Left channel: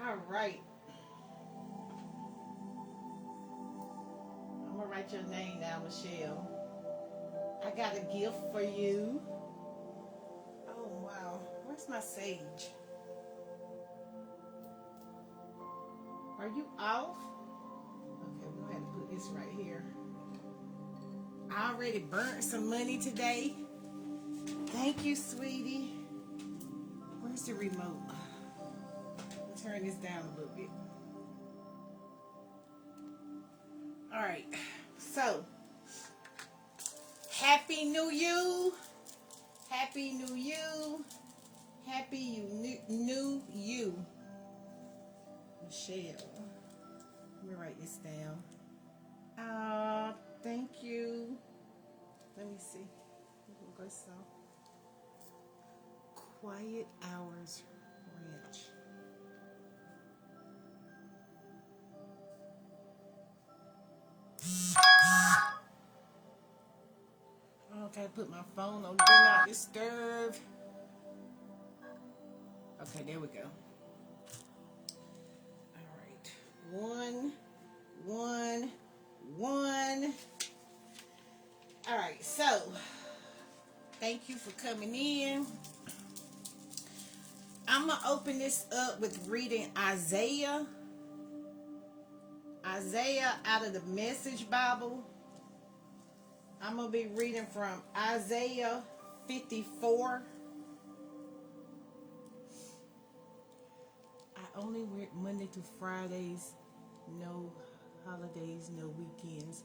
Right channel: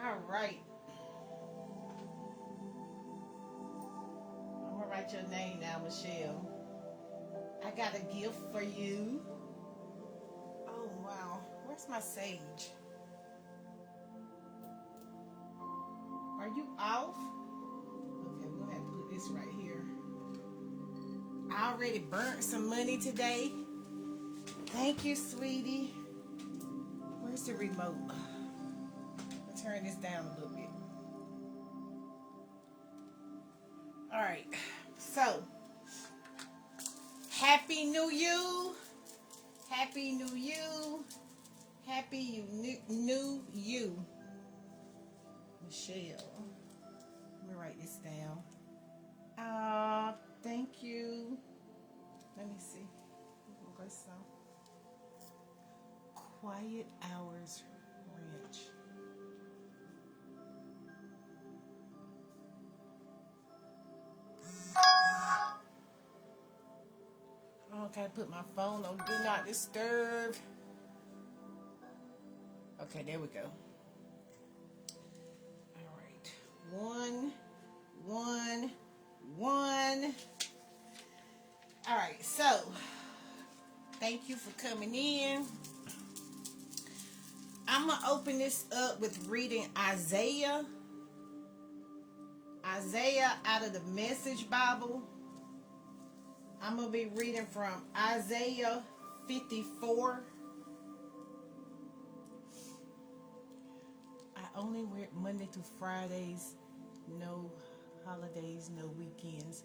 All right. I'm gonna write your name now, Michelle. I got a gift for you. Oh wow. Where's my sage? Are you off? Okay, we're gonna have to put this right here. I already burnt some money today. Thank you, sweetie. Where's the remote? Turn this down a little bit. All right. So, Happy New You. Happy New You. Happy New You. Michelle. Let me write this down. Thank you. Let me see. We'll go some. Quiet Hours Ranch. Okay, put my phone on Do Not Disturb. Okay, there we go. All right. One. All right, so thank you for coming in. I'm going to open this up with reading Isaiah out of the Message Bible. I'm going to be reading from Isaiah 54. I only read Monday through Fridays, no holidays, no weekends.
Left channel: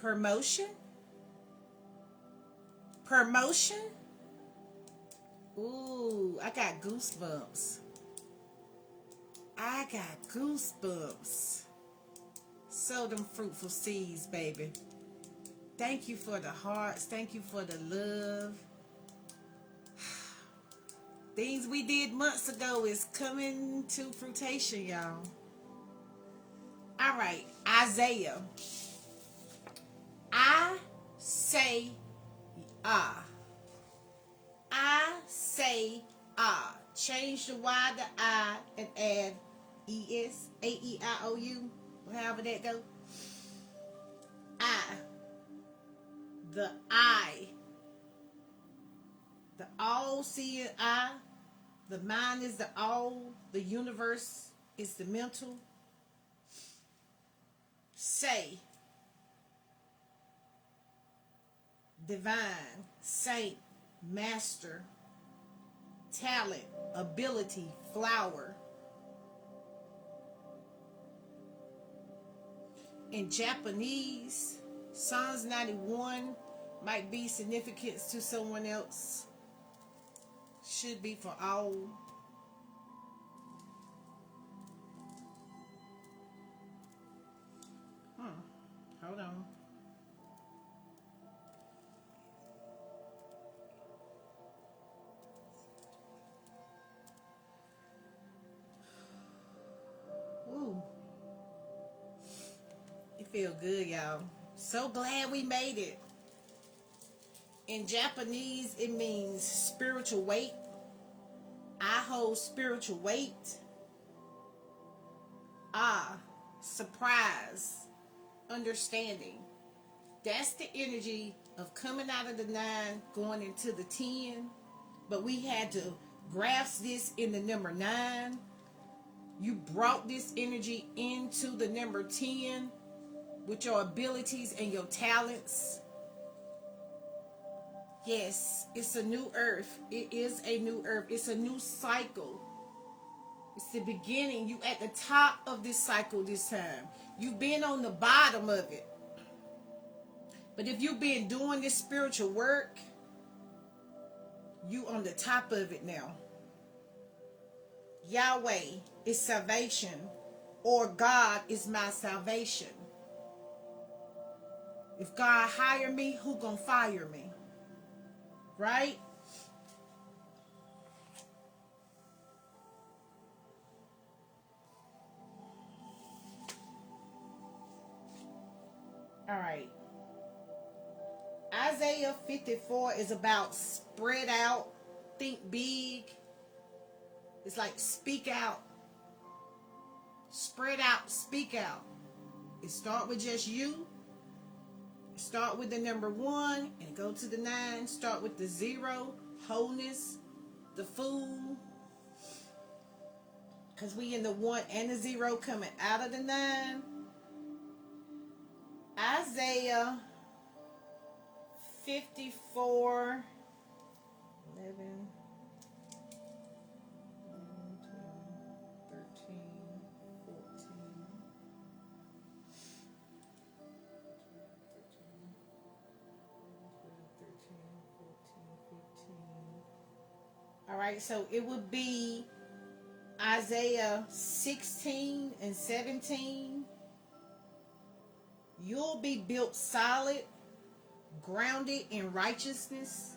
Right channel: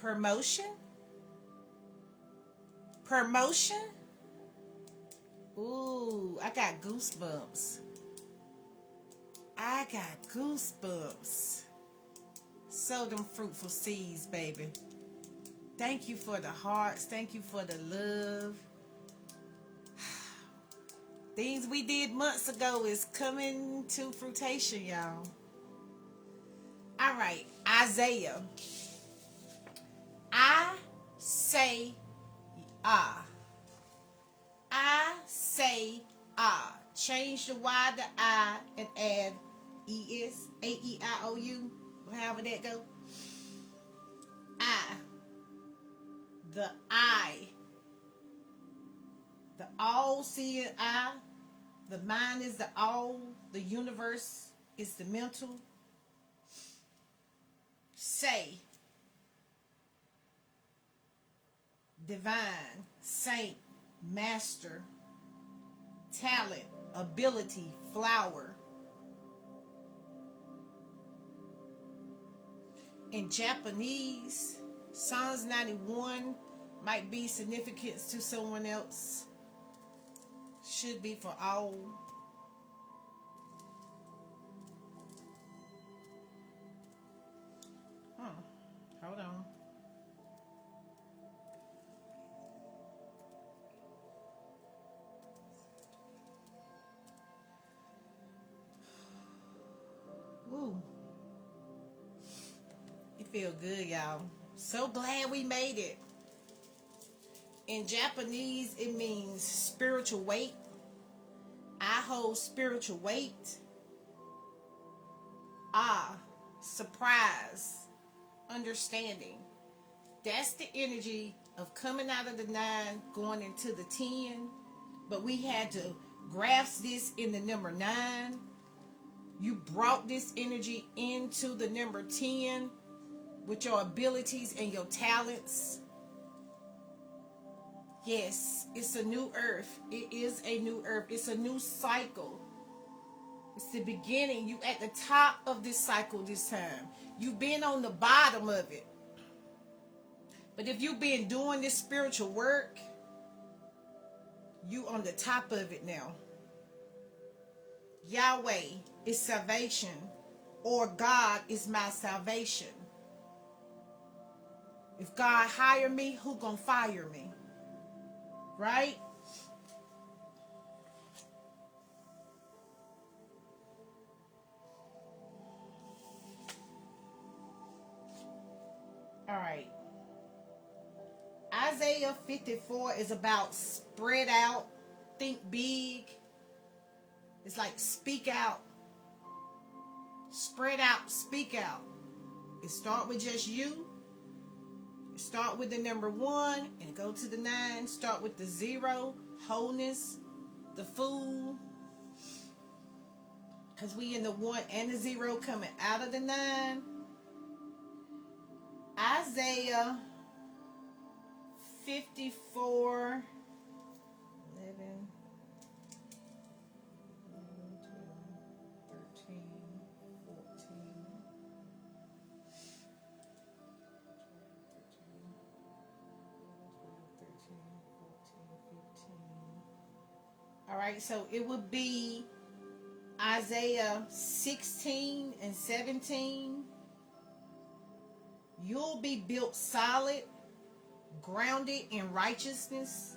Promotion? Ooh, I got goosebumps. Sow them fruitful seeds, baby. Thank you for the hearts. Thank you for the love. Things we did months ago is coming to fruition, y'all. All right, Isaiah. I say change the Y to I and add ES, AEIOU, however that go. The all-seeing I, the mind is the all, the universe is the mental. Say, divine, saint, master, talent, ability, flower. In Japanese, Psalms 91 might be significant to someone else. Should be for all. Hold on. Woo. It feel good, y'all. So glad we made it. In Japanese, it means spiritual weight. I hold spiritual weight. Surprise, understanding. That's the energy of coming out of the 9, going into the 10. But we had to grasp this in the number 9. You brought this energy into the number 10 with your abilities and your talents. Yes, it's a new earth. It is a new earth. It's a new cycle. It's the beginning. You at the top of this cycle this time. You've been on the bottom of it. But if you've been doing this spiritual work, you on the top of it now. Yahweh is salvation, or God is my salvation. If God hire me, who gonna fire me? Right? All right. Isaiah 54 is about spread out, think big. It's like speak out. Spread out, speak out. It start with just you. Start with the number 1 and go to the 9. Start with the 0, wholeness, the fool. Because we in the 1 and the 0 coming out of the 9. Isaiah 54, 11, 13, 14. All right, so it would be Isaiah 16 and 17. You'll be built solid, grounded in righteousness,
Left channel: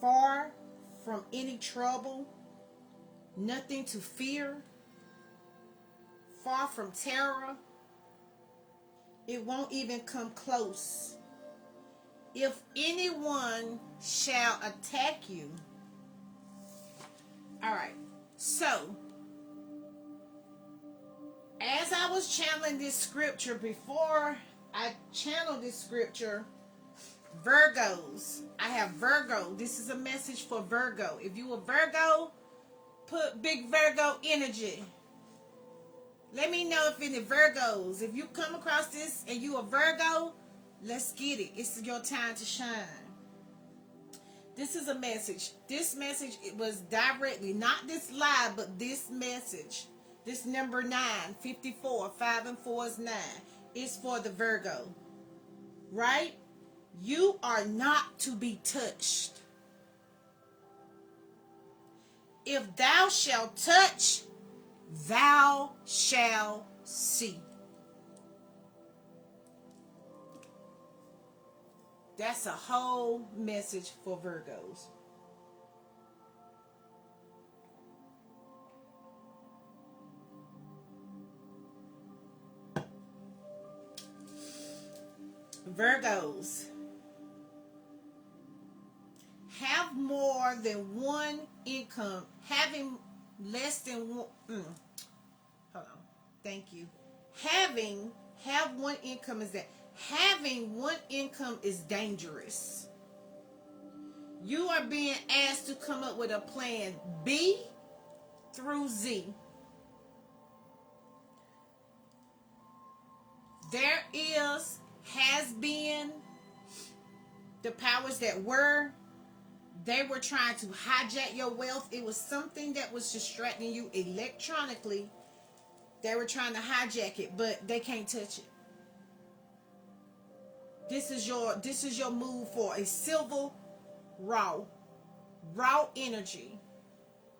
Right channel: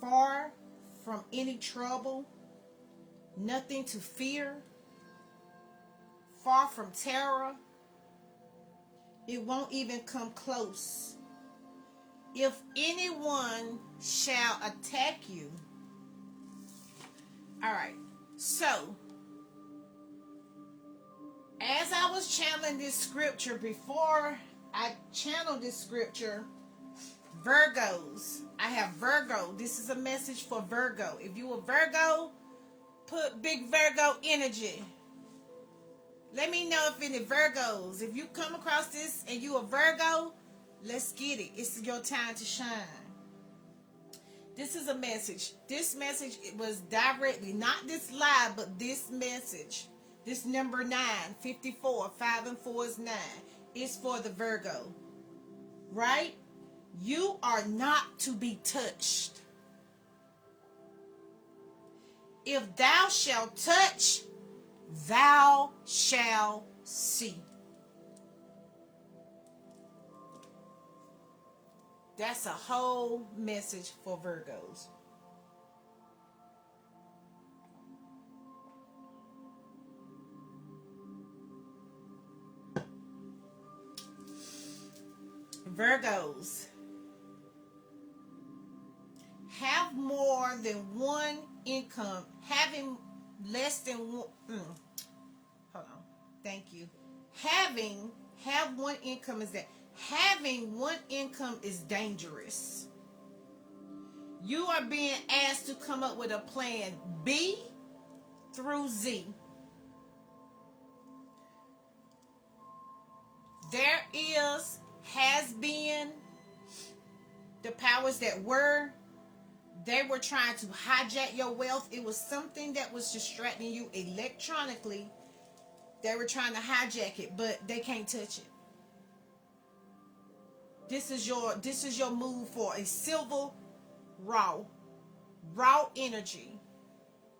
far from any trouble, nothing to fear, far from terror. It won't even come close. If anyone shall attack you. All right, so as I was channeling this scripture, before I channeled this scripture, Virgos, I have Virgo. This is a message for Virgo. If you a Virgo, put big Virgo energy. Let me know if any Virgos, if you come across this and you a Virgo, let's get it. It's your time to shine. This is a message. This message was directly, not this live, but this message. This number 9, 54, 5 and 4 is 9. It's for the Virgo. Right? You are not to be touched. If thou shalt touch, thou shalt see. That's a whole message for Virgos. Virgos, have more than one income, having less than one. Hold on. Thank you. Have one income is that. Having one income is dangerous. You are being asked to come up with a plan B through Z. There has been the powers that were. They were trying to hijack your wealth. It was something that was distracting you electronically. They were trying to hijack it, but they can't touch it. This is your move for a silver raw energy.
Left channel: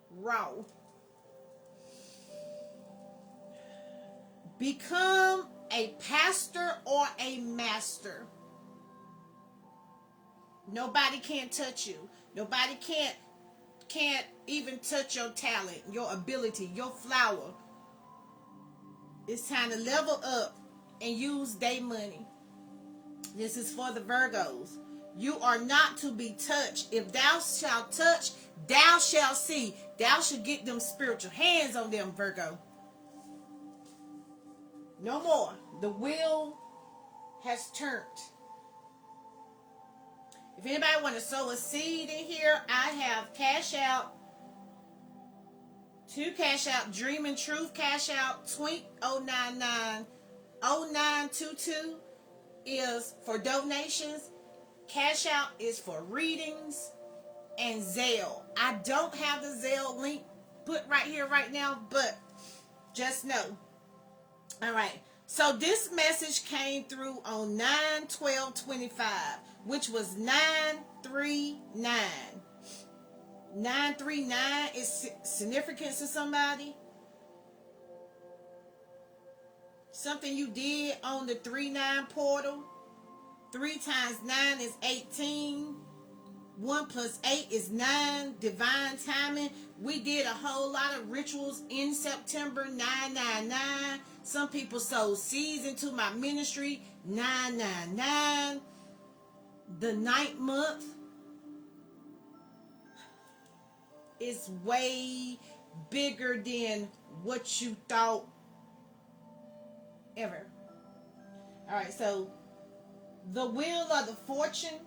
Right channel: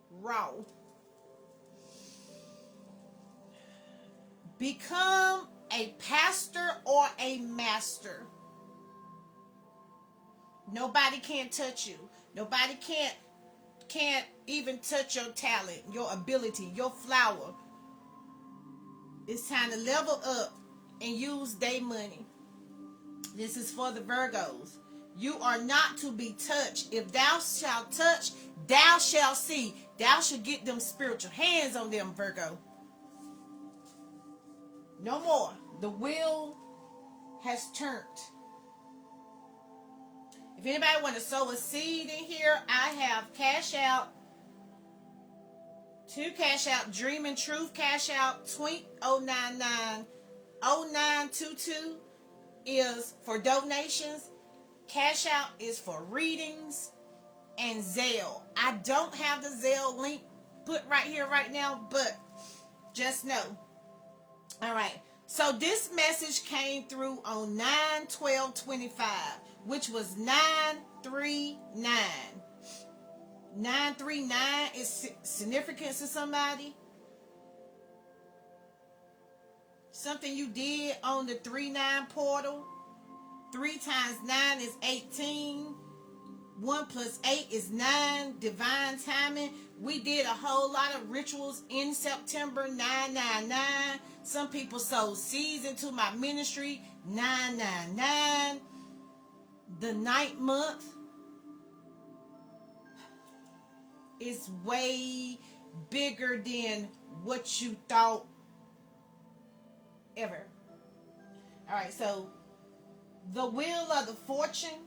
Raw. Become a pastor or a master. Nobody can touch you. Nobody can't even touch your talent, your ability, your flower. It's time to level up and use their money. This is for the Virgos. You are not to be touched. If thou shalt touch, thou shalt see. Thou shalt get them spiritual hands on them, Virgo. No more. The wheel has turned. If anybody want to sow a seed in here, I have Cash Out. 2 Cash Out, Dream and Truth Cash Out, Twink 099 0922 is for donations. Cash Out is for readings, and Zelle. I don't have the Zelle link put right here right now, but just know. All right. So this message came through on 9/12/25, which was 939. 939 is significant to somebody. Something you did on the 3-9 portal. 3 times 9 is 18. 1 plus 8 is 9. Divine timing. We did a whole lot of rituals in September. 999. Some people sowed seeds into my ministry. 999. The 9th month is way bigger than what you thought ever. All right, so the wheel of the fortune,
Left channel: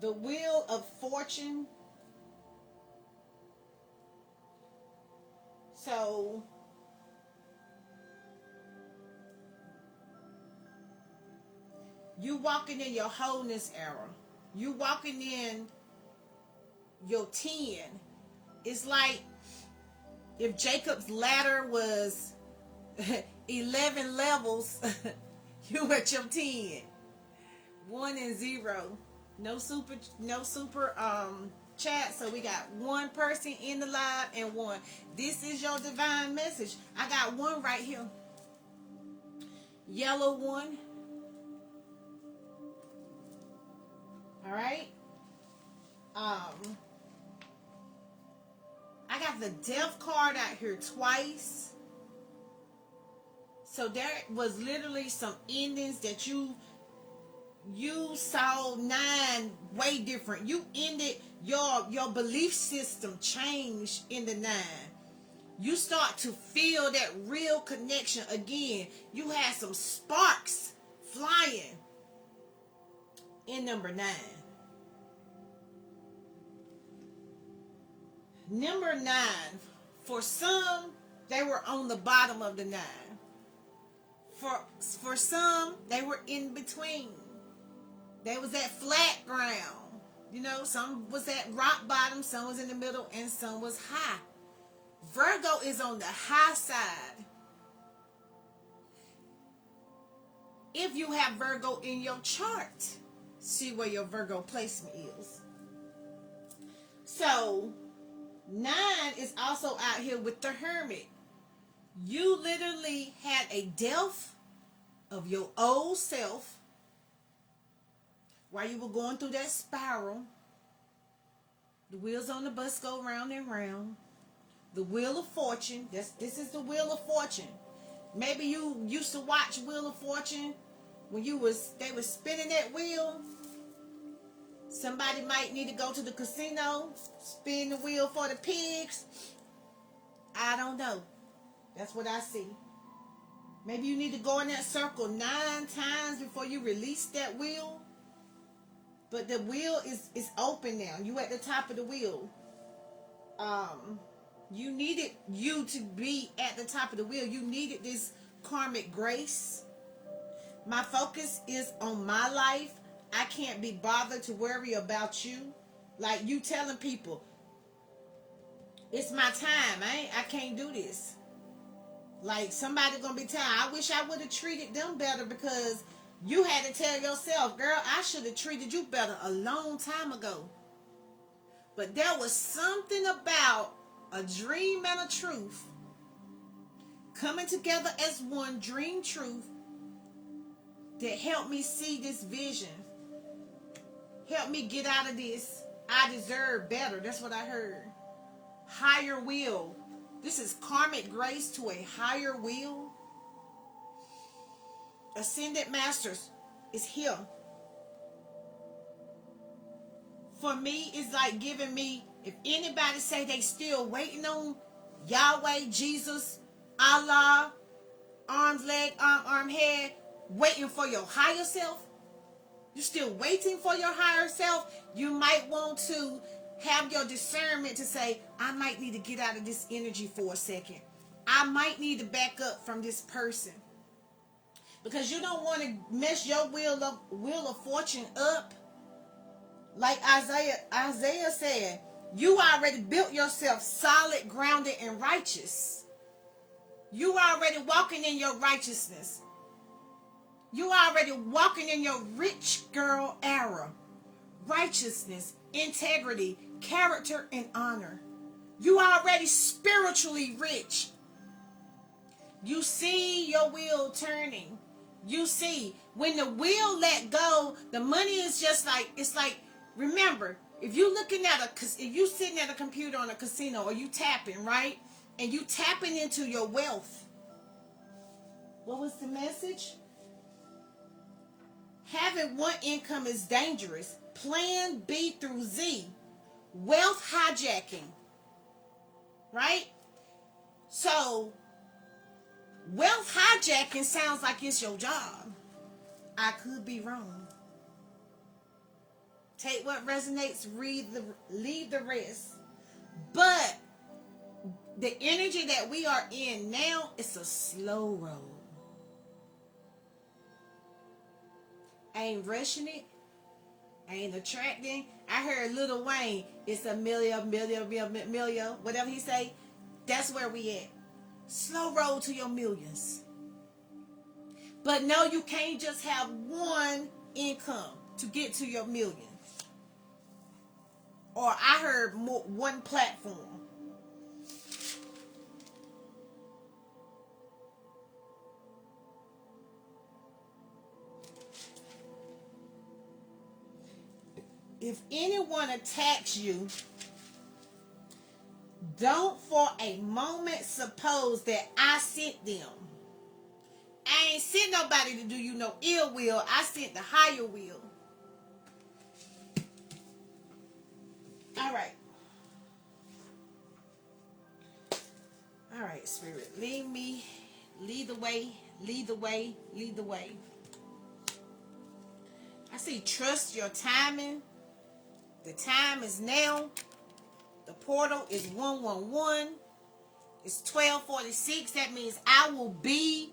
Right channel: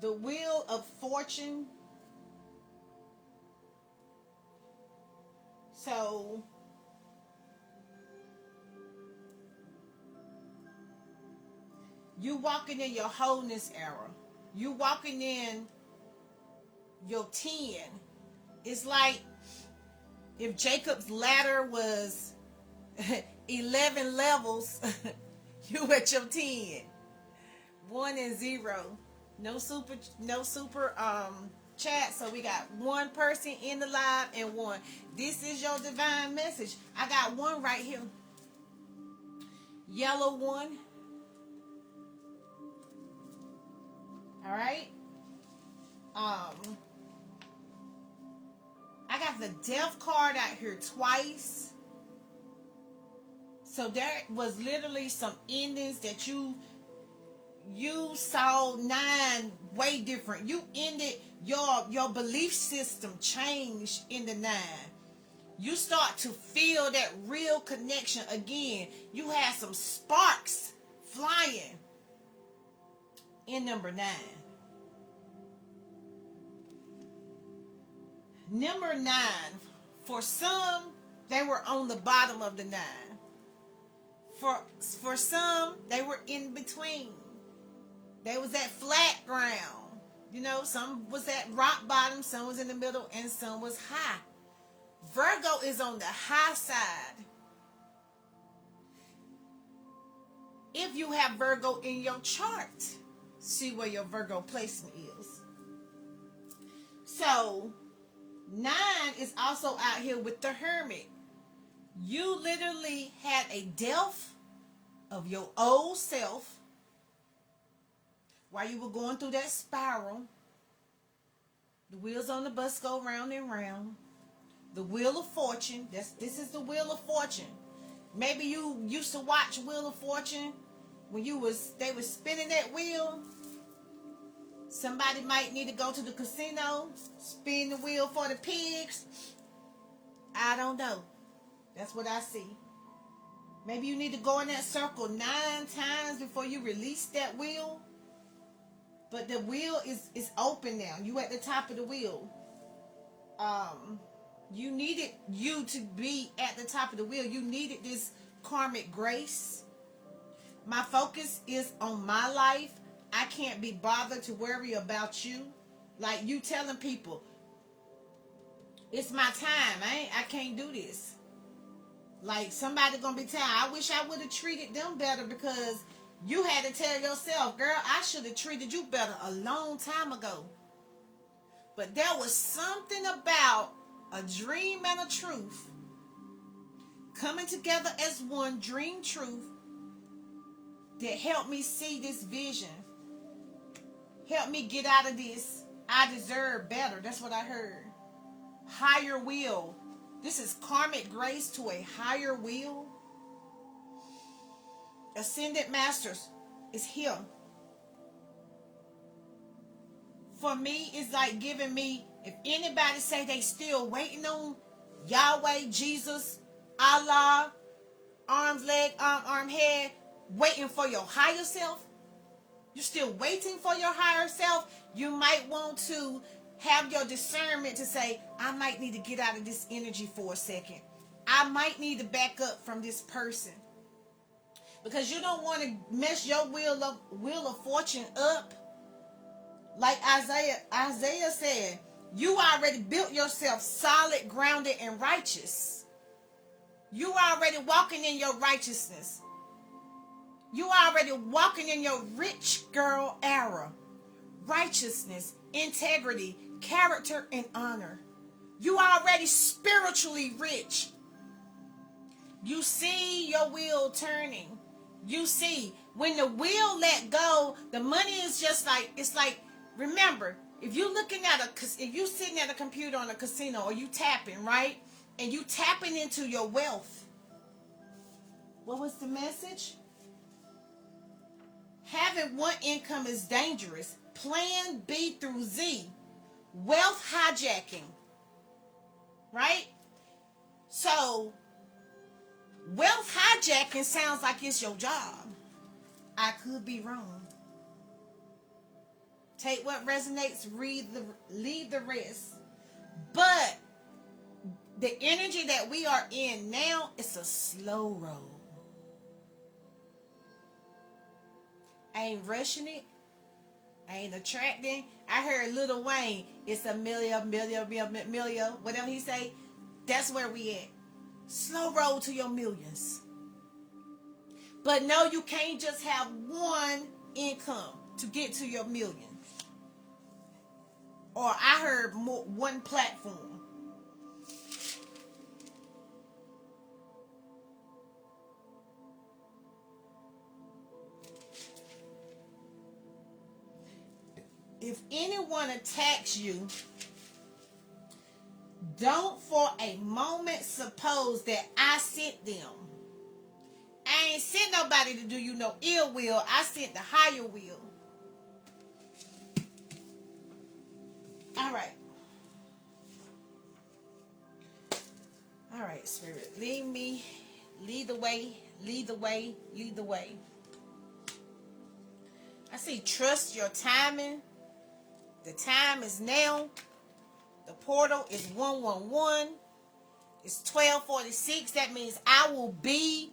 the wheel of fortune. So you walking in your wholeness era. You walking in your 10. It's like if Jacob's ladder was 11 levels, you at your 10. 1 and 0. No super chat. So we got one person in the live and one. This is your divine message. I got one right here. Yellow one. All right. I got the death card out here twice. So there was literally some endings that you saw 9 way different. You ended your belief system changed in the 9. You start to feel that real connection again. You had some sparks flying in number 9. Number 9, for some, they were on the bottom of the 9. For some, they were in between. They was at flat ground. You know, some was at rock bottom, some was in the middle, and some was high. Virgo is on the high side. If you have Virgo in your chart, see where your Virgo placement is. So 9 is also out here with the Hermit. You literally had a death of your old self while you were going through that spiral. The wheels on the bus go round and round. The Wheel of Fortune. This is the Wheel of Fortune. Maybe you used to watch Wheel of Fortune when they were spinning that wheel. Somebody might need to go to the casino, spin the wheel for the pigs. I don't know. That's what I see. Maybe you need to go in that circle 9 times before you release that wheel. But the wheel is open now. You at the top of the wheel. You needed you to be at the top of the wheel. You needed this karmic grace. My focus is on my life. I can't be bothered to worry about you. Like you telling people, it's my time. I can't do this. Like somebody gonna be telling, I wish I would have treated them better because you had to tell yourself, girl, I should have treated you better a long time ago. But there was something about a dream and a truth coming together as one dream truth that helped me see this vision. Helped me get out of this. I deserve better. That's what I heard. Higher will. This is karmic grace to a higher will. Ascended Masters is here. For me, it's like giving me, if anybody say they still waiting on Yahweh, Jesus, Allah, arms, leg, arm, head, waiting for your higher self, you're still waiting for your higher self, you might want to have your discernment to say, I might need to get out of this energy for a second. I might need to back up from this person. Because you don't want to mess your wheel of fortune up. Like Isaiah said, you already built yourself solid, grounded, and righteous. You already walking in your righteousness. You already walking in your rich girl era. Righteousness, integrity, character, and honor. You already spiritually rich. You see your wheel turning. You see, when the wheel let go, the money is just like, it's like, remember, if you sitting at a computer on a casino or you tapping, right? And you tapping into your wealth. What was the message? Having one income is dangerous. Plan B through Z. wealth hijacking, right? So, wealth hijacking sounds like it's your job. I could be wrong. Take what resonates, leave the rest. But the energy that we are in now is a slow road. I ain't rushing it. I ain't attracting. I heard Lil Wayne, it's a million, whatever he say. That's where we at. Slow road to your millions. But no, you can't just have one income to get to your millions. Or I heard one platform. If anyone attacks you, don't for a moment suppose that I sent them. I ain't sent nobody to do you no ill will. I sent the higher will. All right. All right, Spirit. Lead me. Lead the way. Lead the way. Lead the way. I see trust your timing. The time is now. The portal is 111. It's 12:46. That means I will be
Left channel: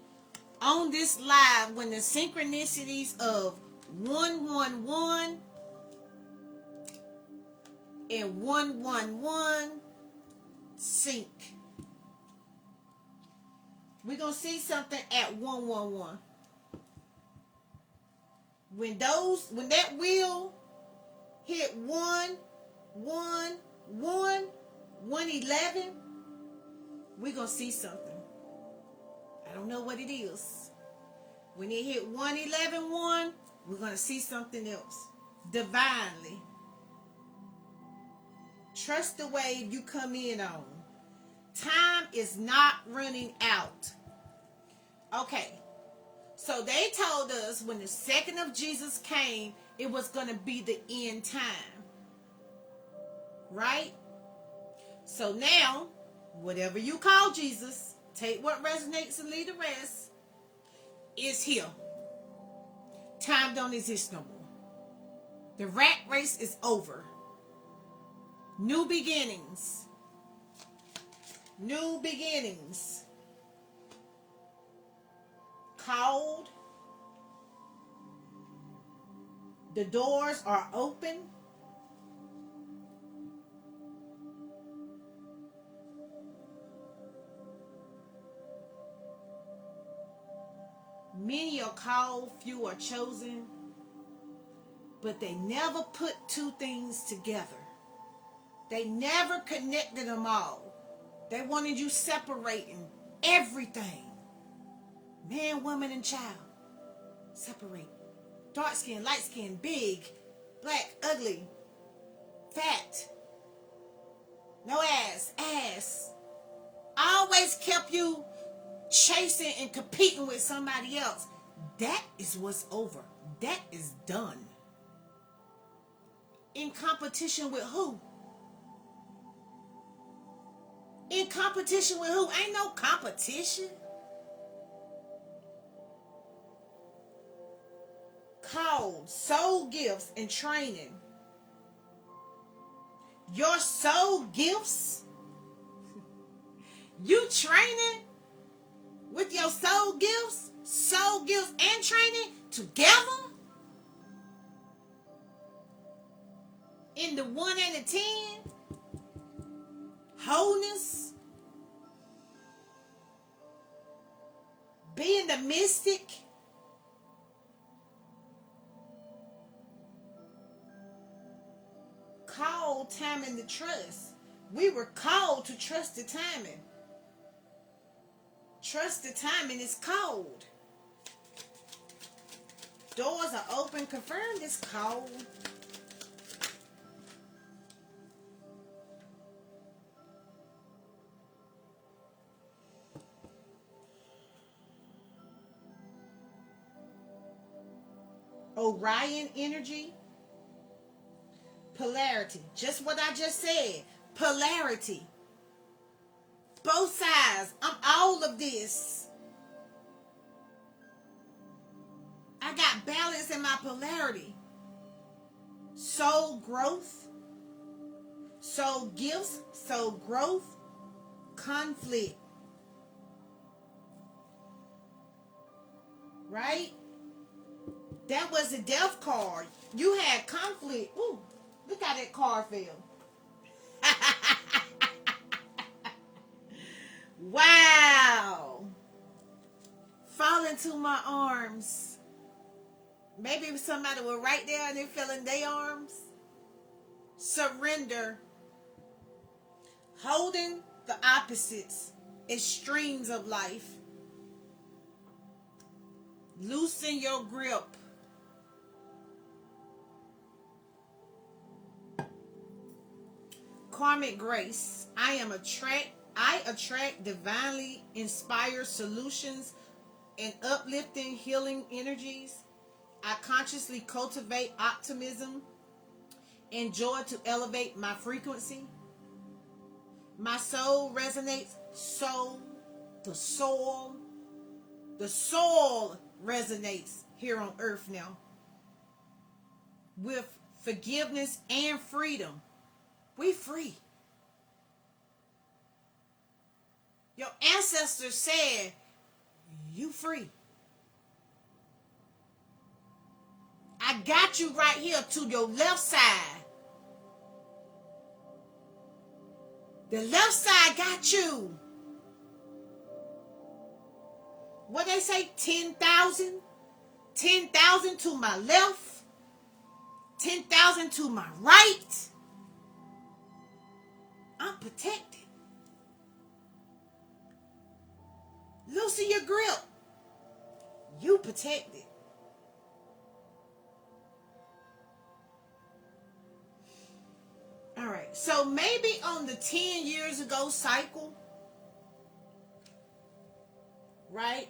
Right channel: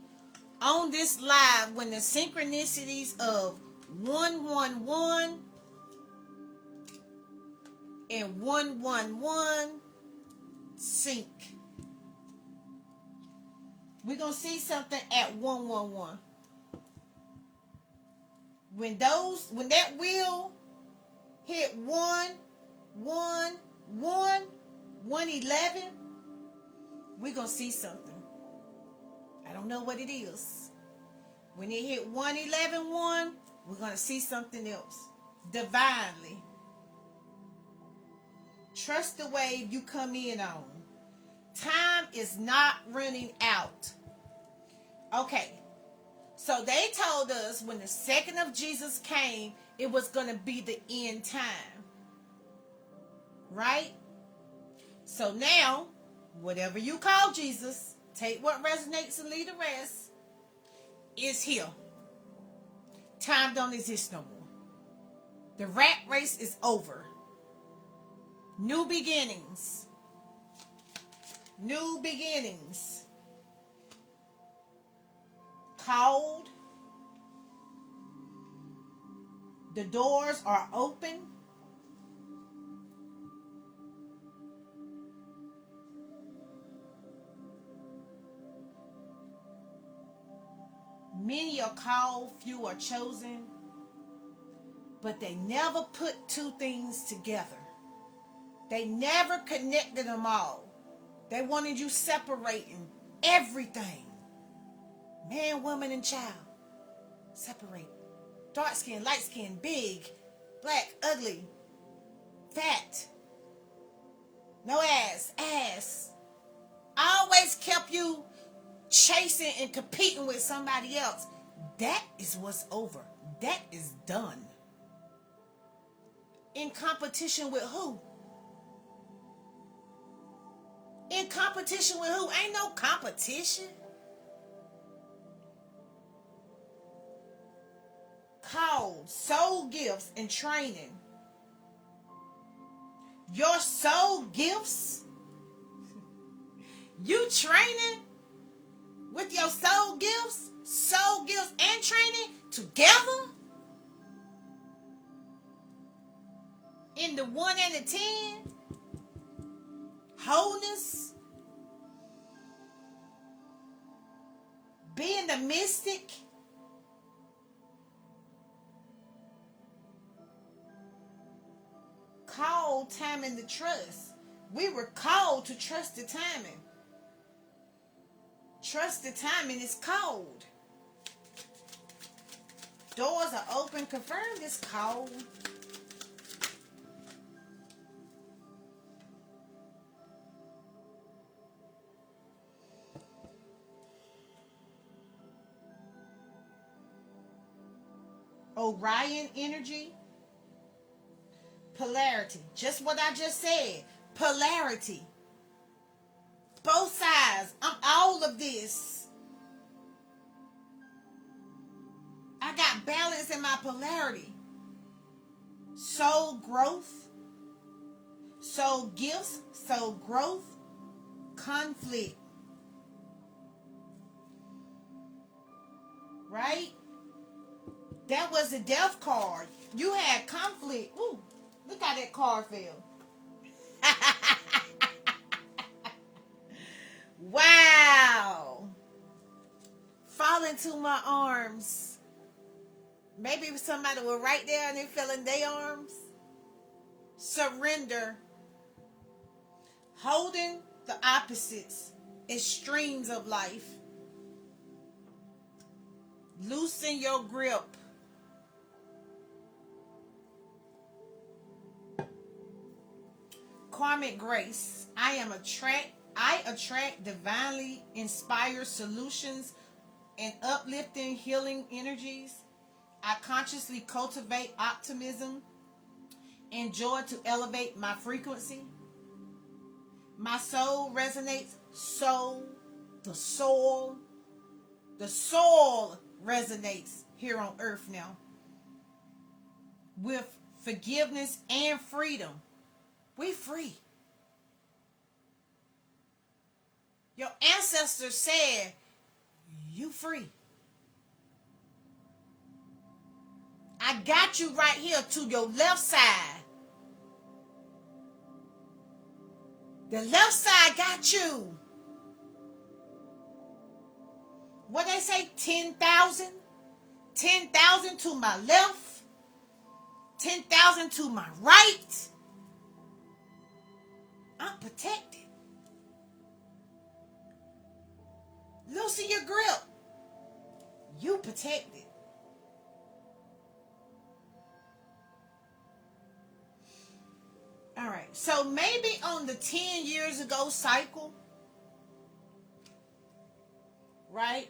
on this live when the synchronicities of 111 and 111 sync. We're going to see something at 111. When that wheel hit 111, we're going to see something. I don't know what it is. When it hit 111, we're going to see something else. Divinely. Trust the wave you come in on. Time is not running out. Okay. So they told us when the second of Jesus came, it was going to be the end time. Right? So now, whatever you call Jesus, take what resonates and leave the rest, is here. Time don't exist no more. The rat race is over. New beginnings. New beginnings. Called. The doors are open. Many are called, few are chosen, but they never put two things together. They never connected them all. They wanted you separating everything. Man, woman, and child. Separate. Dark skin, light skin, big, black, ugly, fat, no ass. Always kept you chasing and competing with somebody else. That is what's over. That is done. In competition with who? In competition with who? Ain't no competition. Called soul gifts and training. Your soul gifts? You training with your soul gifts and training together? In the 1 and the 10? Wholeness? Being the mystic? Called timing the trust. We were called to trust the timing. Trust the timing is called. Doors are open. Confirm this called. Orion energy. Polarity. Just what I just said. Polarity. Both sides. I'm all of this. I got balance in my polarity. Soul growth. Soul gifts. Soul growth. Conflict. Right? That was the death card. You had conflict. Ooh, look how that card fell. Wow. Fall into my arms. Maybe somebody was right there and they fell in their arms. Surrender. Holding the opposites, extremes of life. Loosen your grip. Karmic grace. I attract divinely inspired solutions and uplifting healing energies. I consciously cultivate optimism and joy to elevate my frequency. My soul resonates. The soul resonates here on earth now with forgiveness and freedom. We free. Your ancestors said, you free. I got you right here to your left side. The left side got you. What they say? 10,000? 10,000 to my left. 10,000 to my right. I'm protected. Loosen your grip. You protected. All right. So maybe on the 10 years ago cycle, right?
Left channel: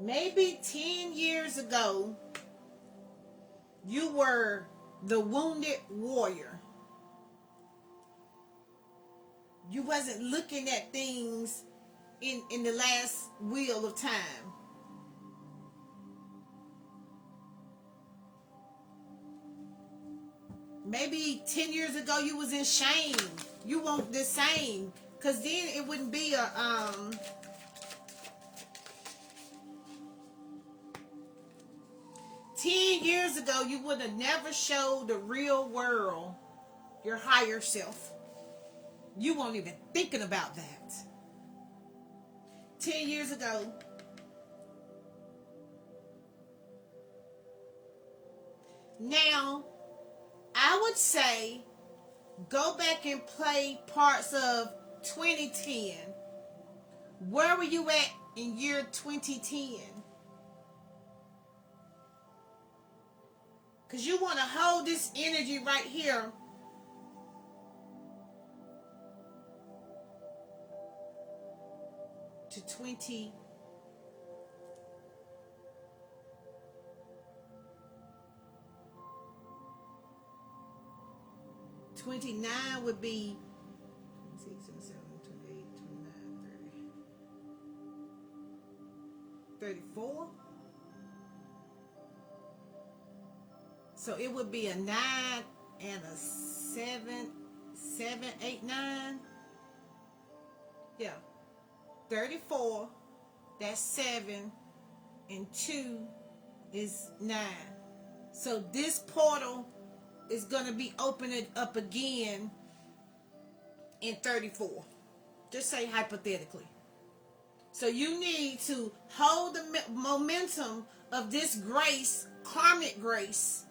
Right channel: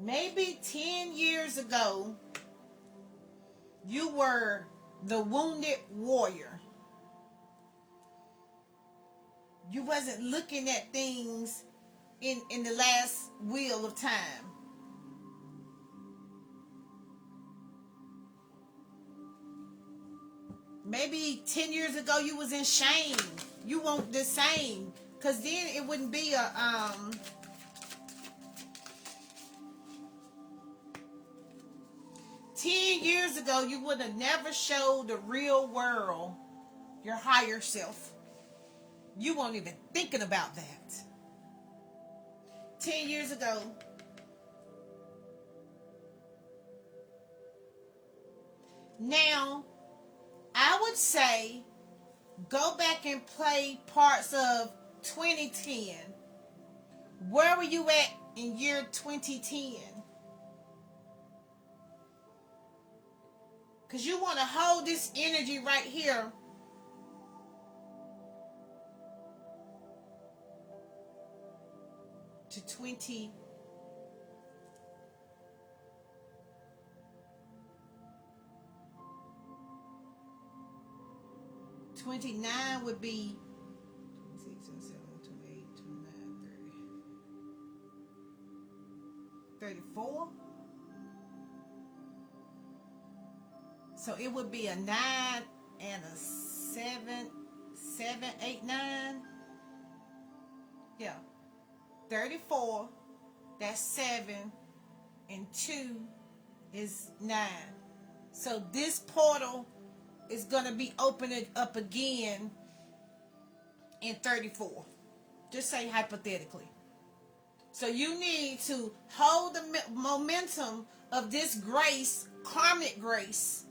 Maybe 10 years ago, you were the wounded warrior. You wasn't looking at things in the last wheel of time. Maybe 10 years ago you was in shame. You want the same. Because then it wouldn't be a 10 years ago, you would have never showed the real world your higher self. You weren't even thinking about that. 10 years ago. Now, I would say, go back and play parts of 2010. Where were you at in year 2010? Because you want to hold this energy right here. To 20. $29 would be 6, 7, 28, 29, 30. 34. So it would be a 9 and a 7, 8, 9. Yeah. 34. That's 7. And 2 is 9. So this portal is going to be opening up again in 34. Just say hypothetically. So you need to hold the momentum of this grace, karmic grace,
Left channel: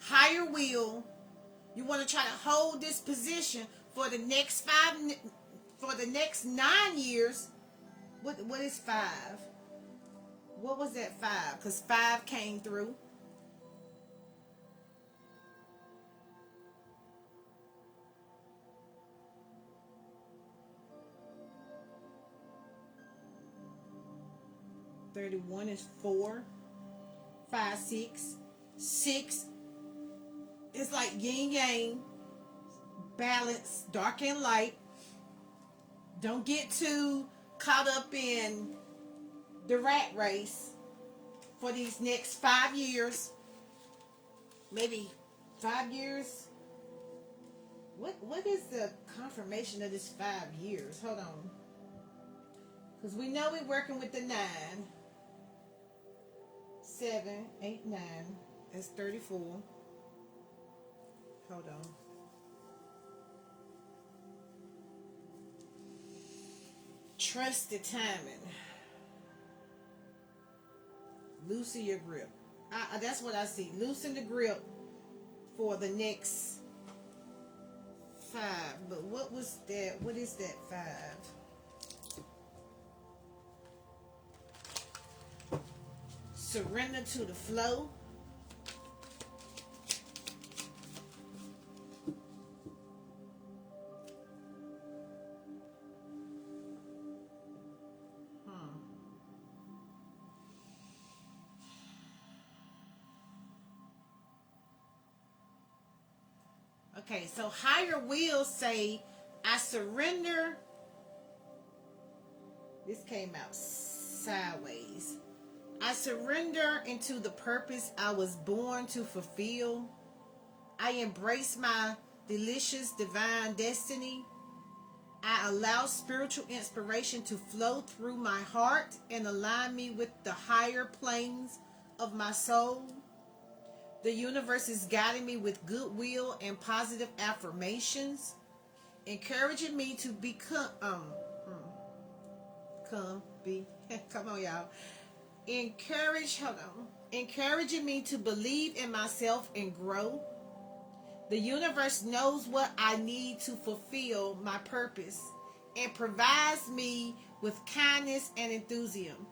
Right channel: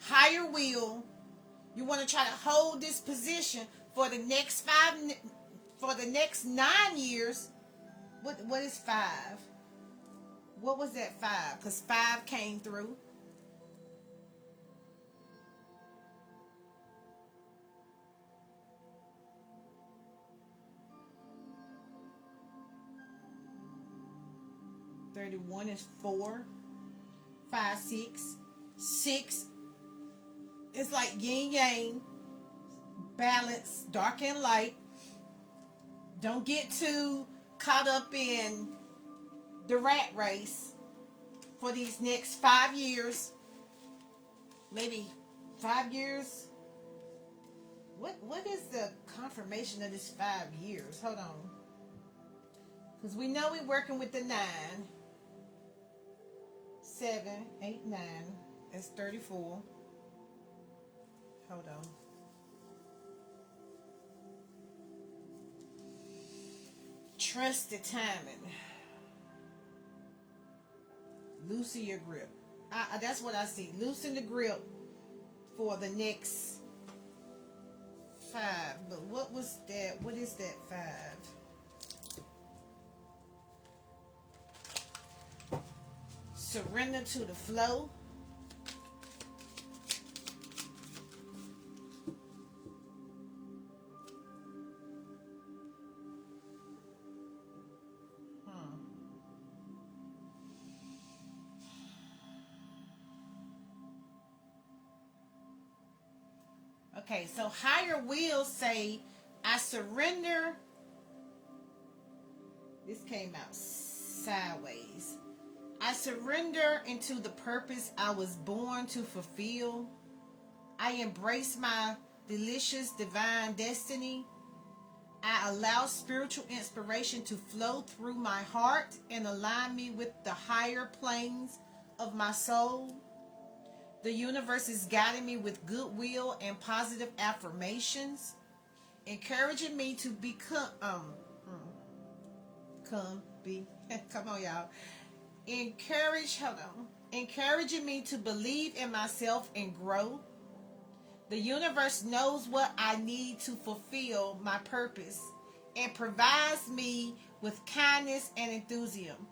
higher will. You want to try to hold this position for the next 9 years. What is 5? What was that 5? Because 5 came through. $31 is 4, 5, 6. 6 is like yin yang, balance, dark and light. Don't get too caught up in the rat race for these next 5 years. Maybe 5 years. What is the confirmation of this 5 years? Hold on. Because we know we're working with the 9. 7, 8, 9. That's 34. Hold on. Trust the timing. Loosen your grip. That's what I see. Loosen the grip for the next 5. But what was that? What is that 5? Surrender to the flow. Okay, so higher will say, I surrender. This came out sideways. I surrender into the purpose I was born to fulfill. I embrace my delicious divine destiny. I allow spiritual inspiration to flow through my heart and align me with the higher planes of my soul. The universe is guiding me with goodwill and positive affirmations, encouraging me to become, come on, y'all. Encouraging me to believe in myself and grow. The universe knows what I need to fulfill my purpose and provides me with kindness and enthusiasm.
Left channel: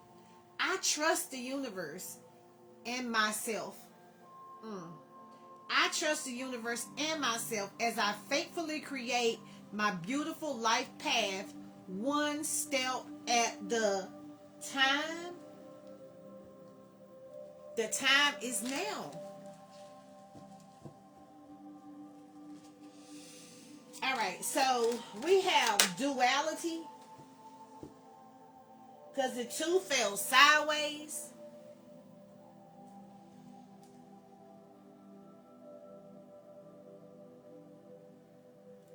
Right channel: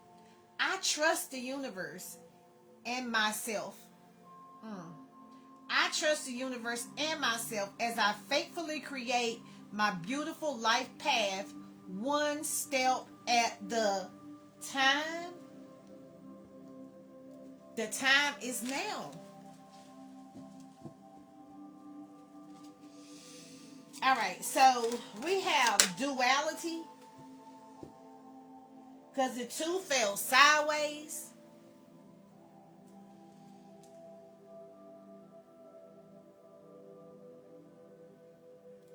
I trust the universe and myself. I trust the universe and myself as I faithfully create my beautiful life path, one step at the time. The time is now. All right, so we have duality because the 2 fell sideways.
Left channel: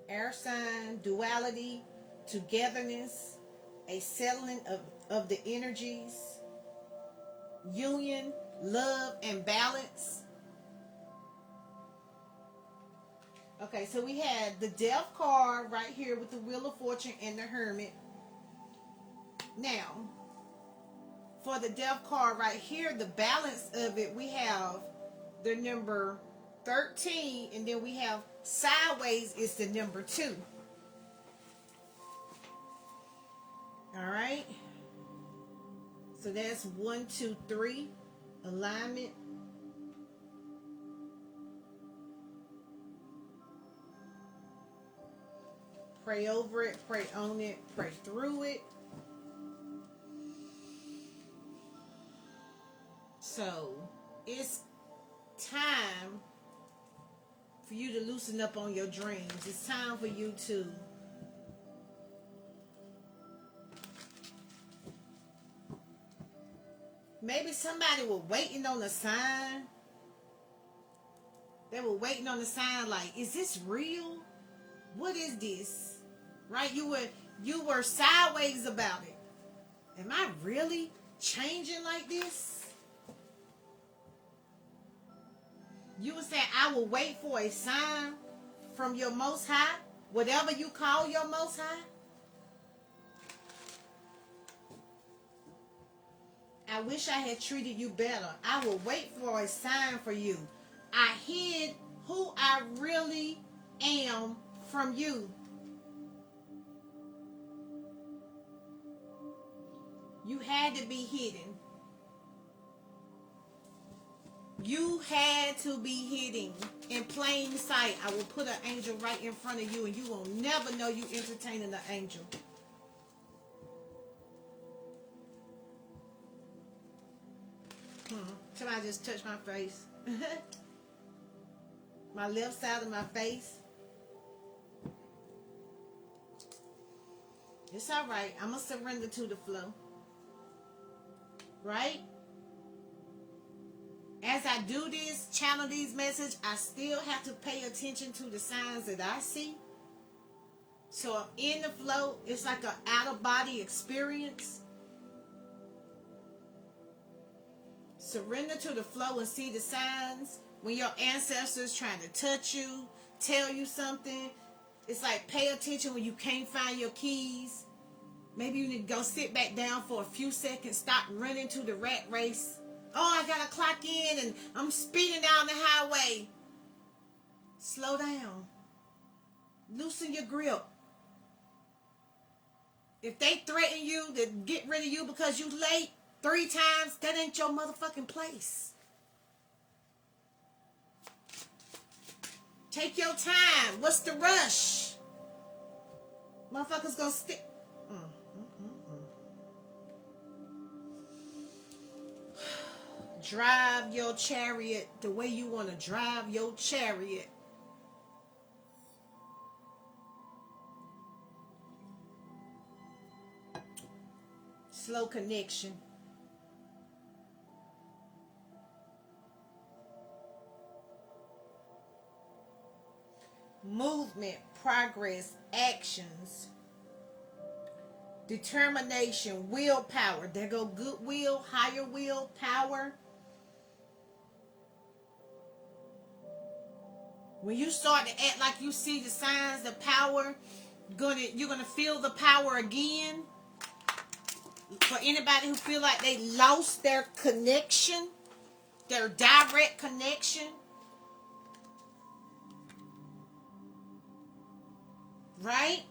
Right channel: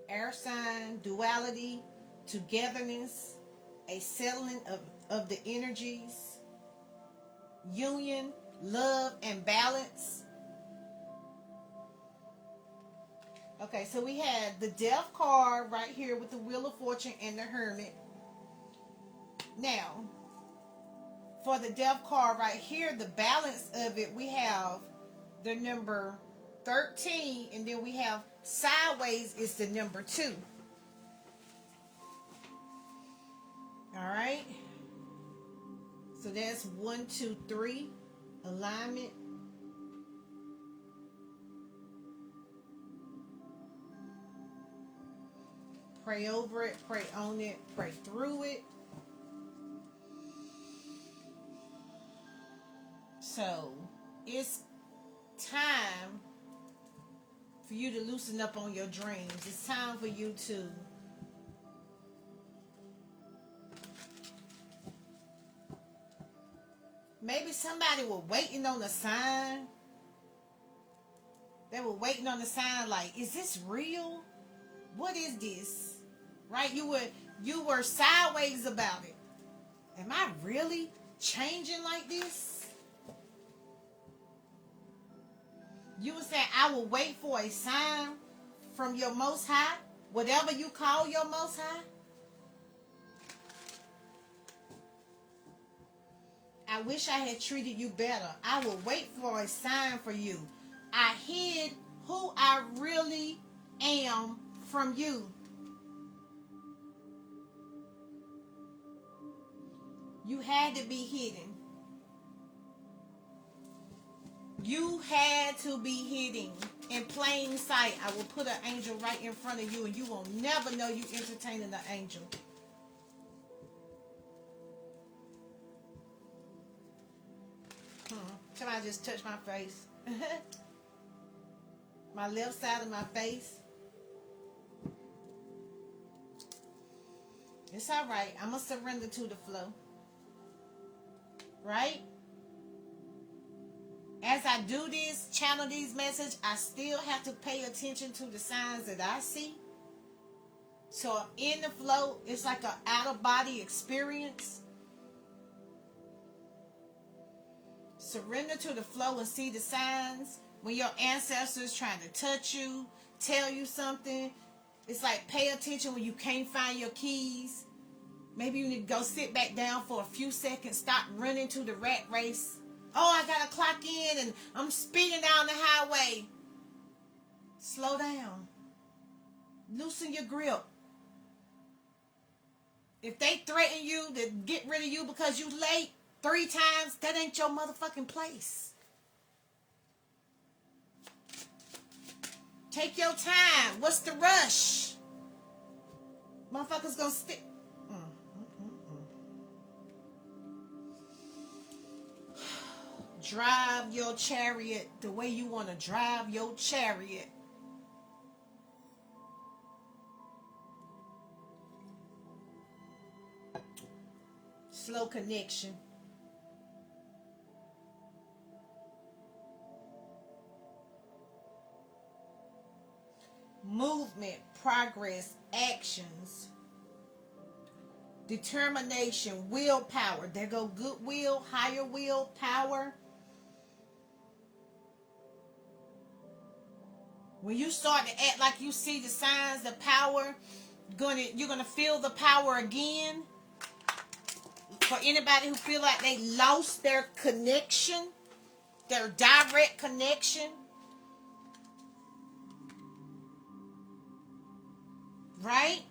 Air sign, duality, togetherness, a settling of the energies, union, love, and balance. Okay, so we had the Death card right here with the Wheel of Fortune and the Hermit. Now, for the Death card right here, the balance of it, we have the number 13, and then we have sideways is the number 2. All right. So that's 1, 2, 3 alignment. Pray over it, pray on it, pray through it. So it's time for you to loosen up on your dreams. It's time for you to maybe somebody was waiting on a sign. They were waiting on a sign like, is this real? What is this? Right? You were sideways about it. Am I really changing like this? You would say, I will wait for a sign from your Most High, whatever you call your Most High. I wish I had treated you better. I will wait for a sign for you. I hid who I really am from you. You had to be hidden. You had to be hidden in plain sight. I will put an angel right in front of you, and you will never know you entertaining an angel. Somebody just touched my face. My left side of my face. It's all right. I'm going to surrender to the flow. Right? As I do this, channel these messages, I still have to pay attention to the signs that I see. So I'm in the flow. It's like an out-of-body experience. Surrender to the flow and see the signs. When your ancestors trying to touch you, tell you something, it's like pay attention when you can't find your keys. Maybe you need to go sit back down for a few seconds. Stop running to the rat race. Oh, I gotta clock in and I'm speeding down the highway. Slow down. Loosen your grip. If they threaten you to get rid of you because you late 3 times, that ain't your motherfucking place. Take your time. What's the rush? Motherfuckers gonna stick. Drive your chariot the way you want to drive your chariot. Slow connection. Movement, progress, actions, determination, willpower. There go goodwill, higher will, power. When you start to act like you see the signs, the power, you're gonna feel the power again. For anybody who feel like they lost their connection, their direct connection, right?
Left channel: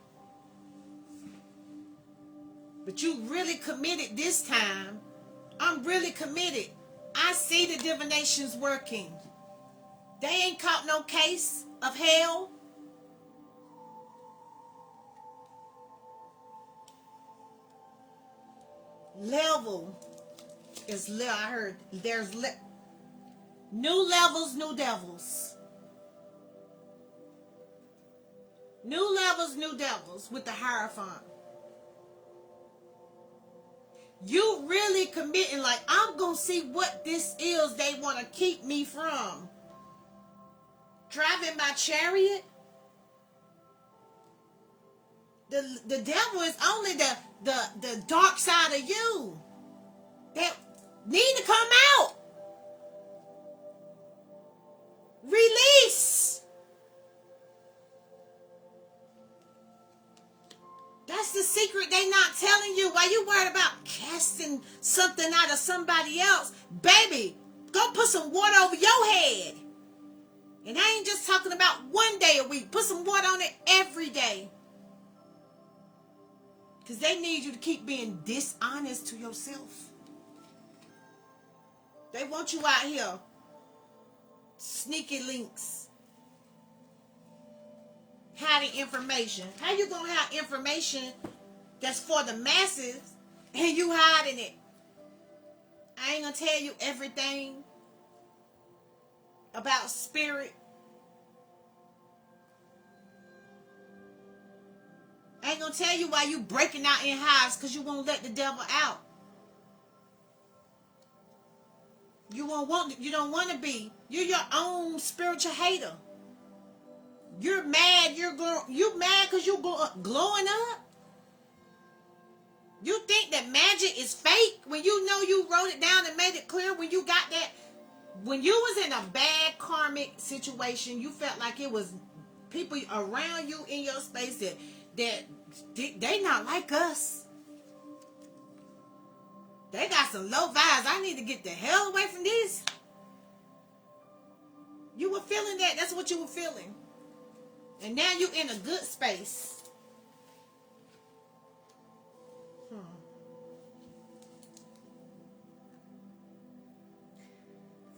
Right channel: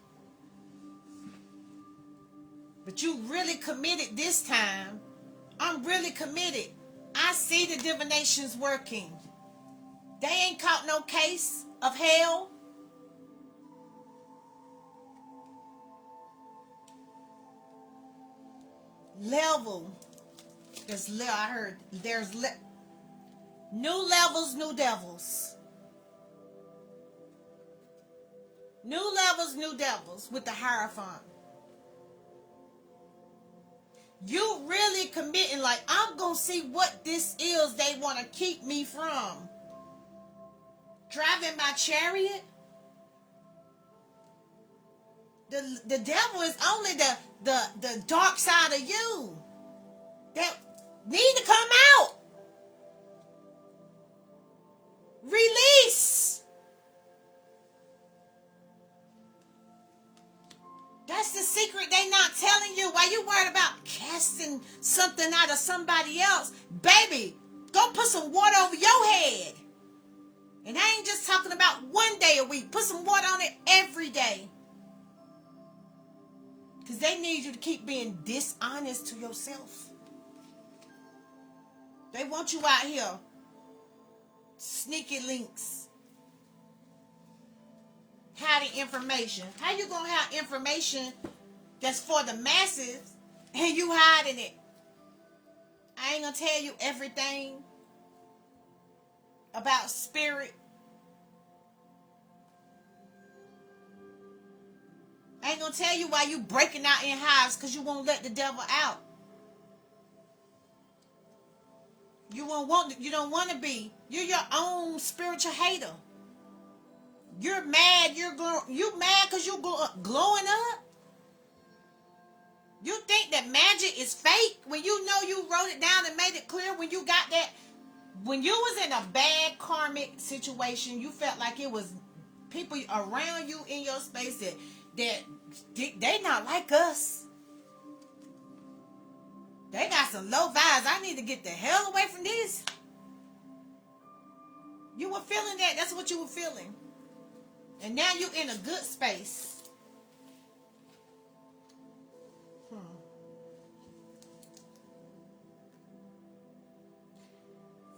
But you really committed this time. I'm really committed. I see the divinations working. They ain't caught no case of hell. Level. I heard there's new levels, new devils. New levels, new devils with the Hierophant. You really committing like, I'm going to see what this is they want to keep me from. Driving my chariot. The devil is only the dark side of you that need to come out. Release. That's the secret they not telling you. Why you worried about casting something out of somebody else? Baby, go put some water over your head. And I ain't just talking about one day a week. Put some water on it every day. Because they need you to keep being dishonest to yourself. They want you out here. Sneaky links. Hiding information. How you gonna have information that's for the masses and you hiding it? I ain't gonna tell you everything about spirit. I ain't gonna tell you why you breaking out in hives because you won't let the devil out. You don't want to be. You're your own spiritual hater. You're mad. You mad because you glowing up. You think that magic is fake when you know you wrote it down and made it clear when you got that. When you was in a bad karmic situation, you felt like it was people around you in your space that they not like us. They got some low vibes. I need to get the hell away from this. You were feeling that. That's what you were feeling. And now you're in a good space.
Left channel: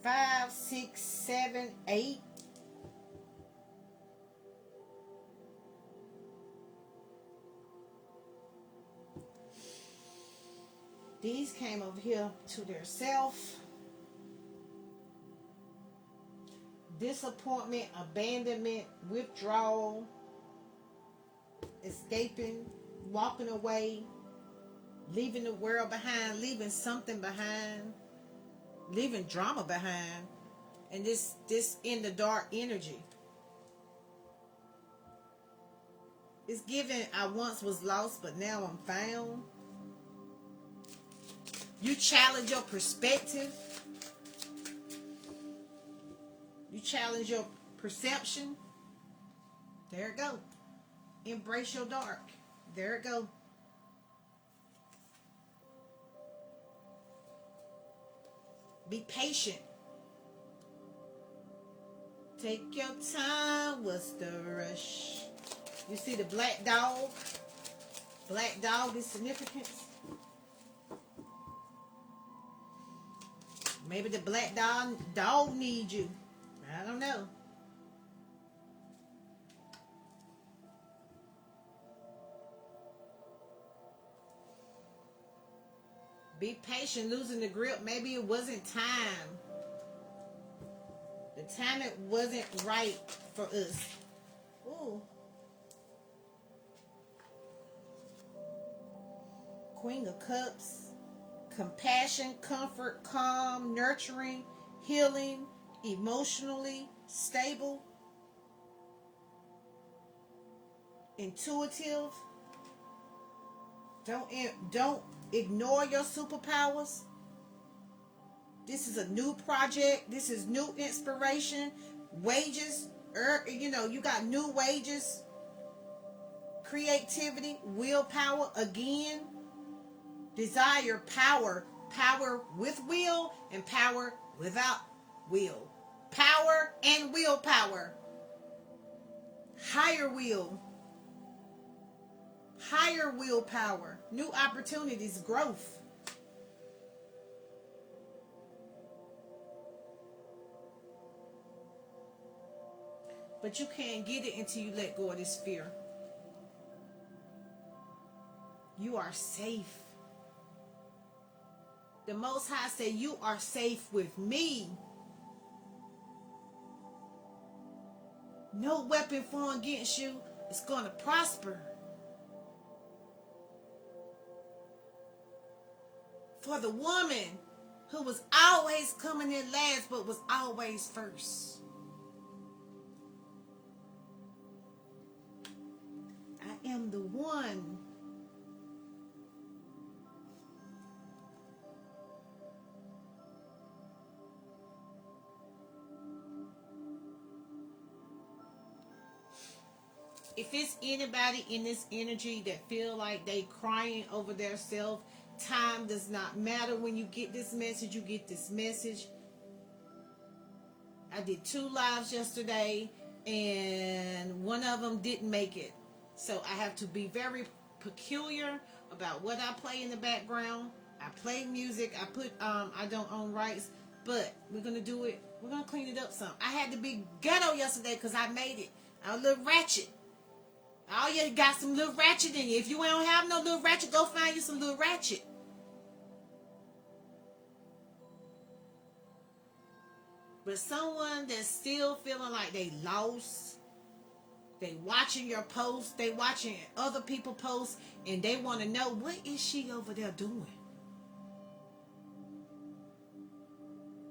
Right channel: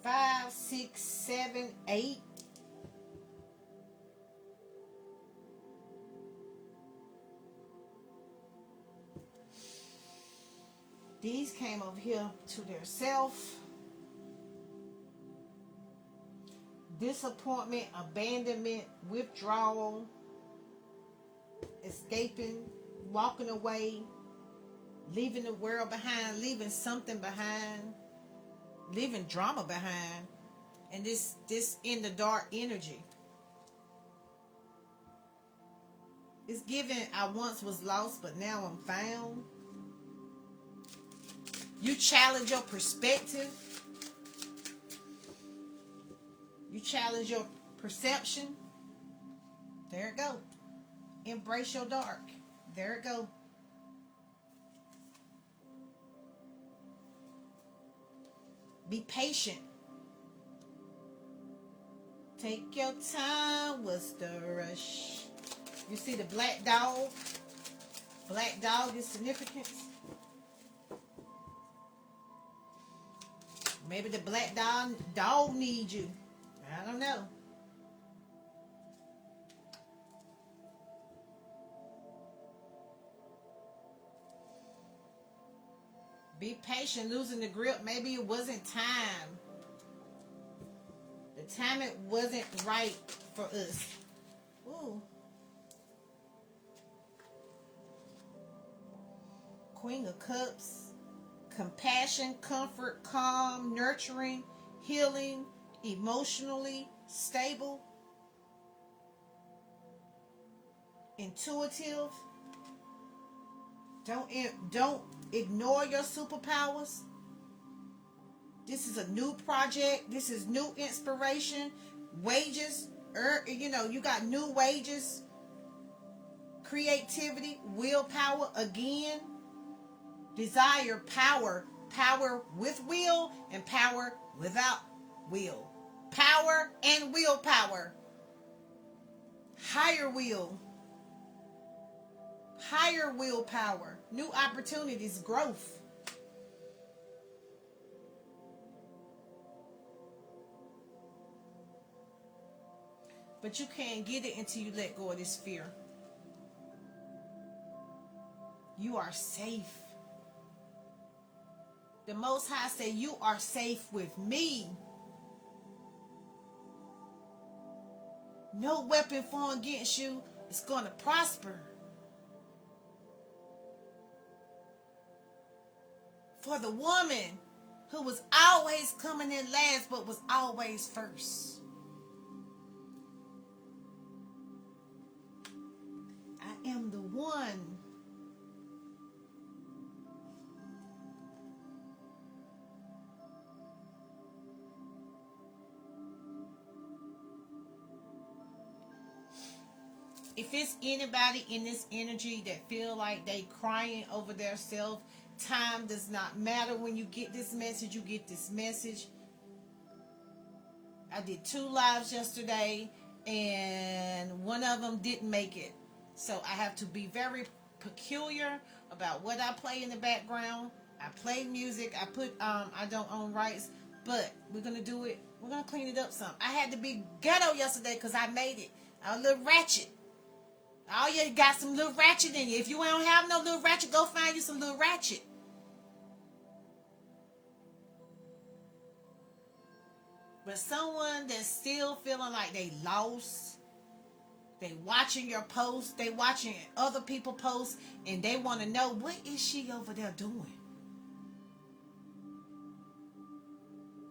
5, 6, 7, 8. These came over here to their self. disappointment, abandonment, withdrawal, escaping, walking away, leaving the world behind, leaving something behind, leaving drama behind, and this in the dark energy. It's given, I once was lost, but now I'm found. You challenge your perspective. You challenge your perception. There it go. Embrace your dark. There it go. Be patient. Take your time. What's the rush? You see the black dog? Black dog is significance. Maybe the black dog needs you. I don't know. Be patient, losing the grip. Maybe it wasn't time. The timing wasn't right for us. Ooh. Queen of Cups. Compassion, comfort, calm, nurturing, healing, emotionally stable, intuitive. Don't ignore your superpowers. This is a new project. This is new inspiration. Wages, you got new wages. Creativity, willpower again. Desire, power with will and power without will. Power and willpower. Higher willpower. New opportunities, growth. But you can't get it until you let go of this fear. You are safe. The Most High said, you are safe with me. No weapon formed against you is going to prosper. For the woman who was always coming in last but was always first. I am the one. If there's anybody in this energy that feel like they crying over their self, time does not matter. When you get this message, you get this message. I did 2 lives yesterday, and one of them didn't make it. So I have to be very peculiar about what I play in the background. I play music. I don't own rights, but we're going to do it. We're going to clean it up some. I had to be ghetto yesterday because I made it. I was a little ratchet. Oh, you got some little ratchet in you. If you don't have no little ratchet, go find you some little ratchet. But someone that's still feeling like they lost, they watching your posts, they watching other people posts, and they want to know, what is she over there doing?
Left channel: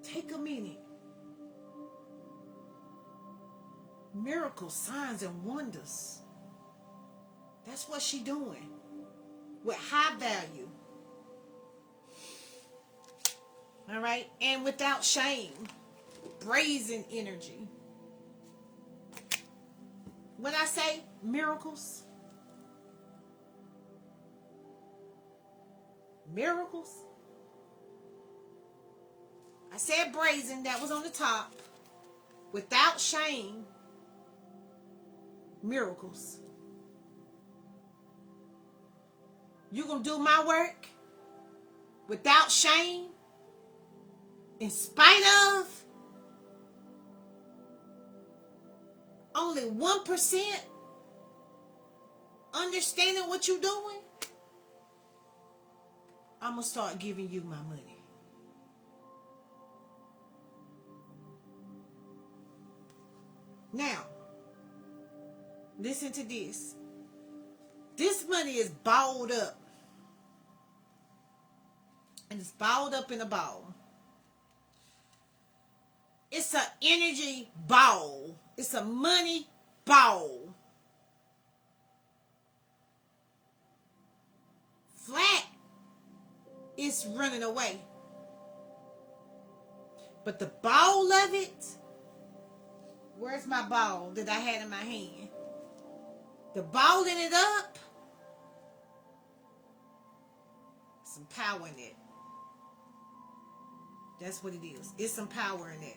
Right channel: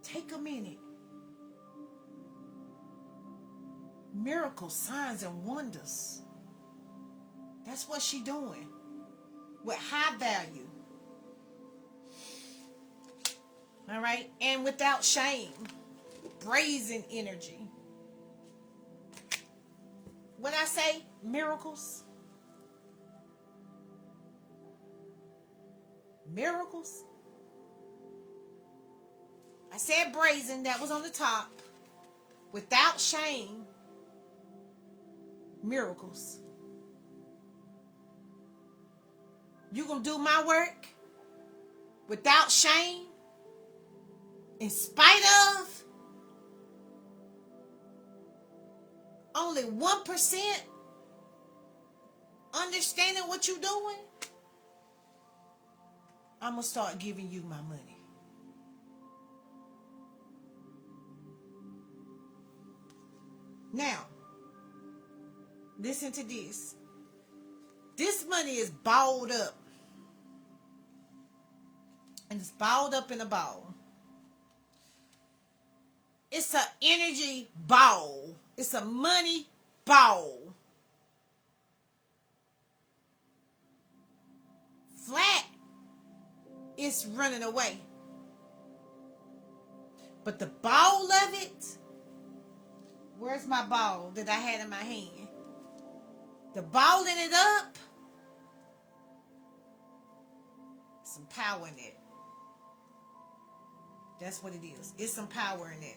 Take a minute. Miracles, signs, and wonders. That's what she doing. With high value. All right? And without shame. Brazen energy. When I say miracles, I said brazen, that was on the top. Without shame, miracles. You gonna do my work without shame, in spite of only 1% understanding what you're doing? I'm gonna start giving you my money. Now, listen to this. This money is balled up. And it's balled up in a ball. It's an energy ball. It's a money ball. Flat is running away. But the ball of it, where's my ball that I had in my hand? The balling it up, some power in it. That's what it is. It's some power in it.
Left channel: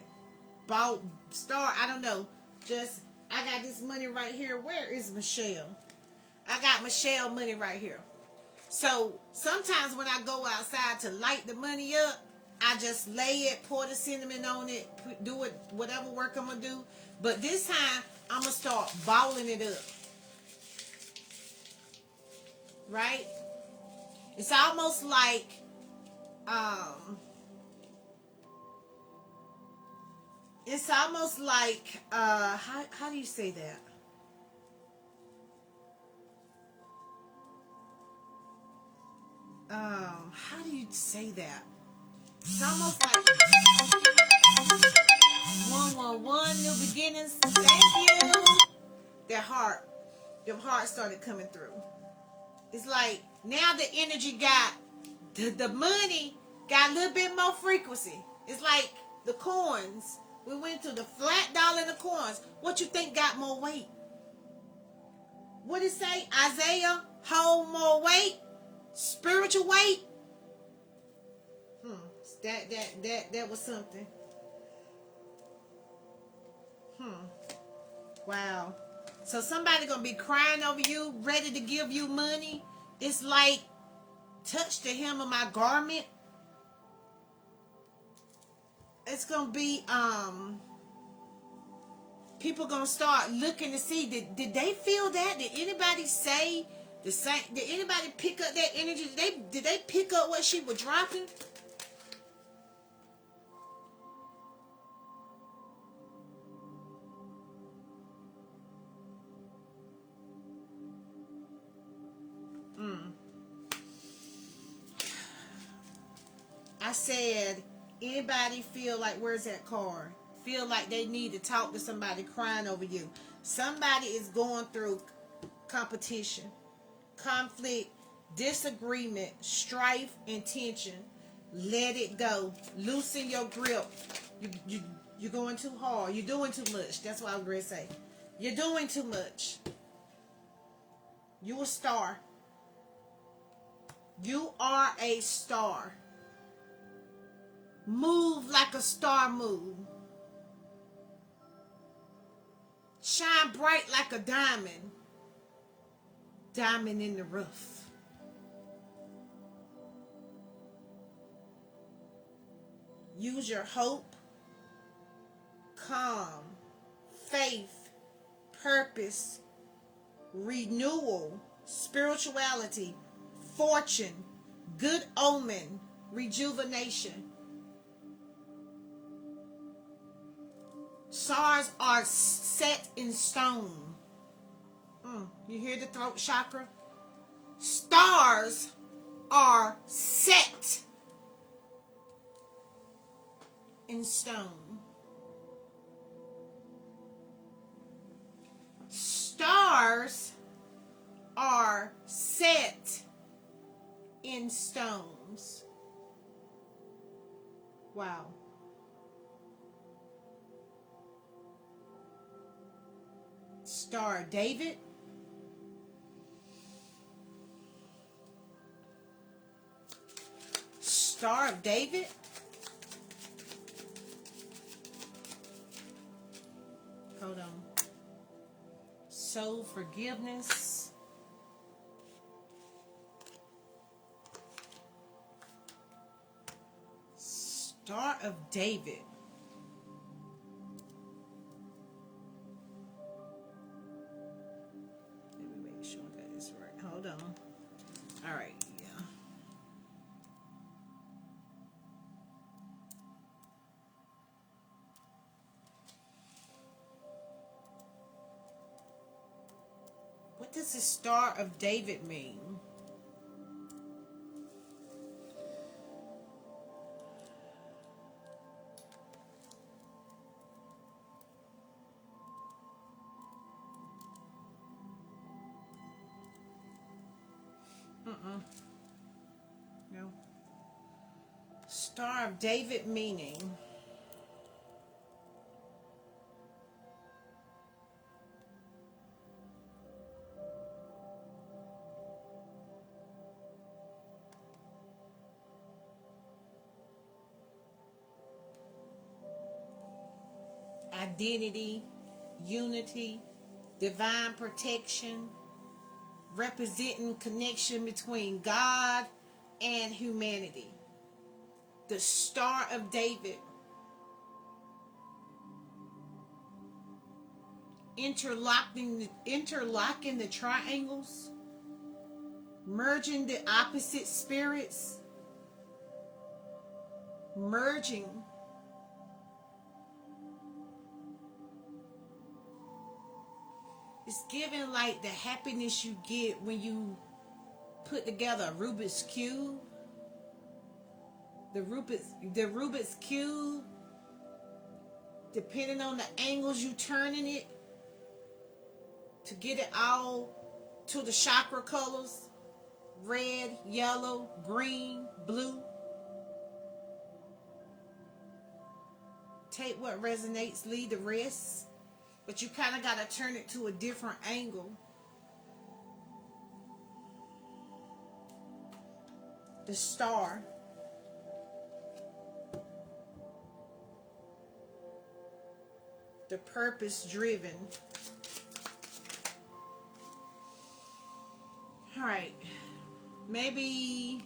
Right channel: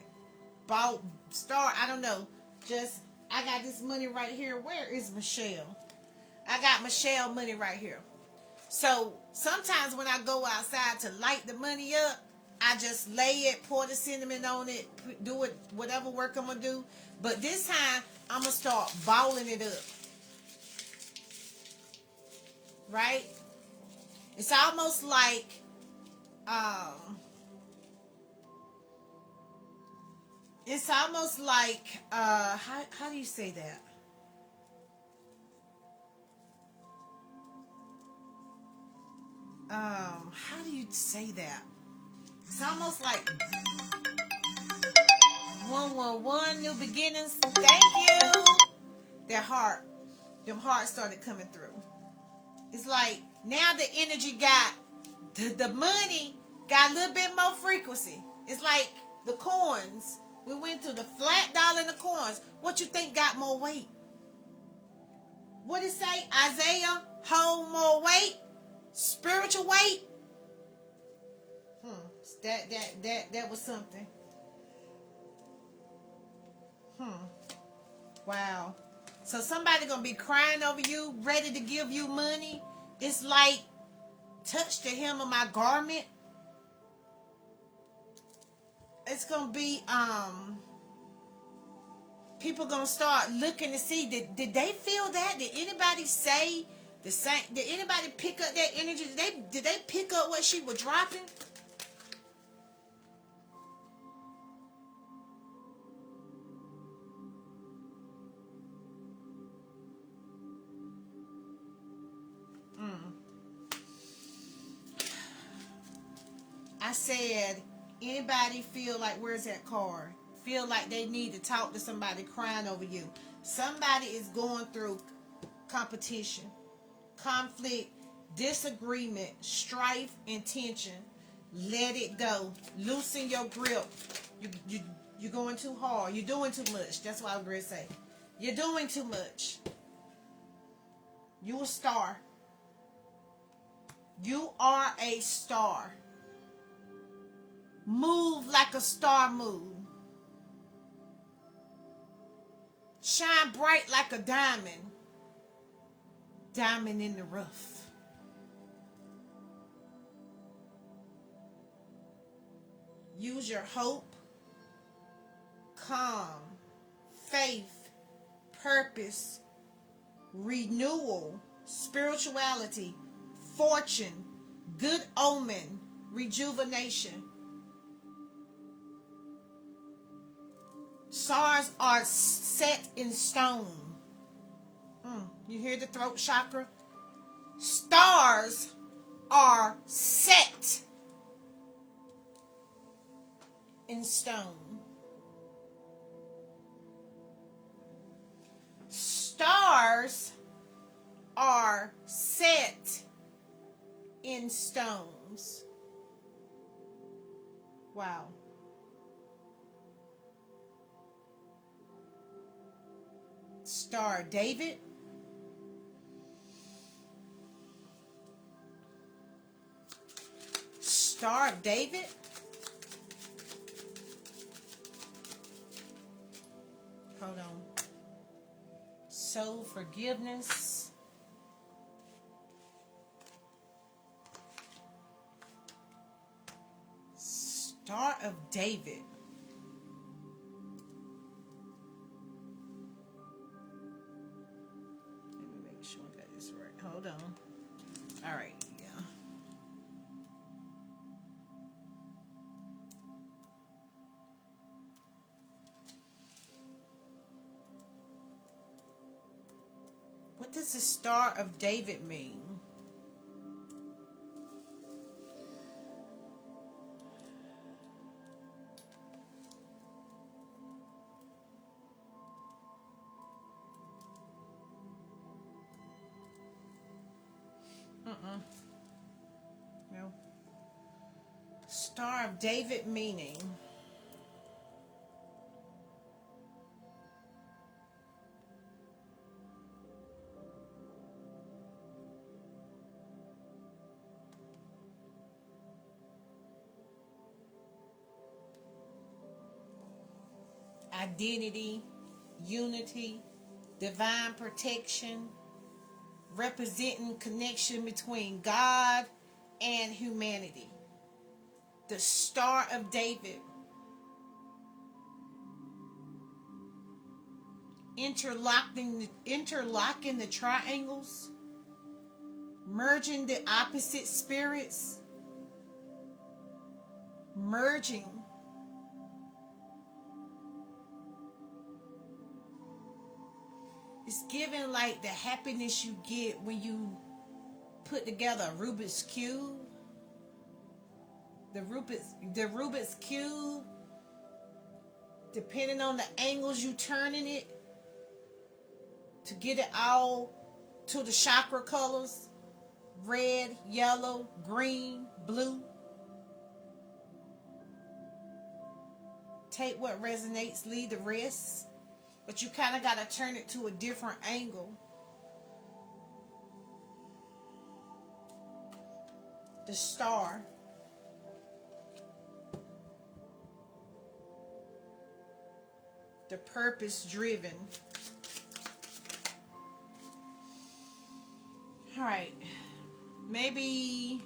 Ball, star, I don't know. Just, I got this money right here. Where is Michelle? I got Michelle money right here. So sometimes when I go outside to light the money up, I just lay it, pour the cinnamon on it, do it, whatever work I'm going to do. But this time, I'm going to start balling it up. Right? It's almost like, it's almost like, how do you say that? How do you say that? It's almost like 111 new beginnings. Thank you. Their heart, them hearts started coming through. It's like now the energy got the money got a little bit more frequency. It's like the coins. We went to the flat dollar and the coins. What you think got more weight? What did it say? Isaiah, hold more weight, spiritual weight. That was something. Wow. So somebody gonna be crying over you, ready to give you money. It's like touch the hem of my garment. It's gonna be people gonna start looking to see did they feel that? Did anybody say the same? Did anybody pick up that energy? Did they pick up what she was dropping? I said, anybody feel like, where's that card? Feel like they need to talk to somebody crying over you. Somebody is going through competition, conflict, disagreement, strife, and tension. Let it go. Loosen your grip. You're going too hard. You're doing too much. That's what I'm going to say. You're doing too much. You a star. You are a star. Move like a star move. Shine bright like a diamond. Diamond in the rough. Use your hope, calm, faith, purpose, renewal, spirituality, fortune, good omen, rejuvenation. Stars are set in stone. You hear the throat chakra? Stars are set in stone. Stars are set in stones. Wow. Star David. Star of David. Hold on. Soul forgiveness. Star of David. Let me make sure I got this right. Hold on. All right. Yeah. does the Star of David mean? No. Star of David meaning. Identity, unity, divine protection, representing connection between God and humanity. The Star of David, interlocking the triangles, merging the opposite spirits, merging. It's giving like the happiness you get when you put together a Rubik's Cube. The Rubik's Cube, depending on the angles you turning it to get it all to the chakra colors, red, yellow, green, blue. Take what resonates, leave the rest. But you kind of got to turn it to a different angle. The Star. The purpose driven. All right. Maybe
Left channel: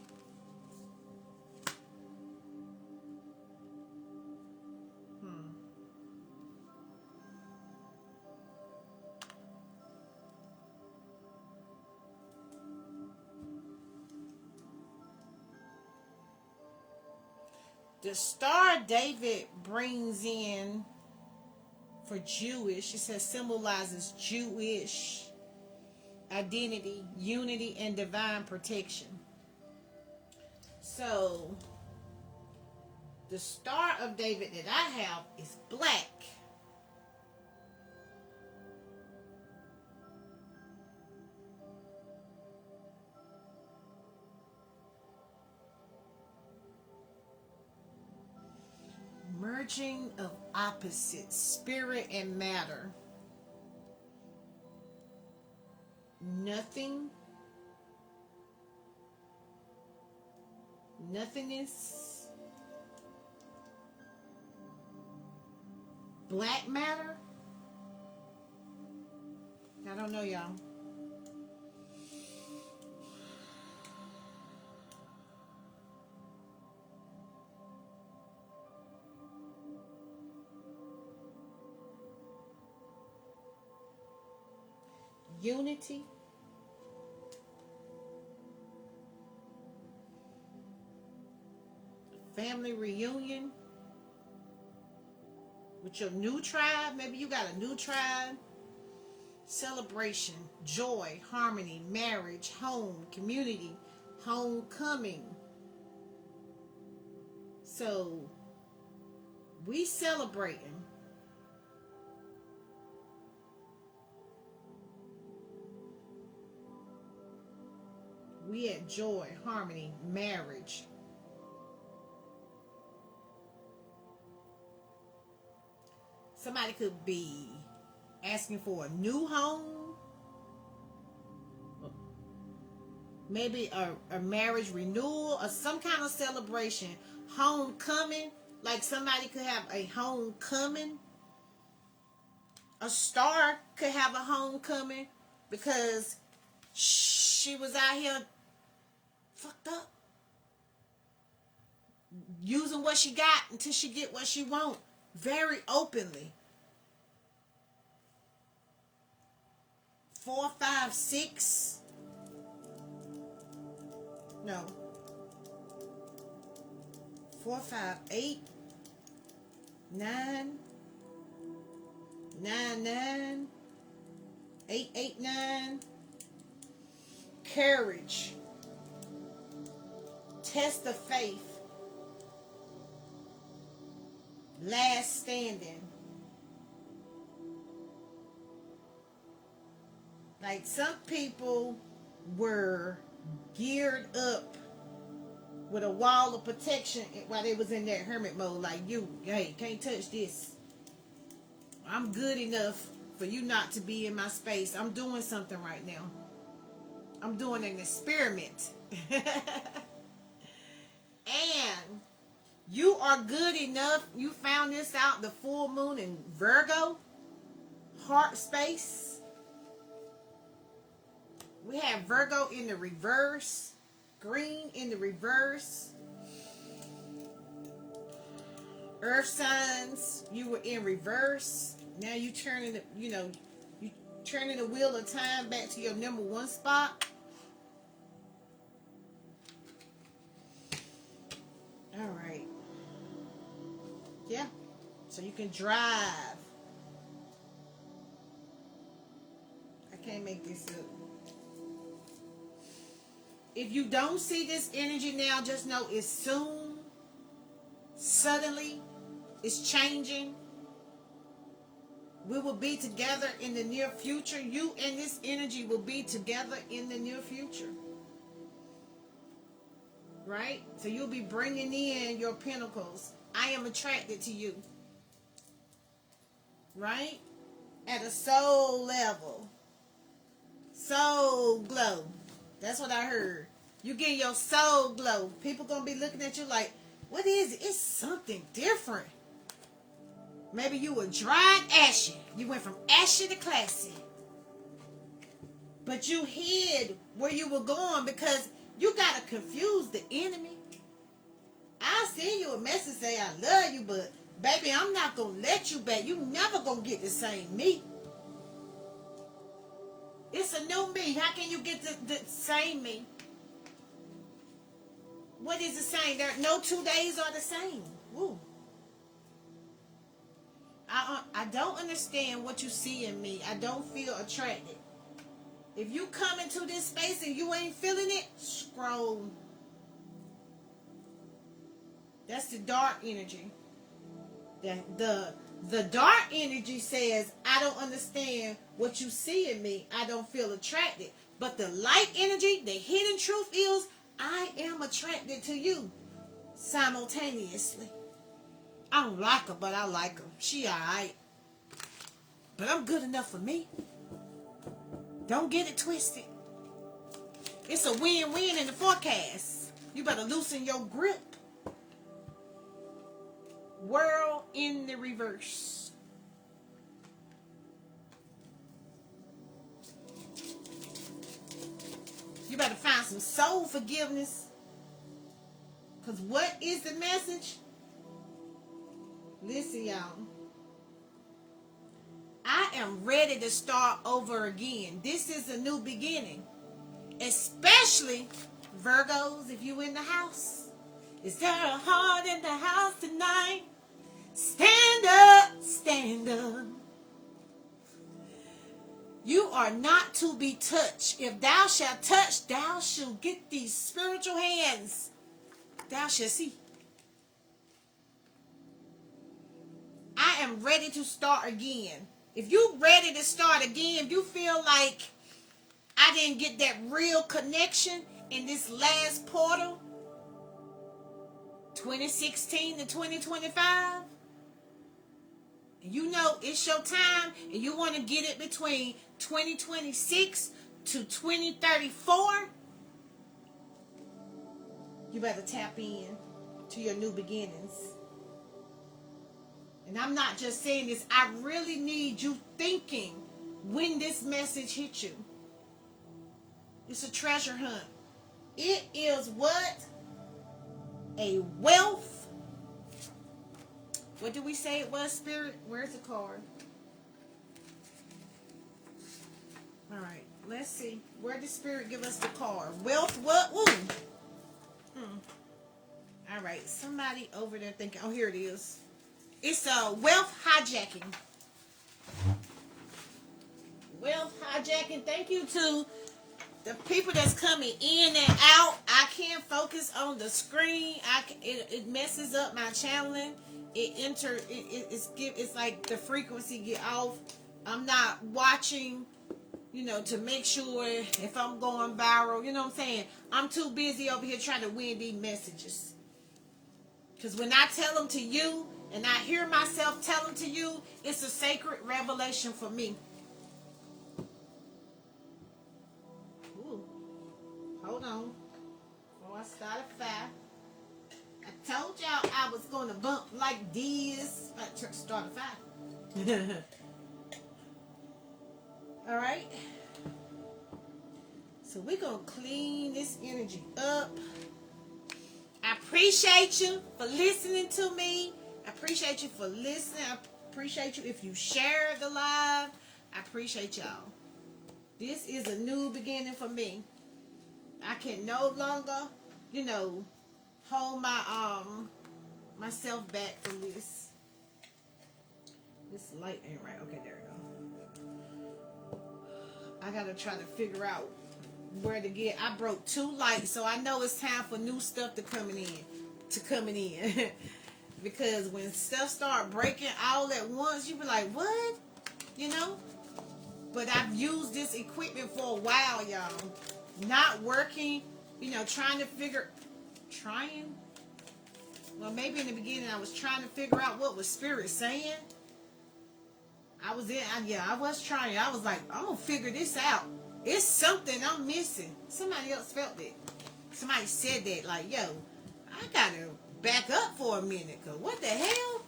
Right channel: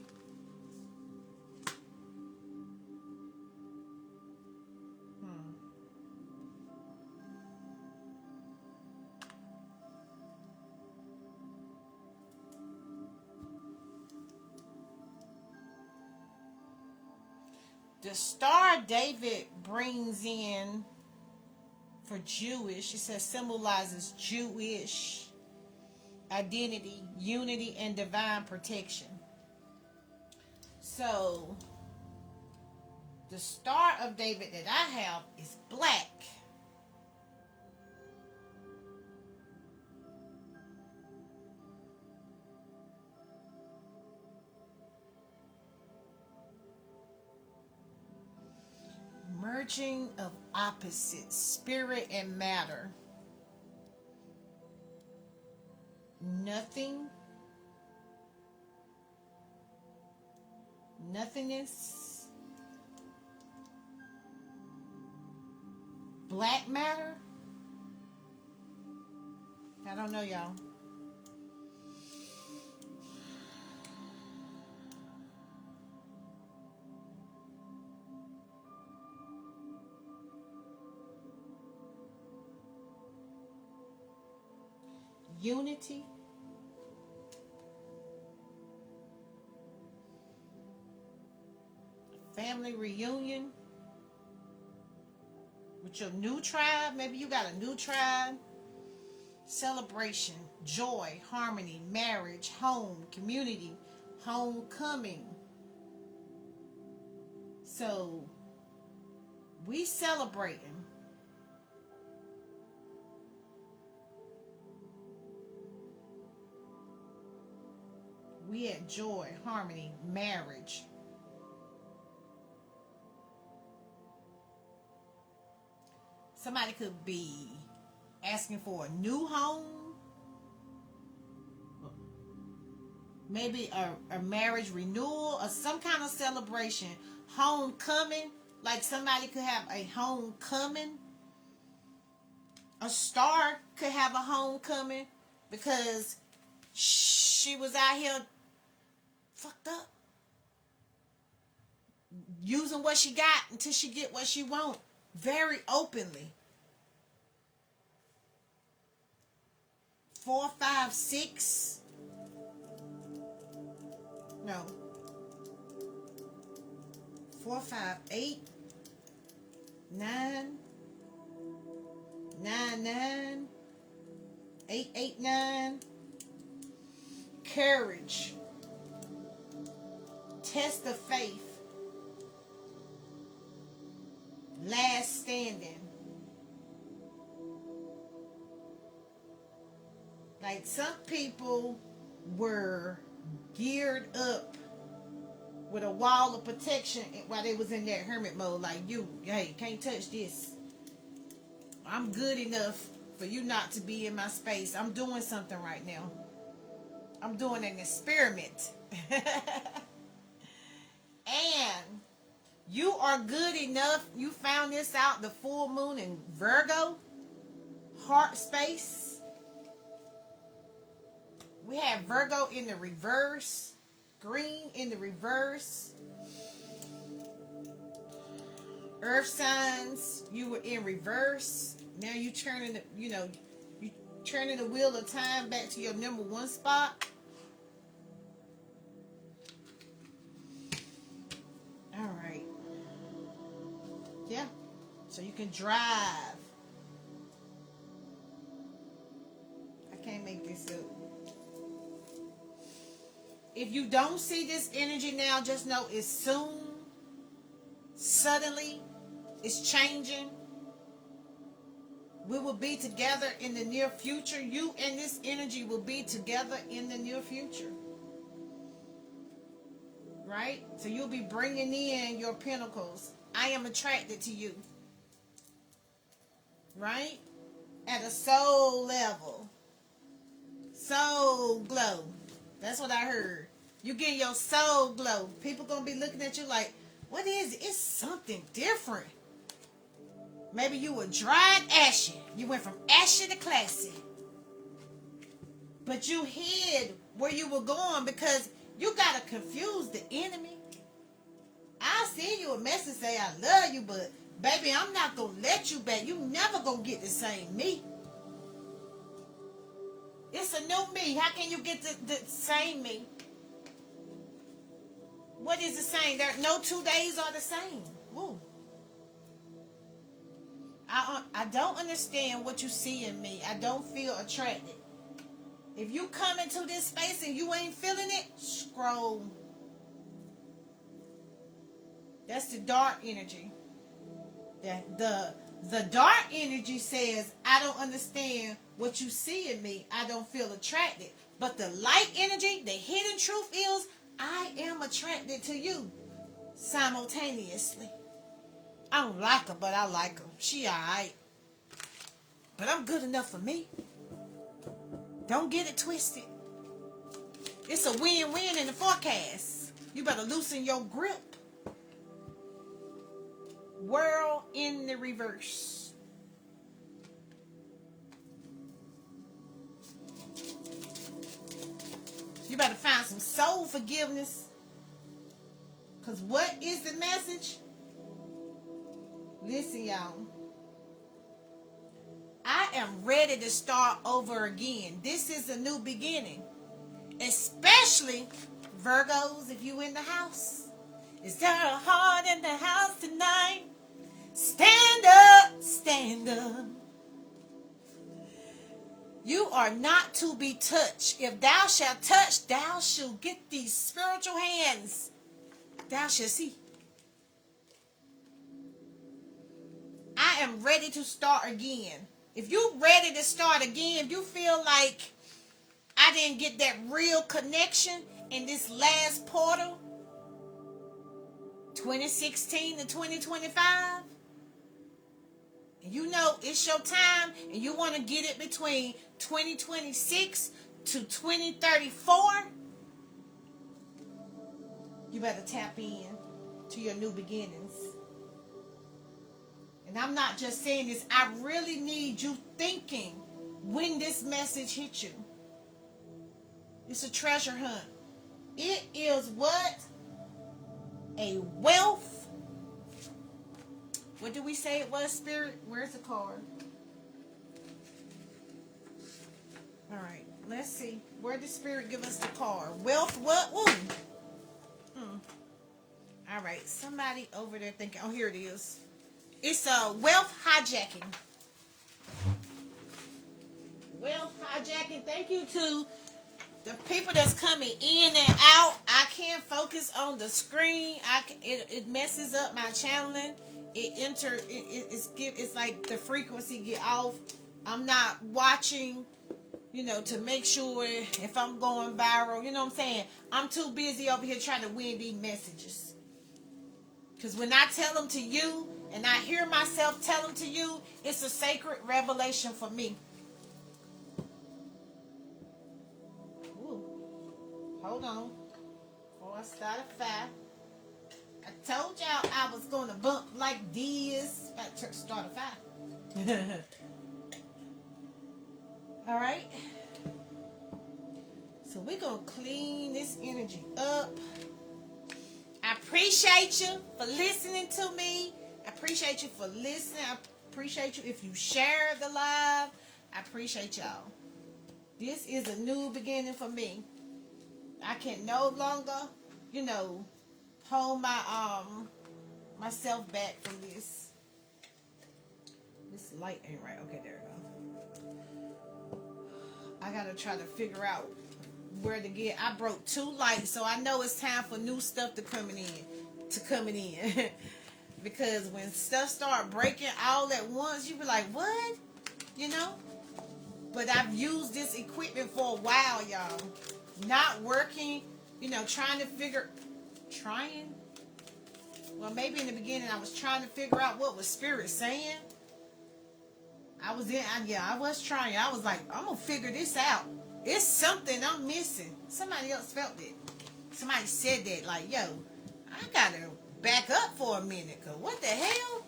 the Star David brings in, for Jewish, it says symbolizes Jewish identity, unity, and divine protection. So, the Star of David that I have is black. Merging of opposites, spirit and matter. Nothingness. Black matter. I don't know, y'all. Unity. Family reunion with your new tribe. Maybe you got a new tribe. Celebration, joy, harmony, marriage, home, community, homecoming. So we celebrating. We at joy, harmony, marriage. Somebody could be asking for a new home. Maybe a marriage renewal or some kind of celebration. Homecoming. Like somebody could have a homecoming. A star could have a homecoming because she was out here fucked up. Using what she got until she get what she want. Very openly. 4, 5, 6. No. 4, 5, 8. 9. 9, 9. 8, 8, 9. courage, test of faith, last standing. Like some people were geared up with a wall of protection while they was in that hermit mode. Like, hey, can't touch this. I'm good enough for you not to be in my space. I'm doing something right now. I'm doing an experiment. And you are good enough. You found this out, the full moon in Virgo, heart space. We have Virgo in the reverse, green in the reverse. Earth signs, you were in reverse. Now you turning the, you turning the wheel of time back to your number one spot. All right. Yeah. So you can drive. I can't make this up. If you don't see this energy now, just know it's soon. Suddenly, it's changing. We will be together in the near future. You and this energy will be together in the near future. Right? So you'll be bringing in your pentacles. I am attracted to you. Right? At a soul level. Soul glow. That's what I heard. You get your soul glow. People gonna be looking at you like, what is it? It's something different. Maybe you were dry and ashy. You went from ashy to classy. But you hid where you were going because you gotta confuse the enemy. I'll send you a message say I love you, but baby, I'm not gonna let you back. You never gonna get the same me. It's a new me. How can you get the same me? What is the same? There, no 2 days are the same. Woo. I don't understand what you see in me. I don't feel attracted. If you come into this space and you ain't feeling it, scroll. That's the dark energy. The dark energy says, I don't understand what you see in me. I don't feel attracted. But the light energy, the hidden truth is, I am attracted to you simultaneously. I don't like her, but I like her. She alright. But I'm good enough for me. Don't get it twisted. It's a win-win in the forecast. You better loosen your grip. World in the reverse. You better find some soul forgiveness. Because what is the message? Listen, y'all. I am ready to start over again. This is a new beginning. Especially Virgos, if you in the house. Is there a heart in the house tonight? Stand up, stand up. You are not to be touched. If thou shalt touch, thou shalt get these spiritual hands. Thou shalt see. I am ready to start again. If you're ready to start again, if you feel like I didn't get that real connection in this last portal, 2016 to 2025, and you know it's your time and you want to get it between 2026 to 2034, you better tap in to your new beginnings. And I'm not just saying this, I really need you thinking when this message hits you. It's a treasure hunt. It is what? A wealth. What do we say it was, Spirit? Where's the card? All right, let's see. Where did Spirit give us the card? Wealth what? Woo. All right, somebody over there thinking, oh, here it is. It's a wealth hijacking. Wealth hijacking. Thank you to the people that's coming in and out, I can't focus on the screen. It messes up my channeling. It's like the frequency get off. I'm not watching, to make sure if I'm going viral. You know what I'm saying? I'm too busy over here trying to win these messages. Because when I tell them to you, and I hear myself tell them to you, it's a sacred revelation for me. Ooh. Hold on. Oh, I started fast. I told y'all I was going to bump like this. I started fast. All right. So we're going to clean this energy up. I appreciate you for listening to me. I appreciate you for listening. I appreciate you if you share the live. I appreciate y'all. This is a new beginning for me. I can no longer, hold my myself back from this. This light ain't right. Okay, there we go. I gotta try to figure out where to get. I broke 2 lights, so I know it's time for new stuff to coming in. Because when stuff start breaking all at once, you be like, what? But I've used this equipment for a while, y'all. Not working, well, maybe in the beginning I was trying to figure out what was Spirit saying. I was trying. I was like, I'm gonna figure this out. It's something I'm missing. Somebody else felt it. Somebody said that, like, yo, I gotta back up for a minute, cause what the hell?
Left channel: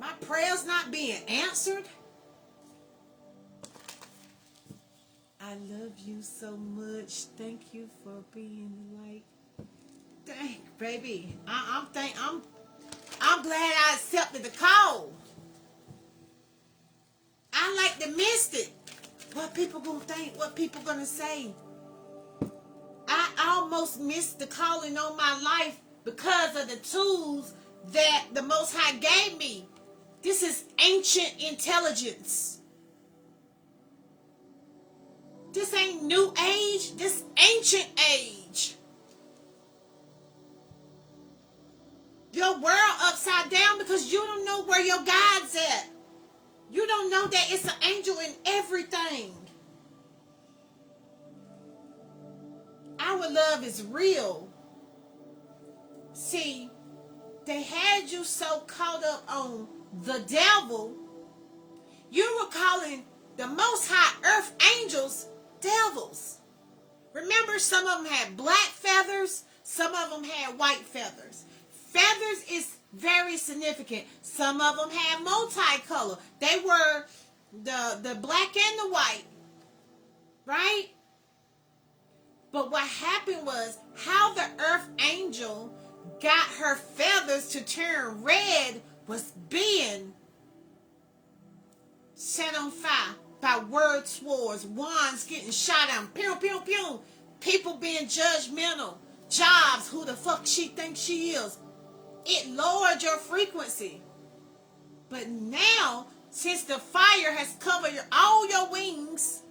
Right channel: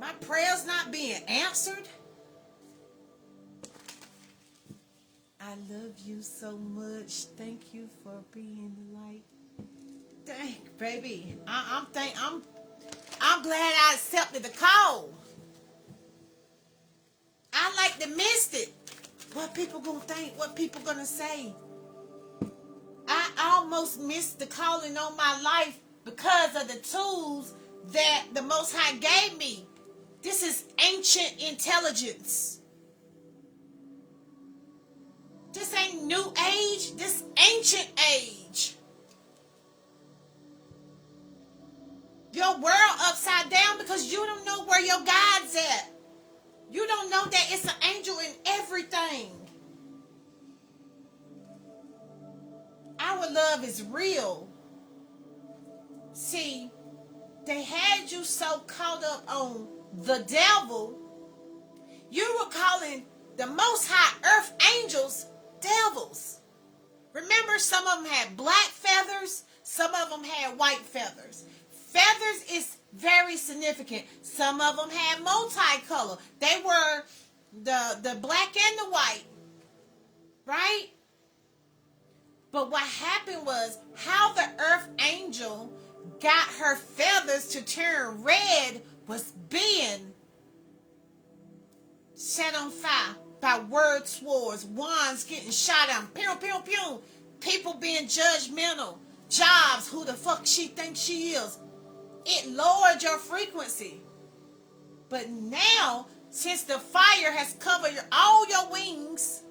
My prayers not being answered. I love you so much. Thank you for being the light. Dang, baby. I'm glad I accepted the call. I like to miss it. What people gonna think? What people gonna say? I almost missed the calling on my life because of the tools that the Most High gave me. This is ancient intelligence. This ain't new age. This ancient age. Your world upside down because you don't know where your God's at. You don't know that it's an angel in everything. Our love is real. See, they had you so caught up on the devil, you were calling the Most High Earth angels devils. Remember, some of them had black feathers, some of them had white feathers. Feathers is very significant. Some of them had multicolor. They were the black and the white, right? But what happened was how the earth angel got her feathers to turn red was being set on fire by word swords, wands getting shot on, pew, pew, pew, people being judgmental, jobs, who the fuck she thinks she is. It lowered your frequency. But now, since the fire has covered all your wings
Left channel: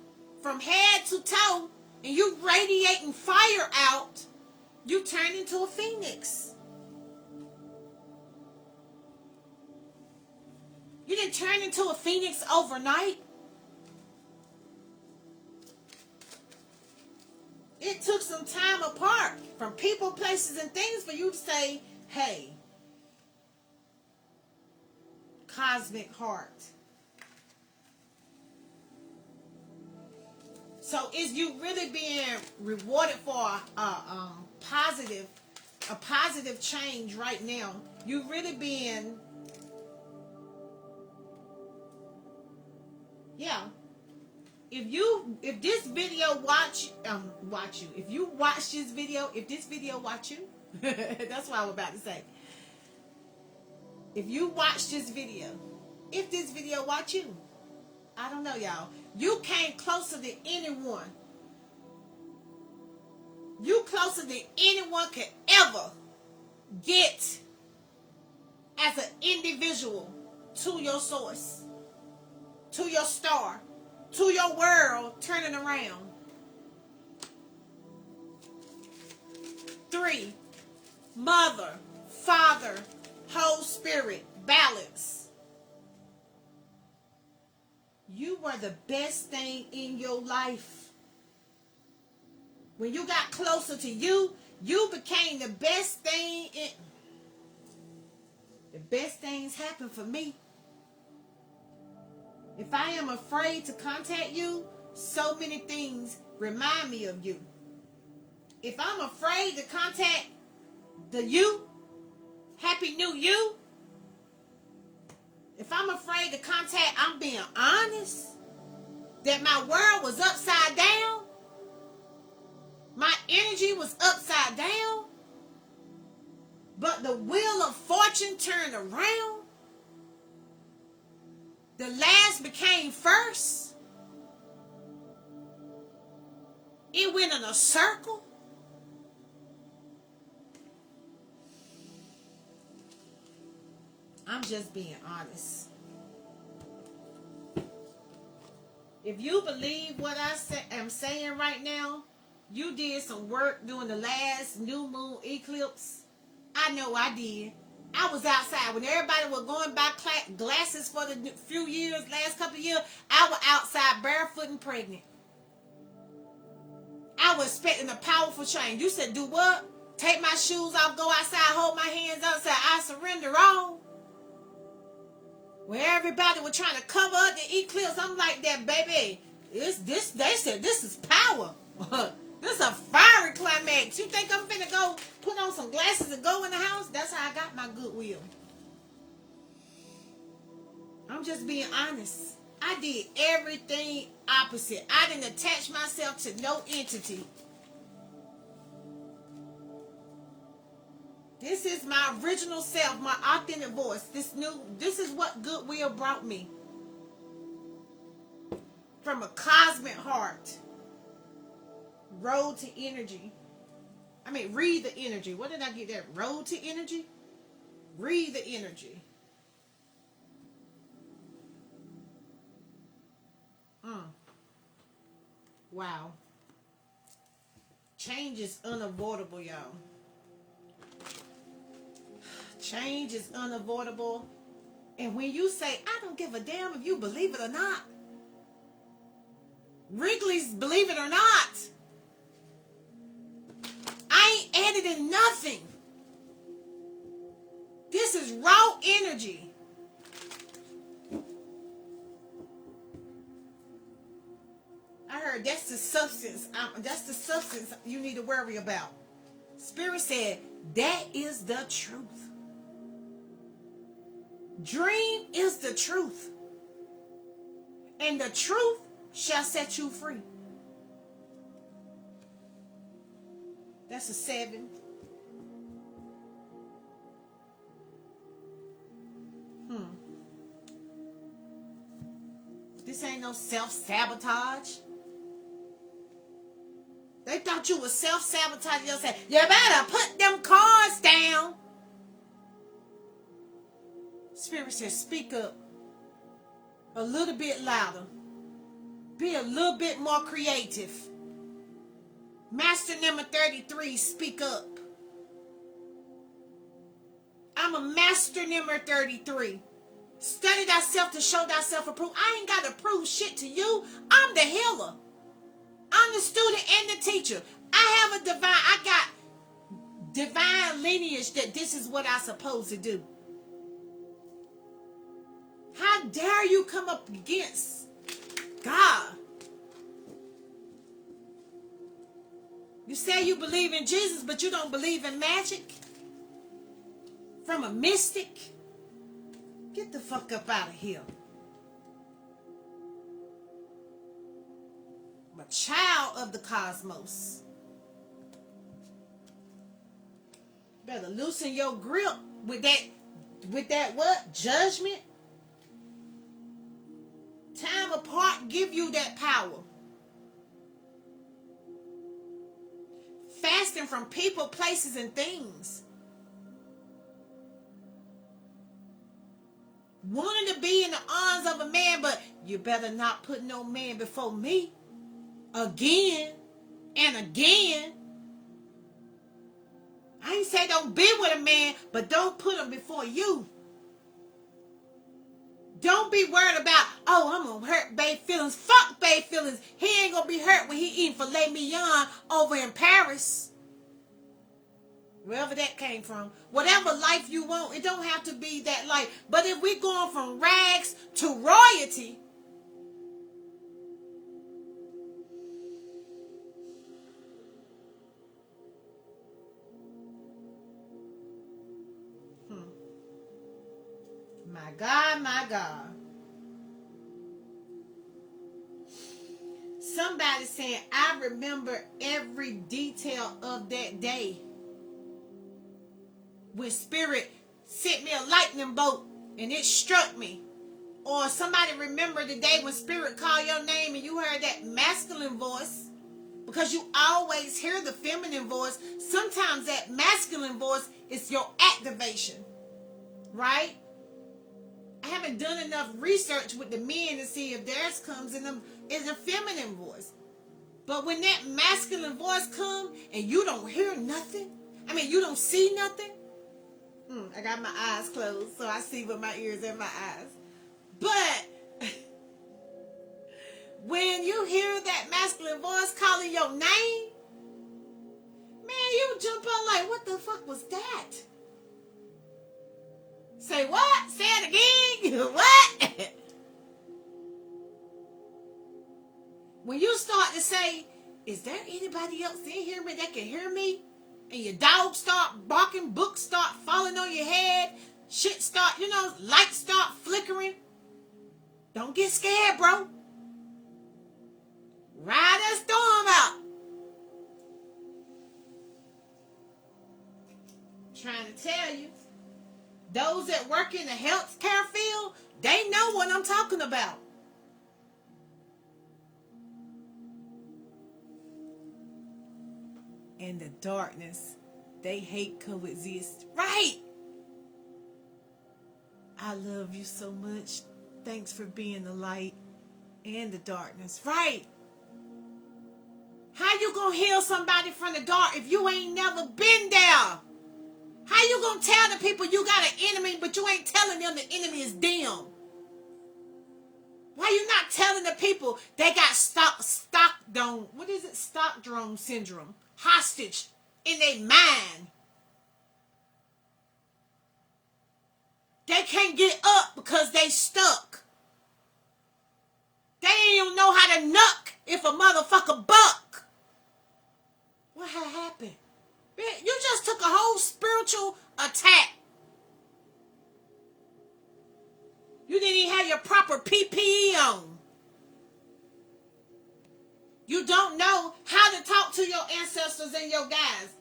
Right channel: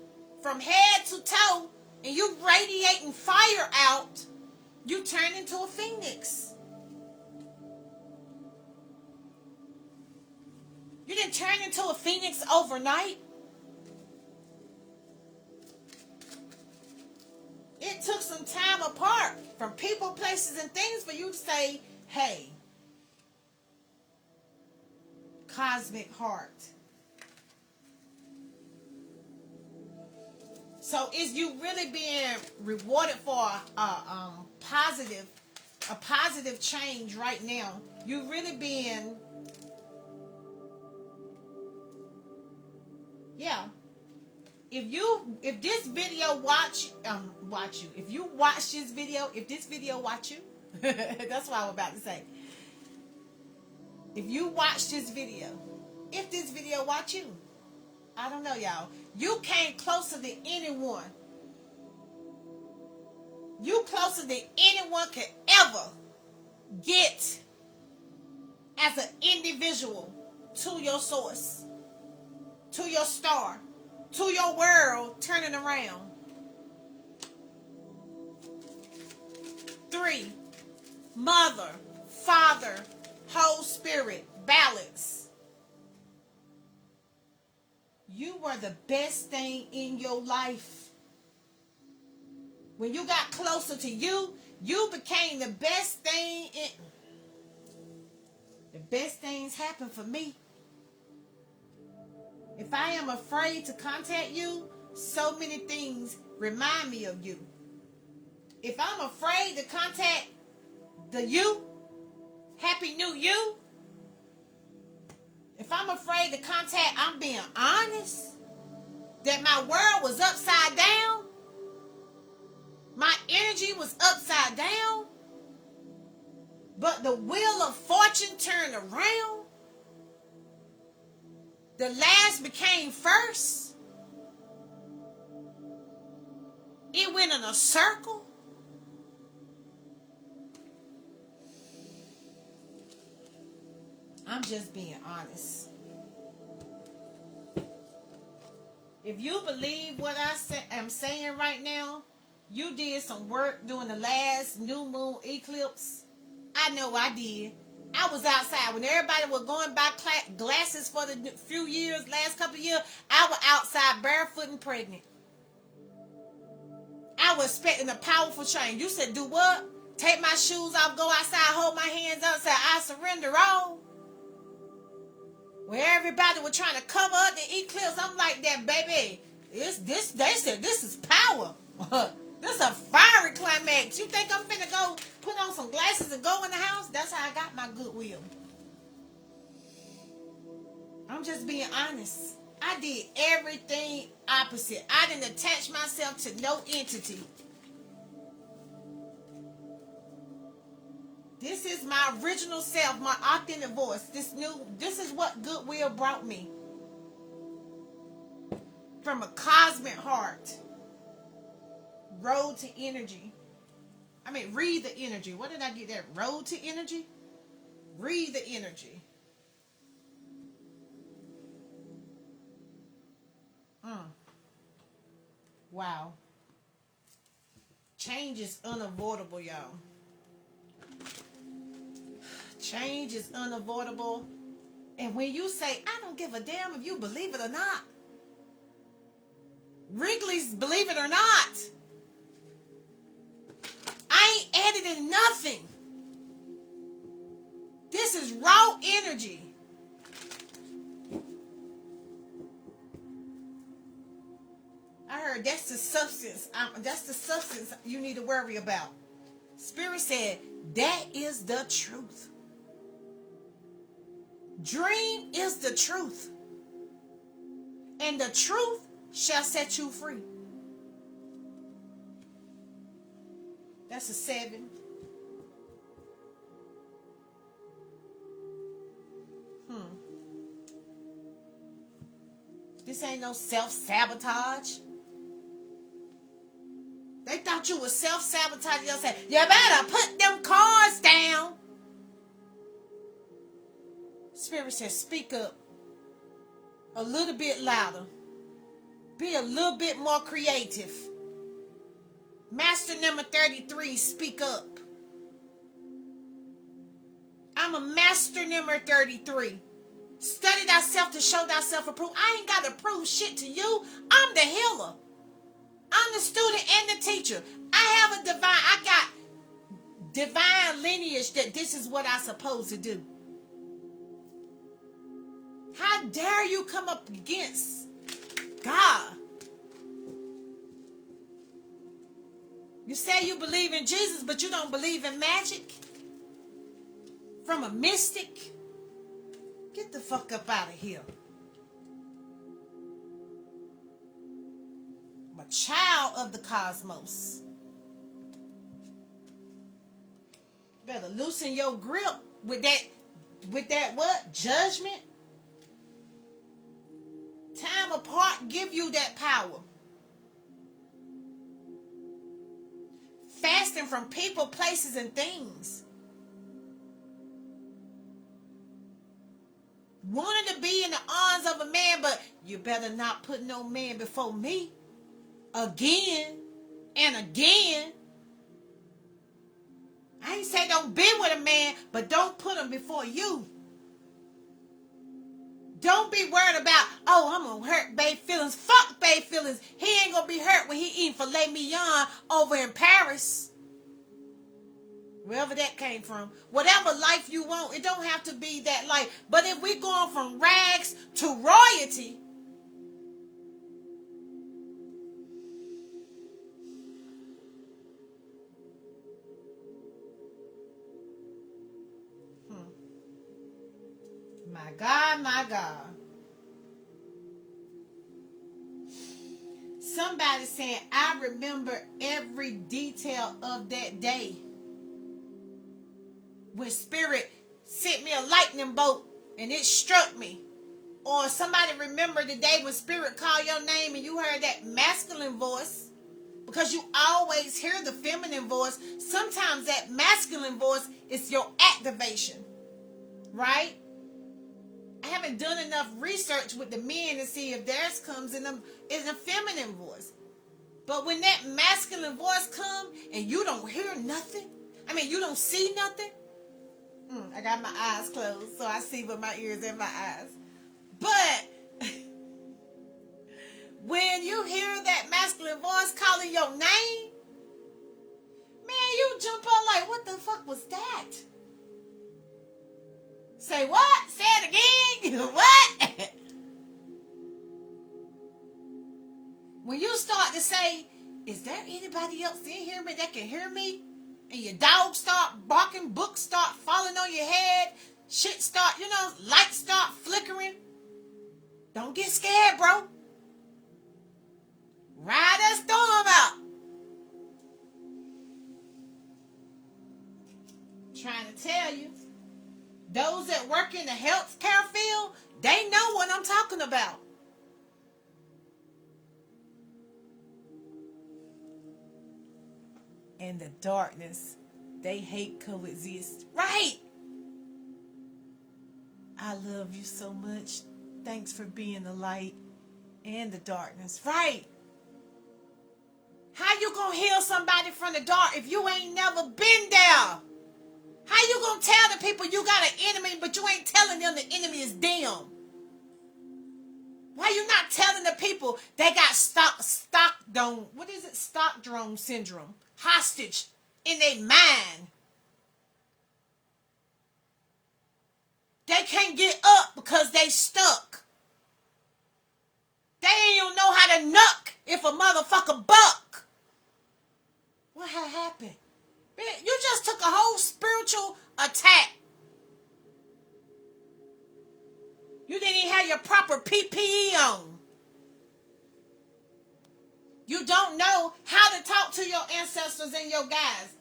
from head to toe, and you radiating fire out, you turn into a phoenix. You didn't turn into a phoenix overnight. It took some time apart from people, places, and things for you to say, hey, cosmic heart. So is you really being rewarded for a positive change right now? You really being, yeah. If this video watch you, if you watch this video, if this video watch you, that's what I was about to say. If you watch this video, if this video watch you, I don't know, y'all. You came closer than anyone. You closer than anyone could ever get as an individual to your source, to your star, to your world turning around. 3, Mother, Father, Holy Spirit, balance. You were the best thing in your life. When you got closer to you, you became the best thing in. The best things happen for me. If I am afraid to contact you, so many things remind me of you. If I'm afraid to contact the you, Happy New You. If I'm afraid to contact, I'm being honest, that my world was upside down. My energy was upside down. But the wheel of fortune turned around. The last became first. It went in a circle. I'm just being honest. If you believe what I'm saying right now, you did some work during the last new moon eclipse. I know I did. I was outside when everybody was going by glasses for the few years, last couple of years. I was outside barefoot and pregnant. I was expecting a powerful change. You said, do what? Take my shoes off, go outside, hold my hands up, say, I surrender all. When everybody was trying to cover up the eclipse, I'm like that, baby. This. They said this is power. This is a fiery climax. You think I'm finna go put on some glasses and go in the house? That's how I got my goodwill. I'm just being honest. I did everything opposite. I didn't attach myself to no entity. This is my original self, my authentic voice. This is what goodwill brought me. From a cosmic heart. Road to energy. Read the energy. What did I get there? Road to energy? Read the energy. Wow. Change is unavoidable, y'all. Change is unavoidable. And when you say, I don't give a damn if you believe it or not. Wrigley's believe it or not. I ain't editing nothing. This is raw energy. I heard that's the substance. That's the substance you need to worry about. Spirit said, that is the truth. Dream is the truth. And the truth shall set you free. That's a 7. This ain't no self-sabotage. They thought you was self-sabotaging yourself. You better put them cards down. Spirit says, speak up a little bit louder. Be a little bit more creative. Master number 33, speak up. I'm a master number 33. Study thyself to show thyself approved. I ain't got to prove shit to you. I'm the healer. I'm the student and the teacher. I got divine lineage that this is what I'm supposed to do. How dare you come up against God? You say you believe in Jesus, but you don't believe in magic? From a mystic? Get the fuck up out of here. I'm a child of the cosmos. Better loosen your grip with that what? Judgment? Time apart give you that power. Fasting from people, places, and things. wanting to be in the arms of a man, but you better not put no man before me again and again. I ain't say don't be with a man, but don't put him before you. Don't be worried about, oh, I'm going to hurt babe feelings. Fuck babe feelings. He ain't going to be hurt when he eating filet mignon over in Paris. Wherever that came from. Whatever life you want, it don't have to be that life. But if we going from rags to royalty, my God, my God. Somebody saying, I remember every detail of that day when Spirit sent me a lightning bolt and it struck me. Or somebody remember the day when Spirit called your name and you heard that masculine voice, because you always hear the feminine voice. Sometimes that masculine voice is your activation, right? I haven't done enough research with the men to see if theirs comes in a feminine voice. But when that masculine voice comes and you don't hear nothing, you don't see nothing. I got my eyes closed, so I see with my ears and my eyes. But when you hear that masculine voice calling your name, man, you jump up like, what the fuck was that? Say what? Say it again? What? When you start to say, is there anybody else in here that can hear me? And your dog start barking, books start falling on your head, shit start, lights start flickering. Don't get scared, bro. Ride that storm out. Trying to tell you, those that work in the healthcare field, they know what I'm talking about. And the darkness, they hate coexist. Right. I love you so much. Thanks for being the light and the darkness. Right. How you gonna heal somebody from the dark if you ain't never been there? How you gonna tell the people you got an enemy, but you ain't telling them the enemy is them? Why you not telling the people they got Stockholm syndrome, hostage in their mind? They can't get up because they stuck. They ain't even know how to knuck if a motherfucker buck. What had happened? Man, you just took a whole spiritual attack. You didn't even have your proper PPE on. You don't know how to talk to your ancestors and your guys.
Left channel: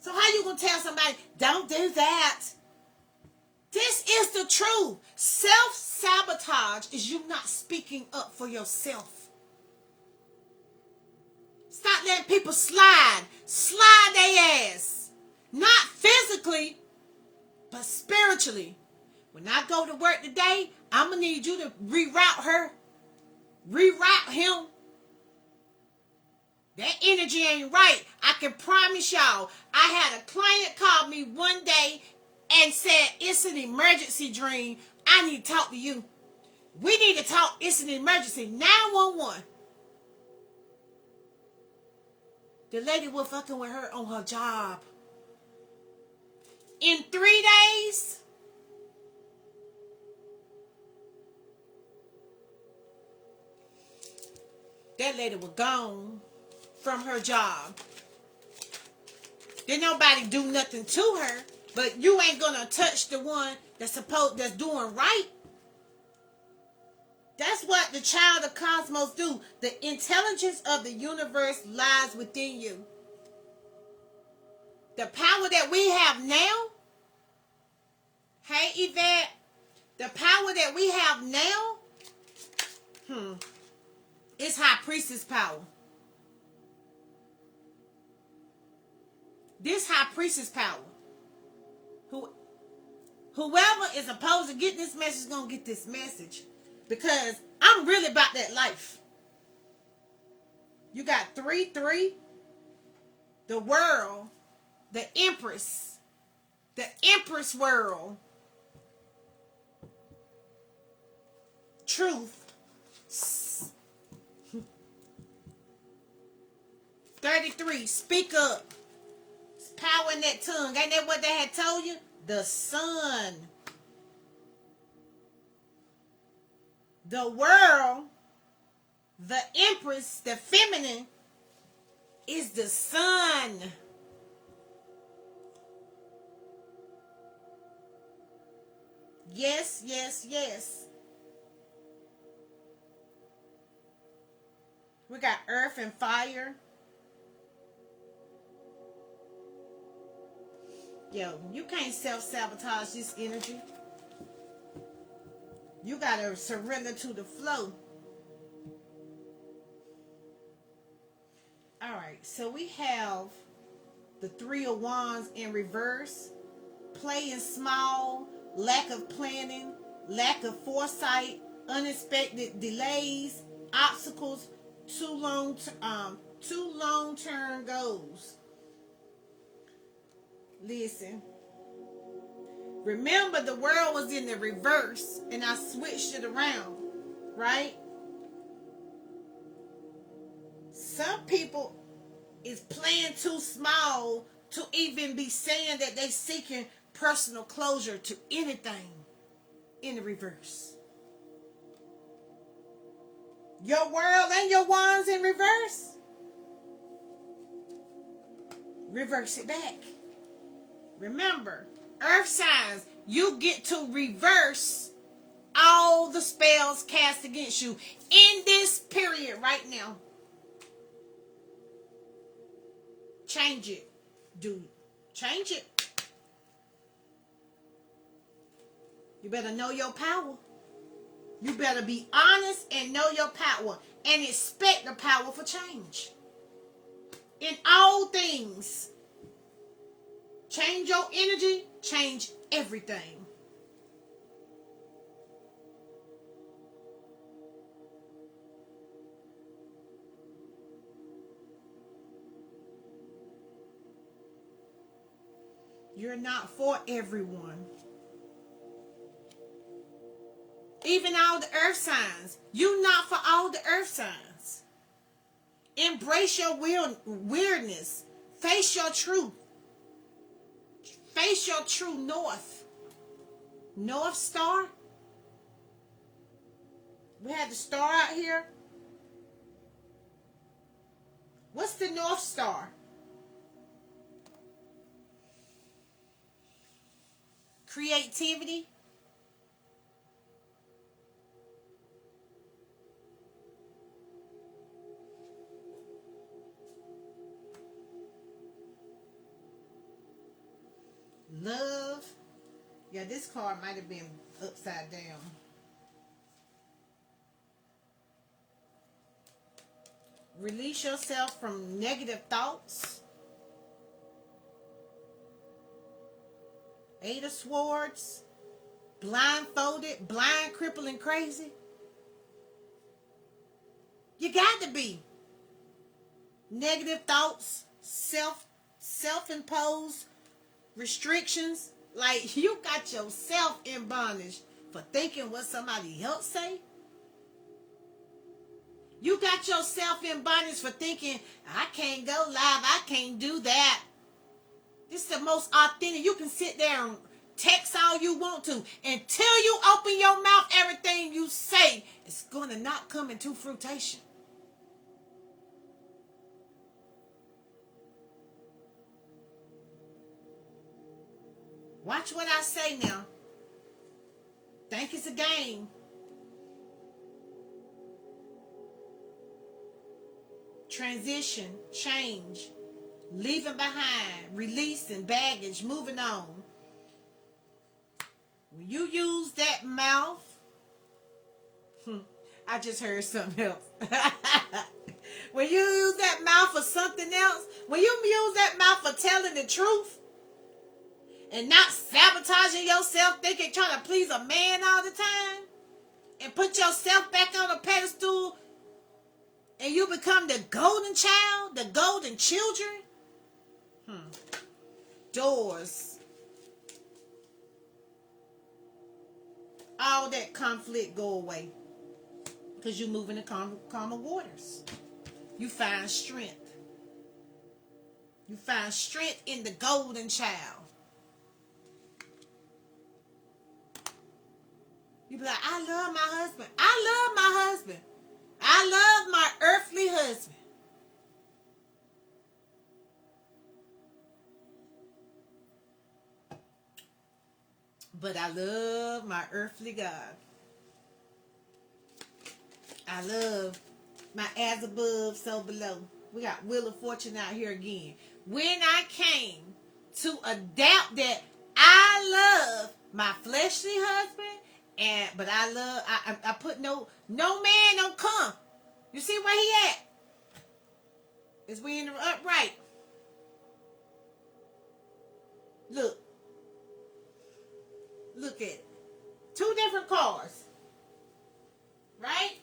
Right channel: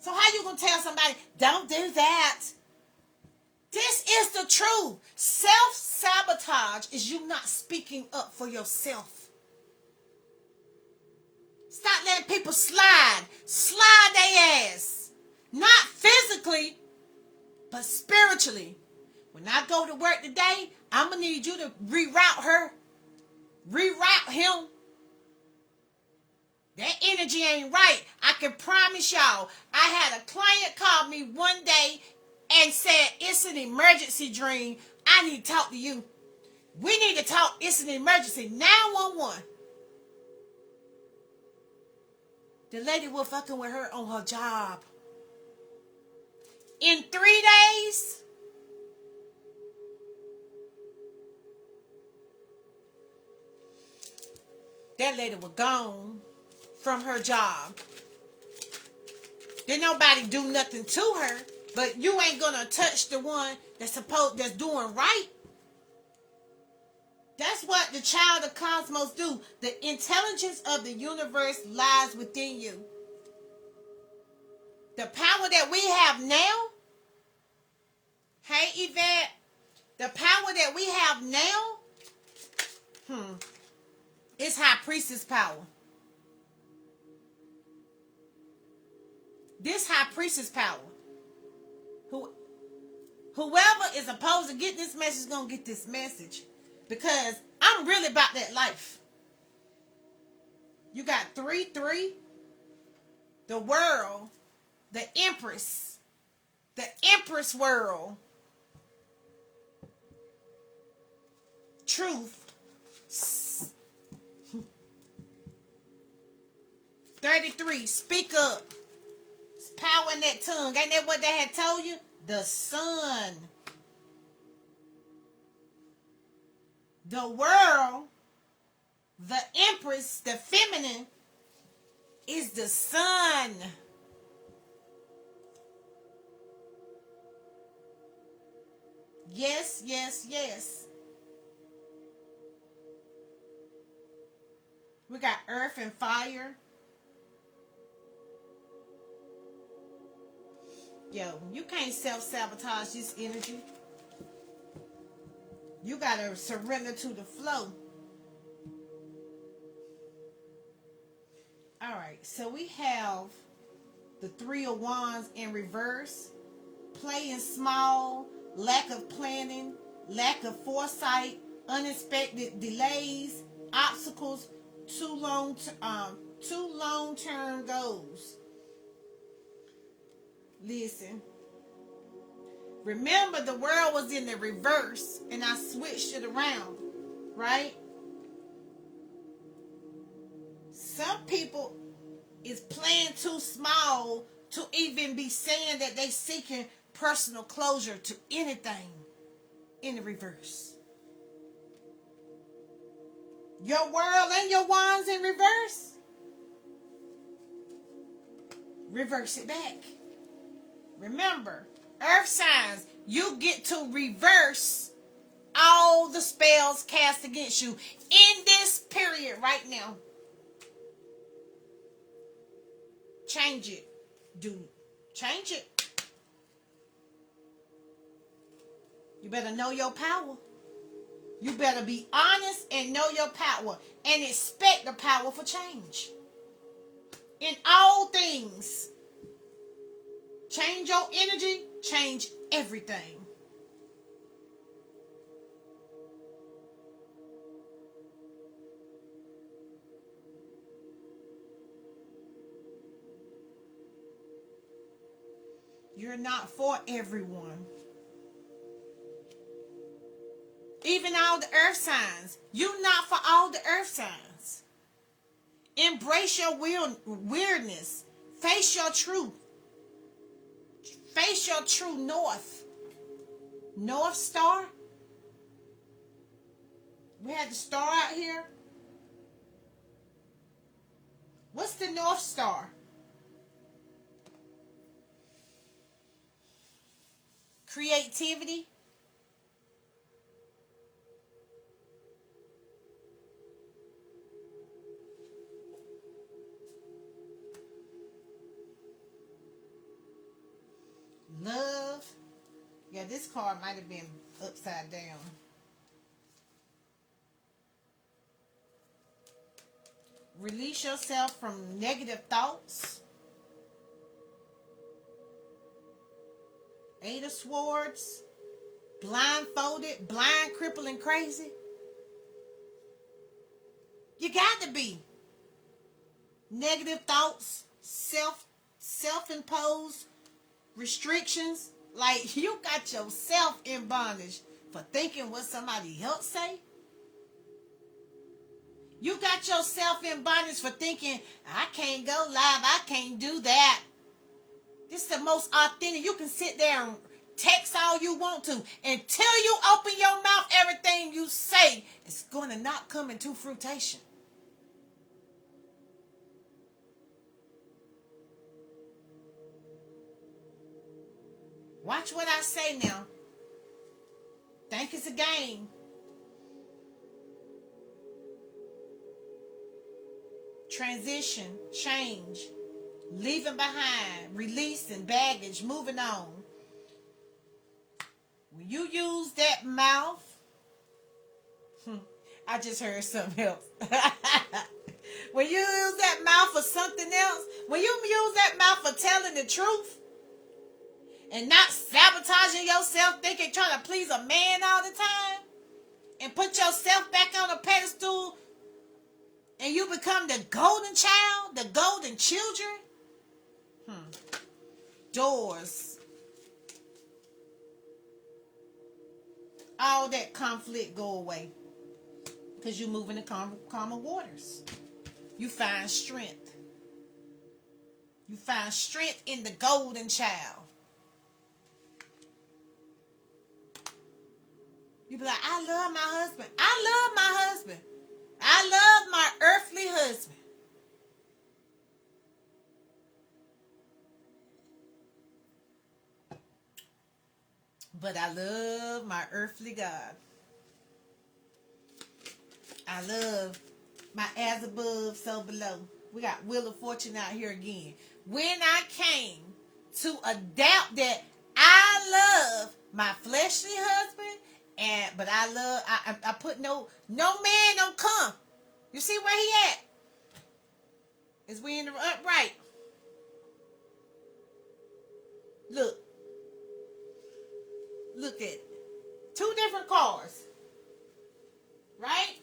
So how you going to tell somebody, don't do that? This is the truth. Self-sabotage is you not speaking up for yourself. Stop letting people slide. Slide their ass. Not physically, but spiritually. When I go to work today, I'm going to need you to reroute her. Reroute him. That energy ain't right. I can promise y'all. I had a client call me one day and said, it's an emergency dream. I need to talk to you. We need to talk. It's an emergency. 911. The lady was fucking with her on her job. In 3 days, that lady was gone from her job. Didn't nobody do nothing to her, but you ain't gonna touch the one that's doing right. That's what the child of cosmos do. The intelligence of the universe lies within you. The power that we have now, hey Yvette, the power that we have now, is high priestess power. This high priestess power, Whoever is opposed to get this message is going to get this message. Because I'm really about that life. You got 3-3. The world. The Empress. The Empress world. Truth. 33. Speak up. It's power in that tongue. Ain't that what they had told you? The sun. The world. The Empress. The feminine. Is the sun. Yes, yes, yes. We got earth and fire. Yo, you can't self-sabotage this energy. You gotta surrender to the flow. Alright, so we have the 3 of Wands in reverse. Playing small, lack of planning, lack of foresight, unexpected delays, obstacles, too long-term goals. Listen. Remember, the world was in the reverse, and I switched it around, right? Some people is playing too small to even be saying that they seeking personal closure to anything in the reverse. Your world and your wands in reverse. Reverse it back. Remember, earth signs, you get to reverse all the spells cast against you in this period right now. Change it, dude. Change it. You better know your power. You better be honest and know your power and expect the power for change. In all things, change your energy, change everything. You're not for everyone. Even all the earth signs. You're not for all the earth signs. Embrace your weirdness. Face your truth. Face your true north. North Star. We had the star out here. What's the North Star? Creativity. Love. Yeah, this card might have been upside down. Release yourself from negative thoughts. 8 of Swords. Blindfolded, blind, crippled, and crazy. You got to be. Negative thoughts, self-imposed restrictions. Like, you got yourself in bondage for thinking what somebody else say. You got yourself in bondage for thinking, I can't go live, I can't do that. This is the most authentic. You can sit there and text all you want to. Until you open your mouth, everything you say is going to not come into fruition. Watch what I say now. Think it's a game. Transition, change, leaving behind, releasing baggage, moving on. When you use that mouth, I just heard something else. When you use that mouth for something else, when you use that mouth for telling the truth, and not sabotaging yourself, thinking trying to please a man all the time, and put yourself back on a pedestal, and you become the golden child, the golden children. Doors. All that conflict go away because you move into calmer waters. You find strength. You find strength in the golden child. You be like, I love my husband. I love my husband. I love my earthly husband. But I love my earthly God. I love my as above, so below. We got Wheel of Fortune out here again. When I came to adapt that I love my fleshly husband, but I put no man don't come. You see where he at? Is we in the upright? Look at it. 2 different cars. Right?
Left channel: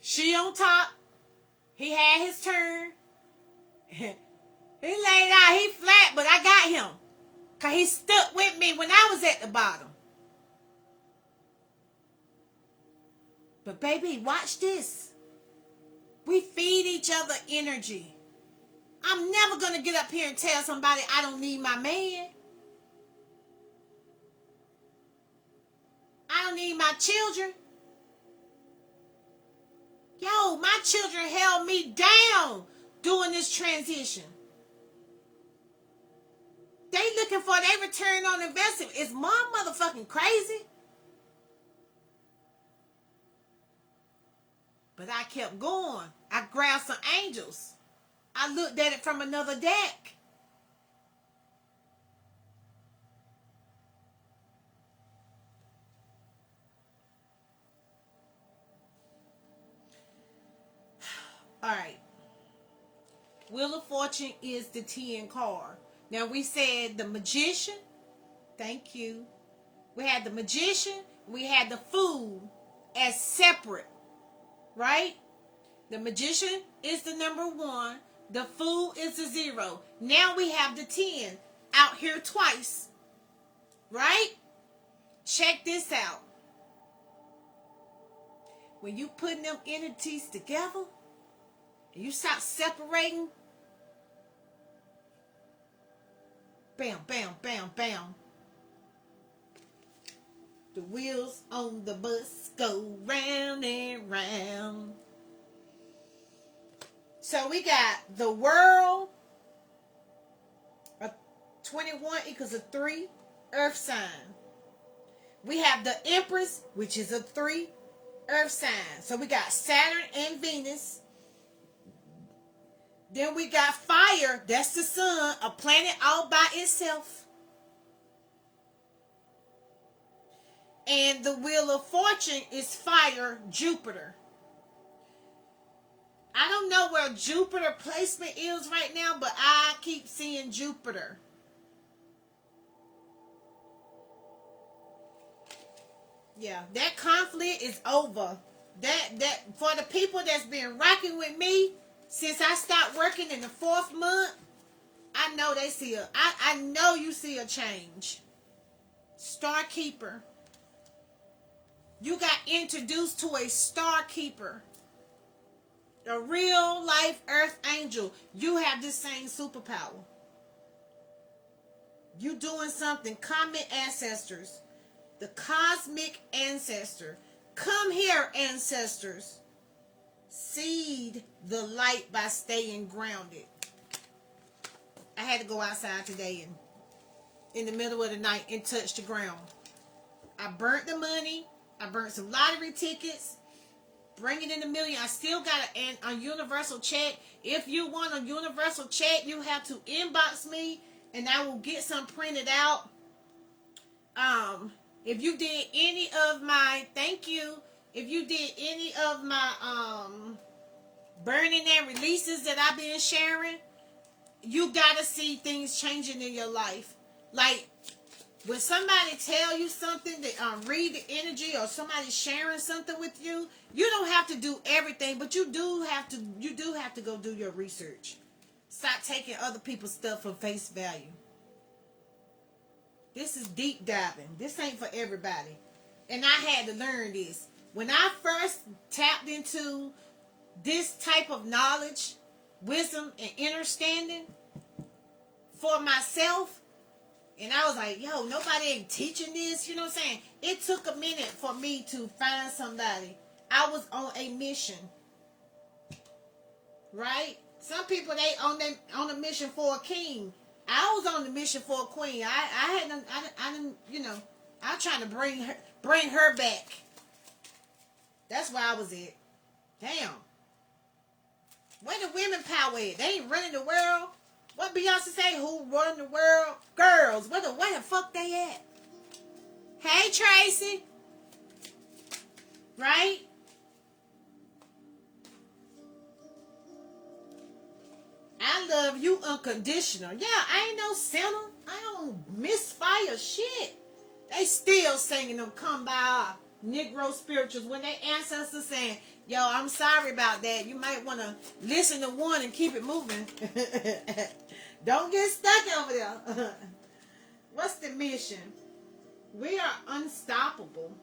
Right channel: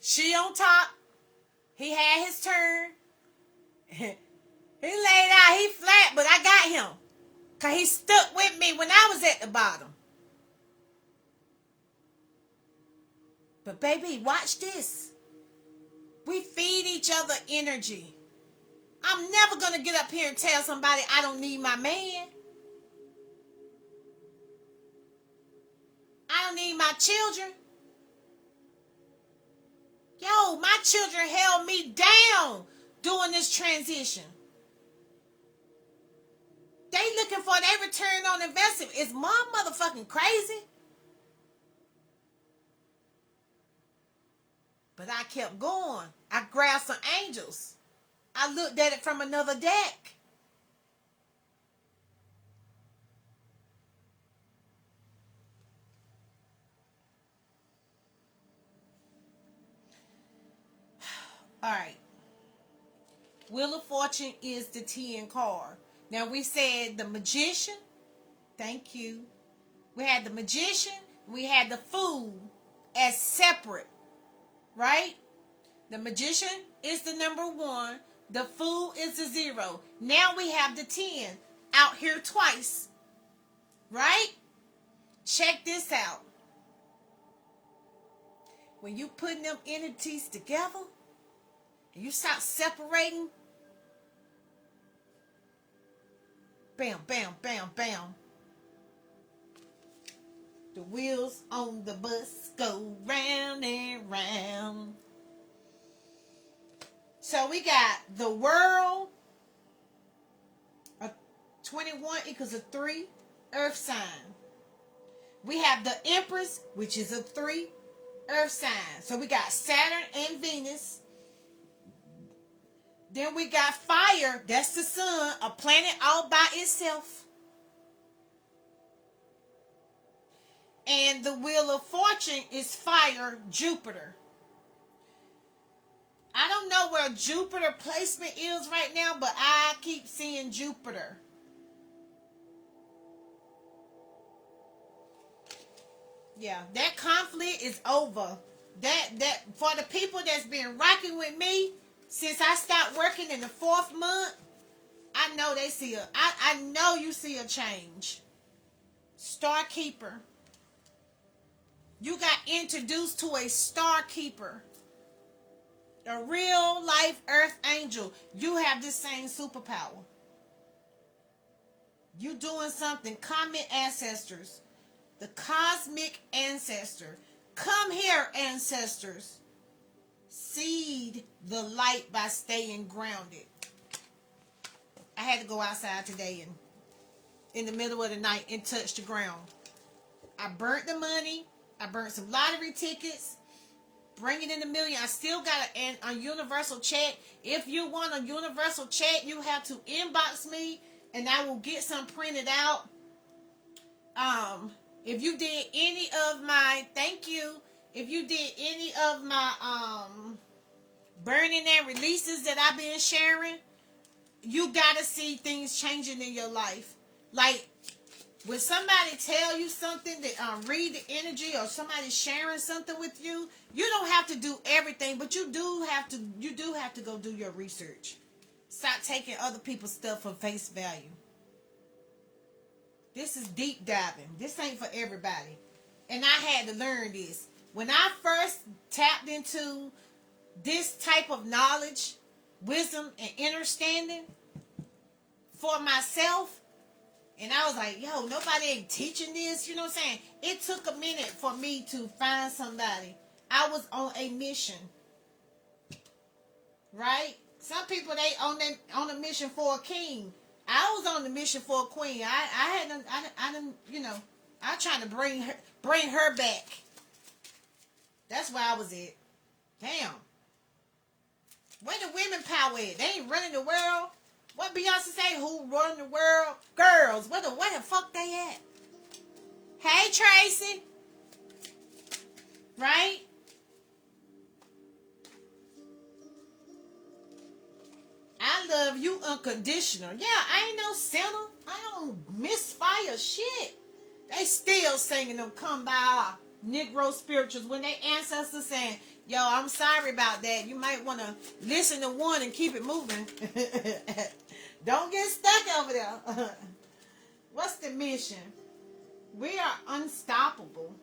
She on top. He had his turn. He laid out. He flat, but I got him. Because he stuck with me when I was at the bottom. But baby, watch this. We feed each other energy. I'm never going to get up here and tell somebody I don't need my man. I don't need my children. Yo, my children held me down during this transition. They looking for their return on investment. Is mom motherfucking crazy? But I kept going. I grabbed some angels. I looked at it from another deck. All right. Wheel of Fortune is the 10 card. Now we said the Magician. Thank you. We had the Magician. We had the Fool as separate. Right? The Magician is the number 1. The Fool is the 0. Now we have the 10 out here twice. Right? Check this out. When you putting them entities together, and you start separating, bam, bam, bam, bam. The wheels on the bus go round and round. So we got the World. 21 equals a 3. Earth sign. We have the Empress, which is a 3. Earth sign. So we got Saturn and Venus. Then we got fire. That's the sun. A planet all by itself. And the Wheel of Fortune is fire, Jupiter. I don't know where Jupiter placement is right now, but I keep seeing Jupiter. Yeah, that conflict is over. That for the people that's been rocking with me since I stopped working in the 4th month, I know they see I know you see a change. Star Keeper. You got introduced to a Star Keeper. A real life earth angel. You have the same superpower. You doing something. Comet ancestors. The cosmic ancestor. Come here, ancestors. Seed the light by staying grounded. I had to go outside today and in the middle of the night and touch the ground. I burnt the money. I burnt some lottery tickets. Bring it in $1 million. I still got a universal check. If you want a universal check, you have to inbox me and I will get some printed out. If you did any of my, thank you. If you did any of my burning and releases that I've been sharing, you gotta see things changing in your life. Like when somebody tell you something that read the energy, or somebody sharing something with you, you don't have to do everything, but you do have to go do your research. Stop taking other people's stuff for face value. This is deep diving. This ain't for everybody. And I had to learn this. When I first tapped into this type of knowledge, wisdom, and understanding for myself, and I was like, yo, nobody ain't teaching this, you know what I'm saying? It took a minute for me to find somebody. I was on a mission. Right? Some people, they on a mission for a king. I was on the mission for a queen. I didn't, you know, I'm trying to bring her back. That's where I was at. Damn. Where the women power at? They ain't running the world. What Beyonce say? Who run the world? Girls. Where the fuck they at? Hey, Tracy. Right? I love you unconditional. Yeah, I ain't no sinner. I don't misfire shit. They still singing them come by our Negro spirituals when they ancestors saying, yo, I'm sorry about that. You might want to listen to one and keep it moving. Don't get stuck over there. What's the mission? We are unstoppable.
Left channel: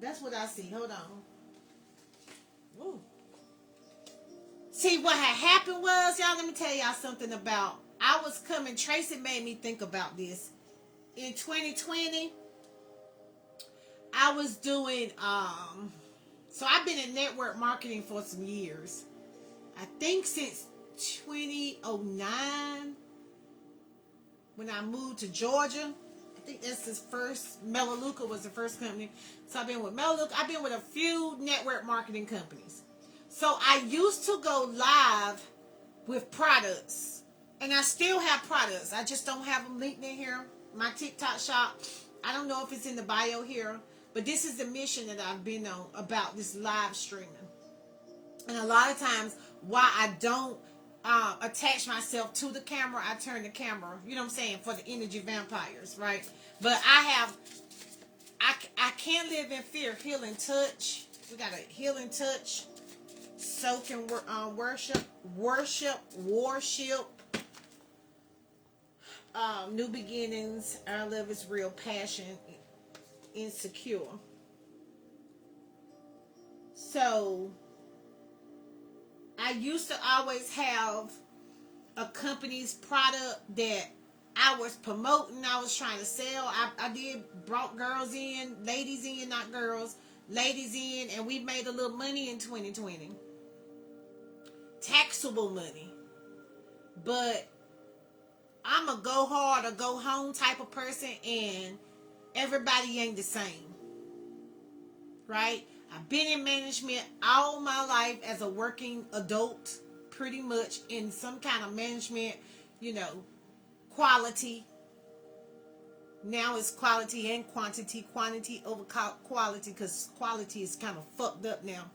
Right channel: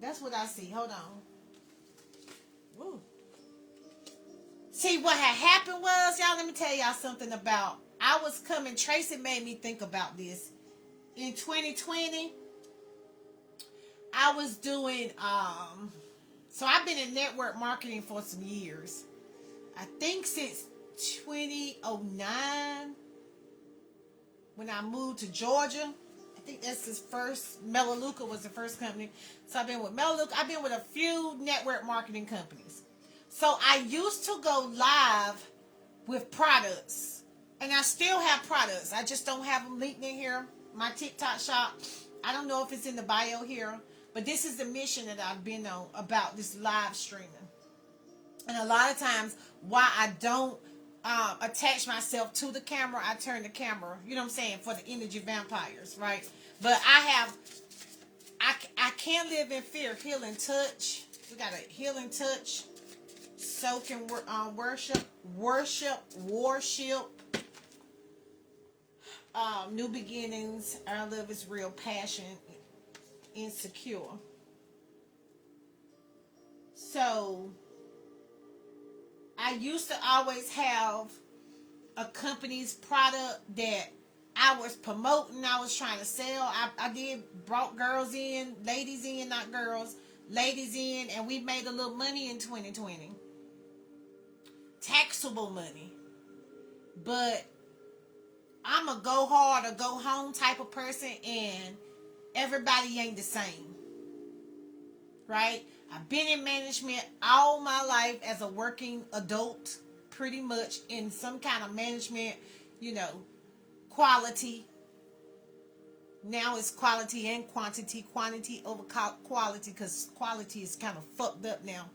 That's what I see. Hold on. Woo. See, what had happened was, y'all, let me tell y'all something about, I was coming, Tracy made me think about this. In 2020, I was doing, so I've been in network marketing for some years. I think since 2009, when I moved to Georgia. I think that's his first, Melaleuca was the first company. So I've been with Melaleuca. I've been with a few network marketing companies. So I used to go live with products. And I still have products. I just don't have them linked in here. My TikTok shop. I don't know if it's in the bio here. But this is the mission that I've been on about this live streaming. And a lot of times, why I don't attach myself to the camera, I turn the camera, you know what I'm saying, for the energy vampires, right? But I can't live in fear. Healing touch. We got a healing touch. Soak and worship. New beginnings. Our love is real. Passion. Insecure. So I used to always have a company's product that I was promoting, I was trying to sell. I brought girls in, ladies in, not girls, ladies in, and we made a little money in 2020. Taxable money. But I'm a go hard or go home type of person, and everybody ain't the same. Right? I've been in management all my life as a working adult, pretty much in some kind of management, you know, quality. Now it's quality and quantity over quality, because quality is kind of fucked up now.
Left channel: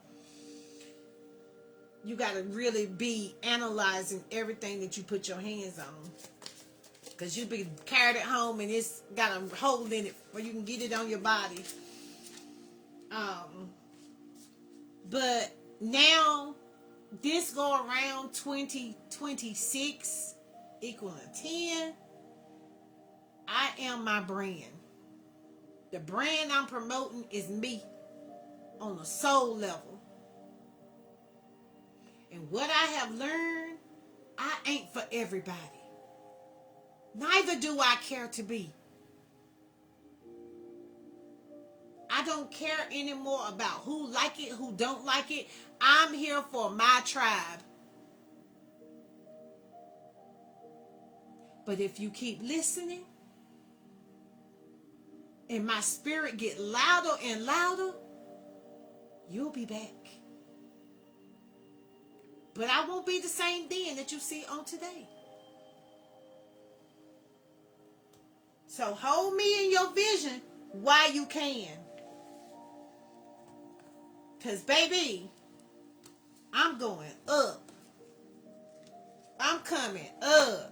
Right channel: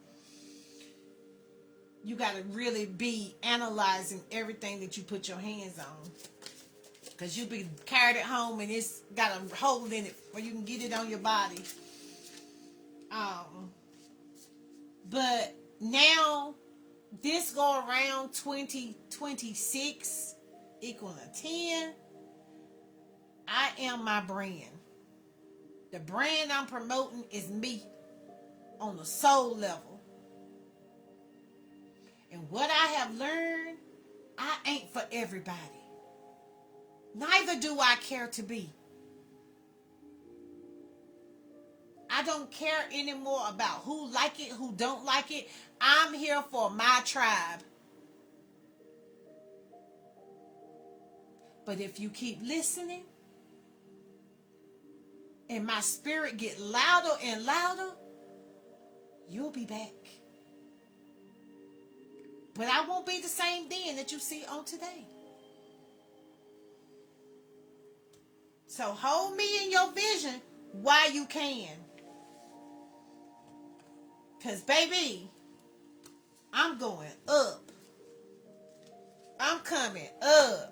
You got to really be analyzing everything that you put your hands on, because you be carried at home and it's got a hole in it where you can get it on your body. But now, this go around 2026 equal a 10. I am my brand. The brand I'm promoting is me on a soul level. And what I have learned, I ain't for everybody. Neither do I care to be. I don't care anymore about who like it, who don't like it. I'm here for my tribe. But if you keep listening, and my spirit get louder and louder, you'll be back. But I won't be the same Dan that you see on today. So hold me in your vision while you can. Because, baby, I'm going up. I'm coming up.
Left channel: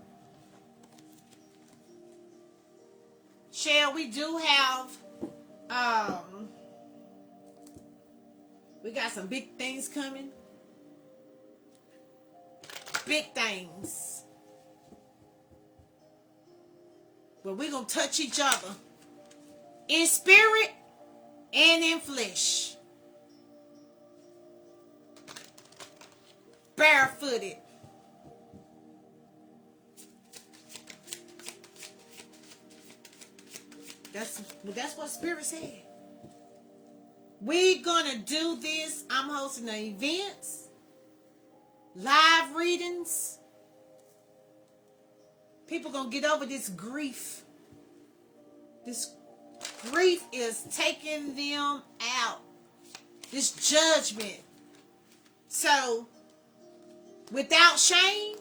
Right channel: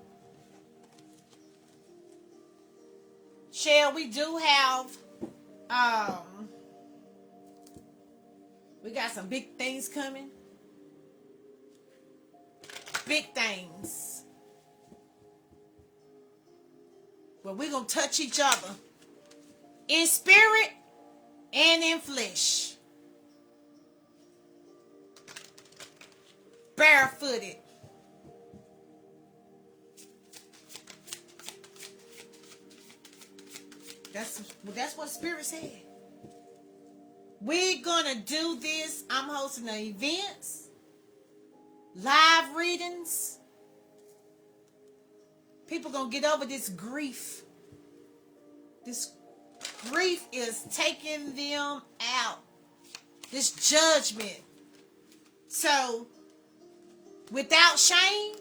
we do have, we got some big things coming. Big things. But we're going to touch each other in spirit and in flesh. Barefooted. That's what Spirit said. We're going to do this. I'm hosting an events, live readings. People going to get over this grief. This grief is taking them out. This judgment. So, without shame,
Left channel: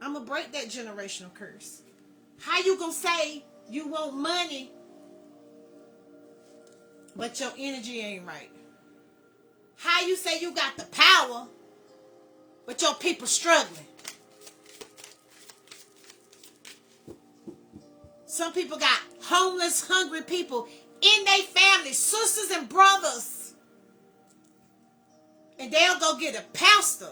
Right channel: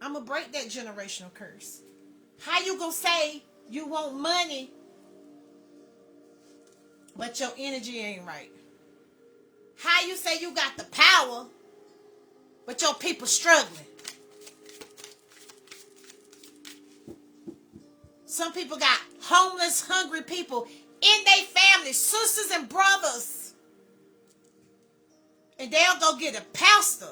I'm going to break that generational curse. How you going to say you want money, but your energy ain't right? How you say you got the power, but your people struggling? Some people got homeless, hungry people in their family, sisters and brothers. And they'll go get a pastor.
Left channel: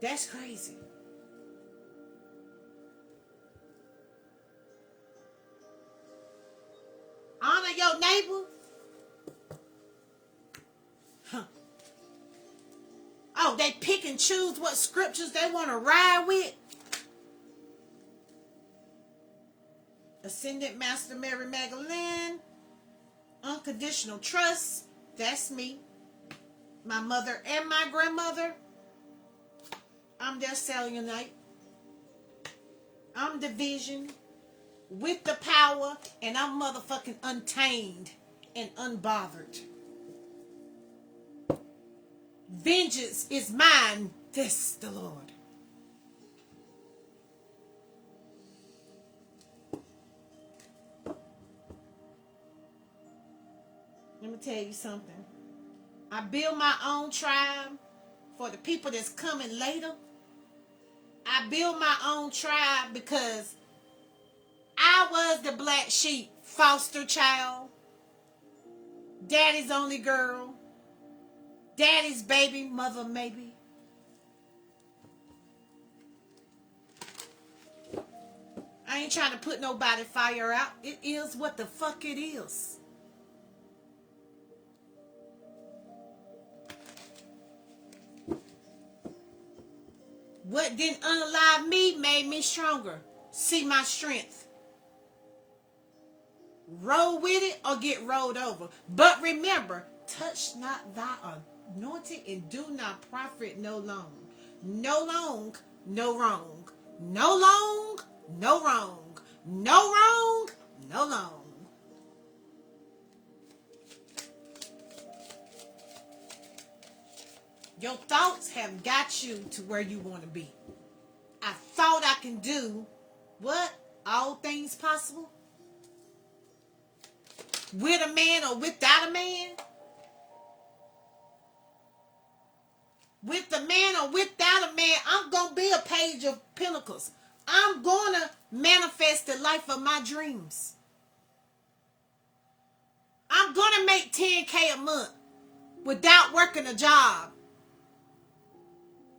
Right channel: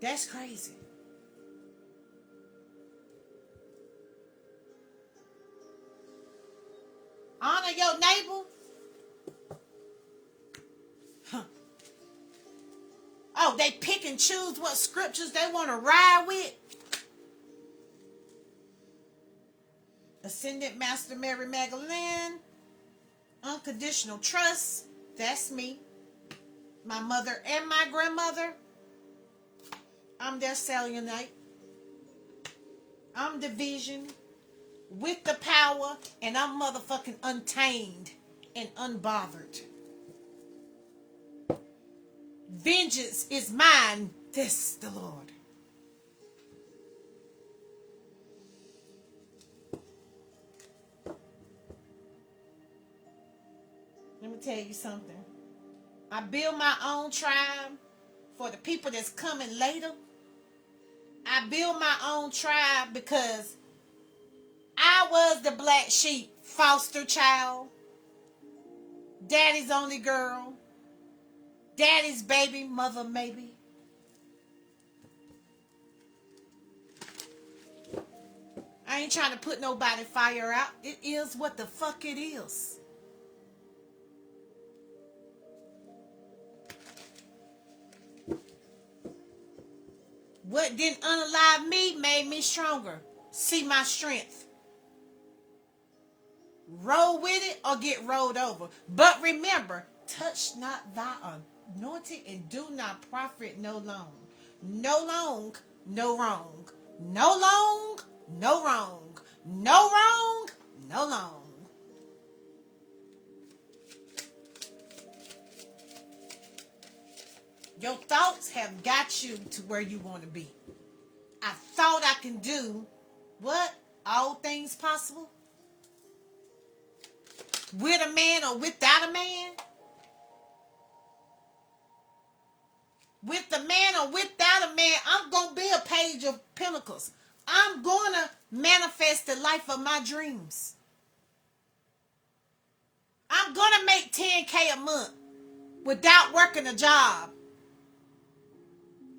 That's crazy. Honor your neighbor. Oh, they pick and choose what scriptures they want to ride with. Ascended Master Mary Magdalene. Unconditional trust. That's me. My mother and my grandmother. I'm their selenite. I'm the vision with the power, and I'm motherfucking untamed and unbothered. Vengeance is mine, this the Lord. Let me tell you something. I build my own tribe for the people that's coming later. I build my own tribe because I was the black sheep, foster child, daddy's only girl, daddy's baby, mother maybe. I ain't trying to put nobody fire out. It is what the fuck it is. What didn't unalive me made me stronger. See my strength. Roll with it or get rolled over. But remember, touch not thy anointed and do not profit no long. No long, no wrong. No long, no wrong. No wrong, no long. Your thoughts have got you to where you want to be. I thought I can do what? All things possible? With a man or without a man? With the man or without a man, I'm going to be a page of Pentacles. I'm going to manifest the life of my dreams. I'm going to make $10K a month without working a job.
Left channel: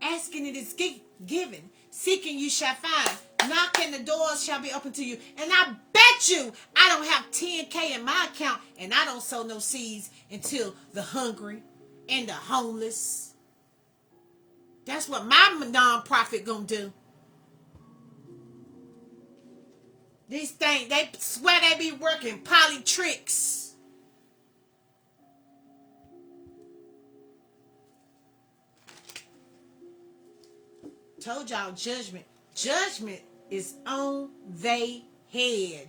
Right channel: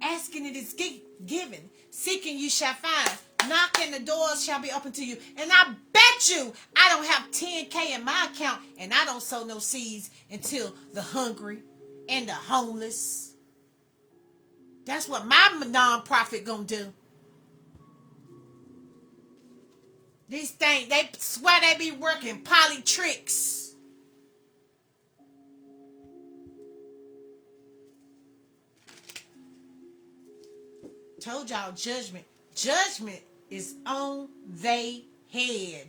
Asking it is given. Seeking you shall find. Knocking the doors shall be open to you. And I bet you I don't have $10K in my account and I don't sow no seeds until the hungry and the homeless. That's what my non-profit gonna do. These things, they swear they be working poly tricks. Told y'all judgment. Judgment is on they head.